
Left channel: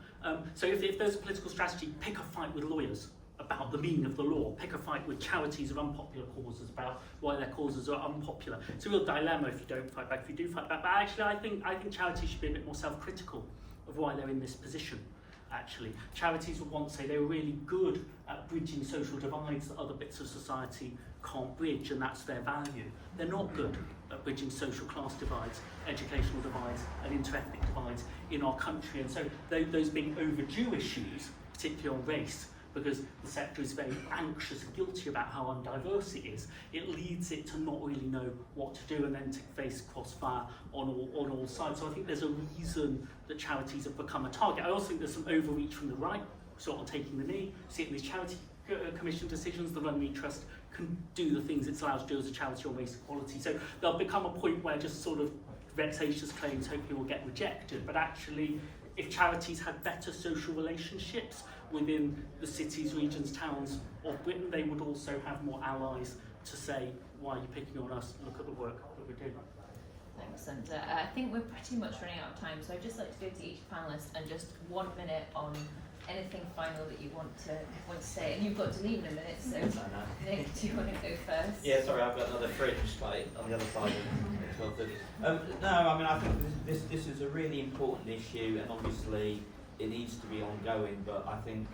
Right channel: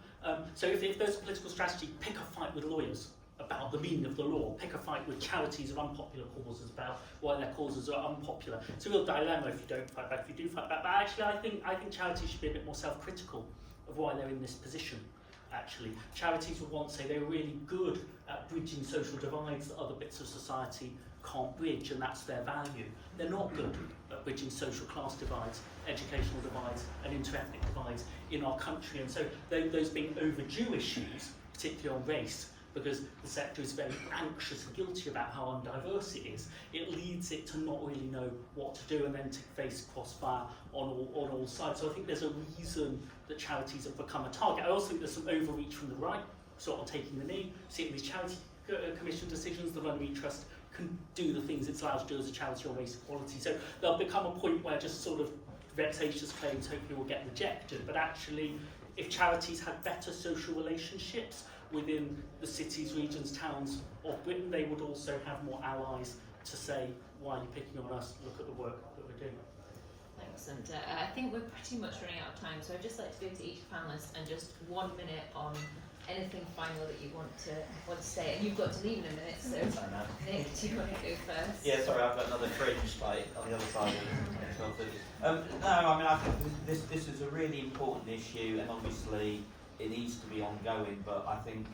So if there's a political strategy, pick a fight with lawyers about the meaning of the law. Pick a fight with charities of unpopular causes about why their causes are unpopular. It's a real dilemma if you don't fight back. If you do fight back, but actually I think charities should be a bit more self-critical of why they're in this position. Actually, charities would once say they were really good at bridging social divides that other bits of society can't bridge, and that's their value. They're not good at bridging social class divides, educational divides, and inter-ethnic divides in our country. And so those being overdue issues, particularly on race, because the sector is very anxious and guilty about how undiverse it is, it leads it to not really know what to do and then to face crossfire on all sides. So I think there's a reason that charities have become a target. I also think there's some overreach from the right, sort of taking the knee. See it in these charity commission decisions, the Runnymede Trust can do the things it's allowed to do as a charity on race equality. So there'll become a point where just sort of vexatious claims hopefully will get rejected. But actually, if charities had better social relationships within the cities, regions, towns of Britain, they would also have more allies to say, why are you picking on us? Look at the work that we're doing. Thanks, Sunder. I think we're pretty much running out of time, so I'd just like to go to each panellist and just 1 minute on anything final that you want to say. And you've got to leave in a minute, so Nick, do you want to go first? Yeah, sorry, I've got another Fringe fight on the other side of 12:30. No, I mean, I think this is a really important issue, and obviously it needs to be ongoing, but I think,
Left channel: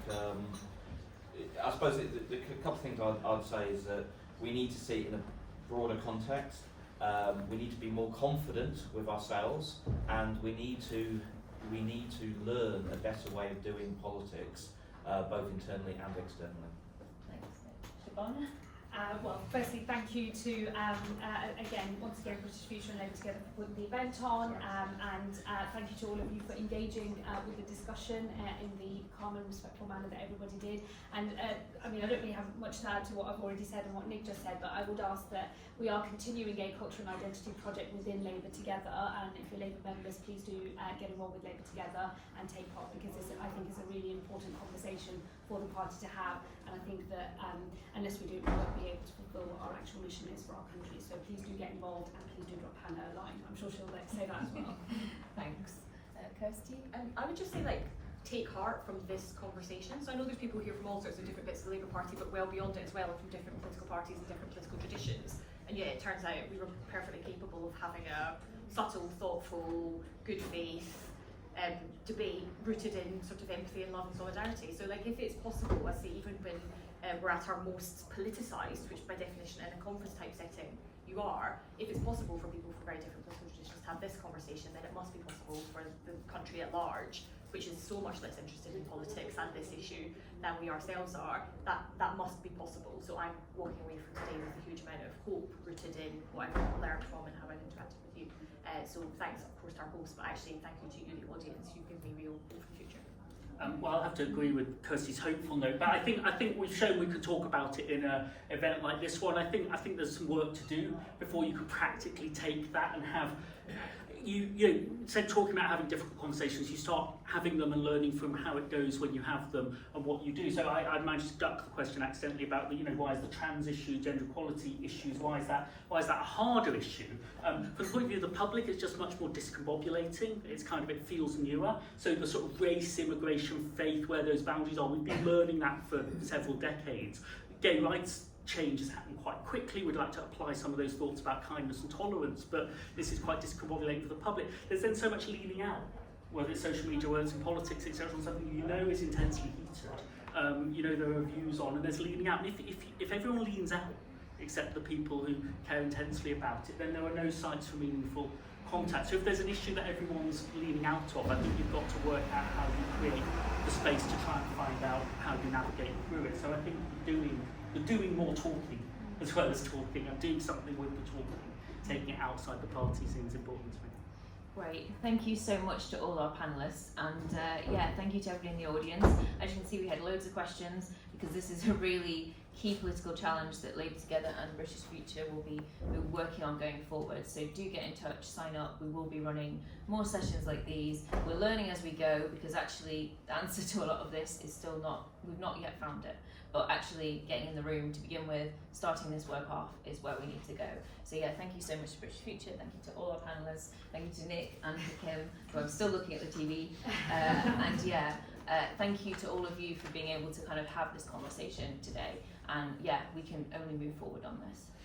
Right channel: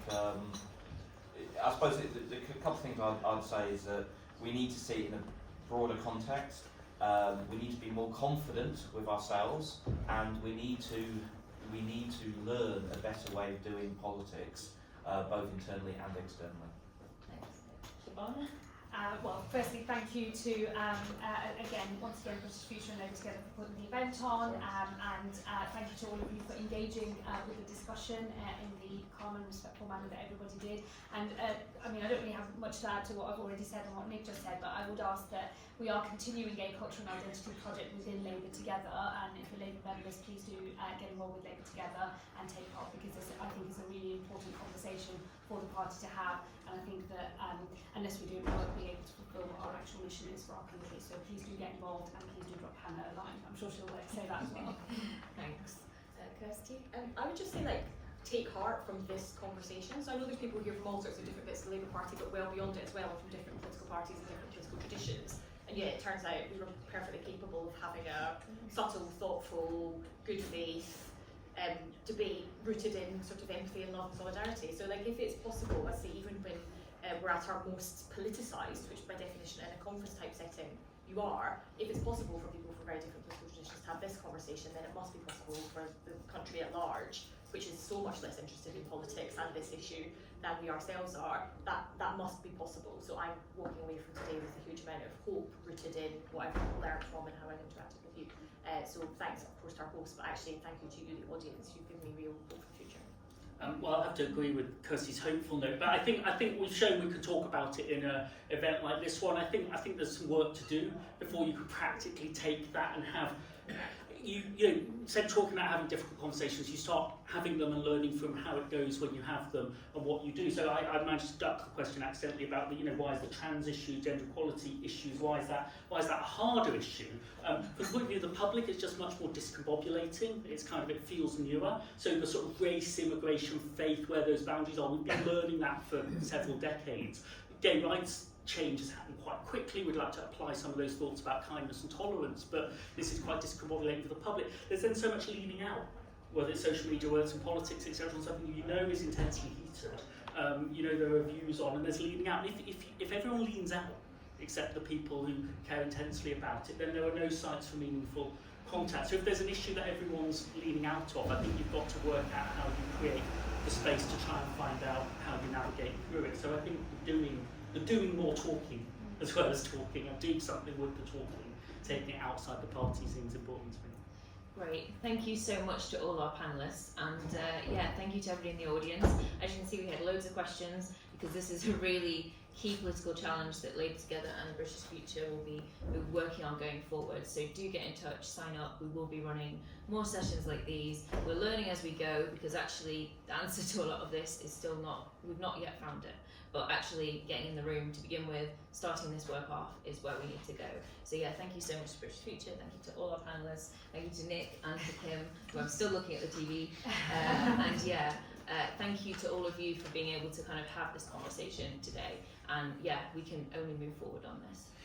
I suppose the couple of things I'd say is that we need to see it in a broader context. We need to be more confident with ourselves, and we need to learn a better way of doing politics, both internally and externally. Thanks. Shabana? Well, firstly, thank you to, once again, British Future and Labour Together for putting the event on, and thank you to all of you for engaging with the discussion in the calm and respectful manner that everybody did. And I mean, I don't really have much to add to what I've already said and what Nick just said, but I would ask that we are continuing a culture and identity project within Labour Together, and if you're Labour members, please do get involved with Labour Together and take part, because this, I think, is a really important conversation for the party to have. And I think that unless we do, we won't be able to fulfil what our actual mission is for our country. So please do get involved, and please do drop Hannah a line. I'm sure she'll say that as well. Thanks. Kirsty? I would just say, like, take heart from this conversation. So I know there's people here from all sorts of different bits of the Labour Party, but well beyond it as well, from different political parties and different political traditions. And yeah, it turns out we were perfectly capable of having a subtle, thoughtful, good faith debate rooted in sort of empathy and love and solidarity. So like, if it's possible, I say, even when we're at our most politicised, which by definition in a conference type setting you are, if it's possible for people from very different political traditions to have this conversation, then it must be possible for the country at large, which is so much less interested in politics and this issue than we ourselves are. That must be possible. So I'm walking away from today with a huge amount of hope rooted in what I've learned from and how I've interacted with you. So thanks, of course, to our host, but actually thank you to you, the audience. You've given me real hope for the future. Well, I'll have to agree with Kirsty's hopeful note, but I think we've shown we could talk about it in an event like this one. I think there's some work to do before you could practically take that and have. You said talking about having difficult conversations, you start having them and learning from how it goes when you have them and what you do. So I managed to duck the question accidentally about why is the trans issue, gender equality issues, why is that a harder issue? From the point of view of the public, it's just much more discombobulating. It feels newer. So the sort of race, immigration, faith, where those boundaries are, we've been learning that for several decades. Gay rights change has happened quite quickly. We'd like to apply some of those thoughts about kindness and tolerance, but this is quite discombobulating for the public. There's then so much leaning out, whether it's social media, whether it's in politics, etc., on something is intensely heated. There are views on, and there's leaning out. And if everyone leans out, except the people who care intensely about it, then there are no sites for meaningful contact. So if there's an issue that everyone's leaning out of, I think you've got to work out how you create the space to try and find out how you navigate through it. So I think doing more talking as well as talking, and doing something with the talking, taking it outside the party seems important to me. Great, thank you so much to all our panellists, and thank you to everybody in the audience. As you can see, we had loads of questions because this is a really key political challenge that Labour Together and British Future will be working on going forward. So do get in touch, sign up. We will be running more sessions like these. We're learning as we go, because actually the answer to a lot of this is still we've not yet found it. But actually getting in the room to begin with, starting this work off, is where we need to go. So yeah, thank you so much to British Future, thank you to all our panellists, thank you to Nick and to Kim, who I'm still looking at the TV, thank you to all of you for being able to kind of have this conversation today. And yeah, we can only move forward on this.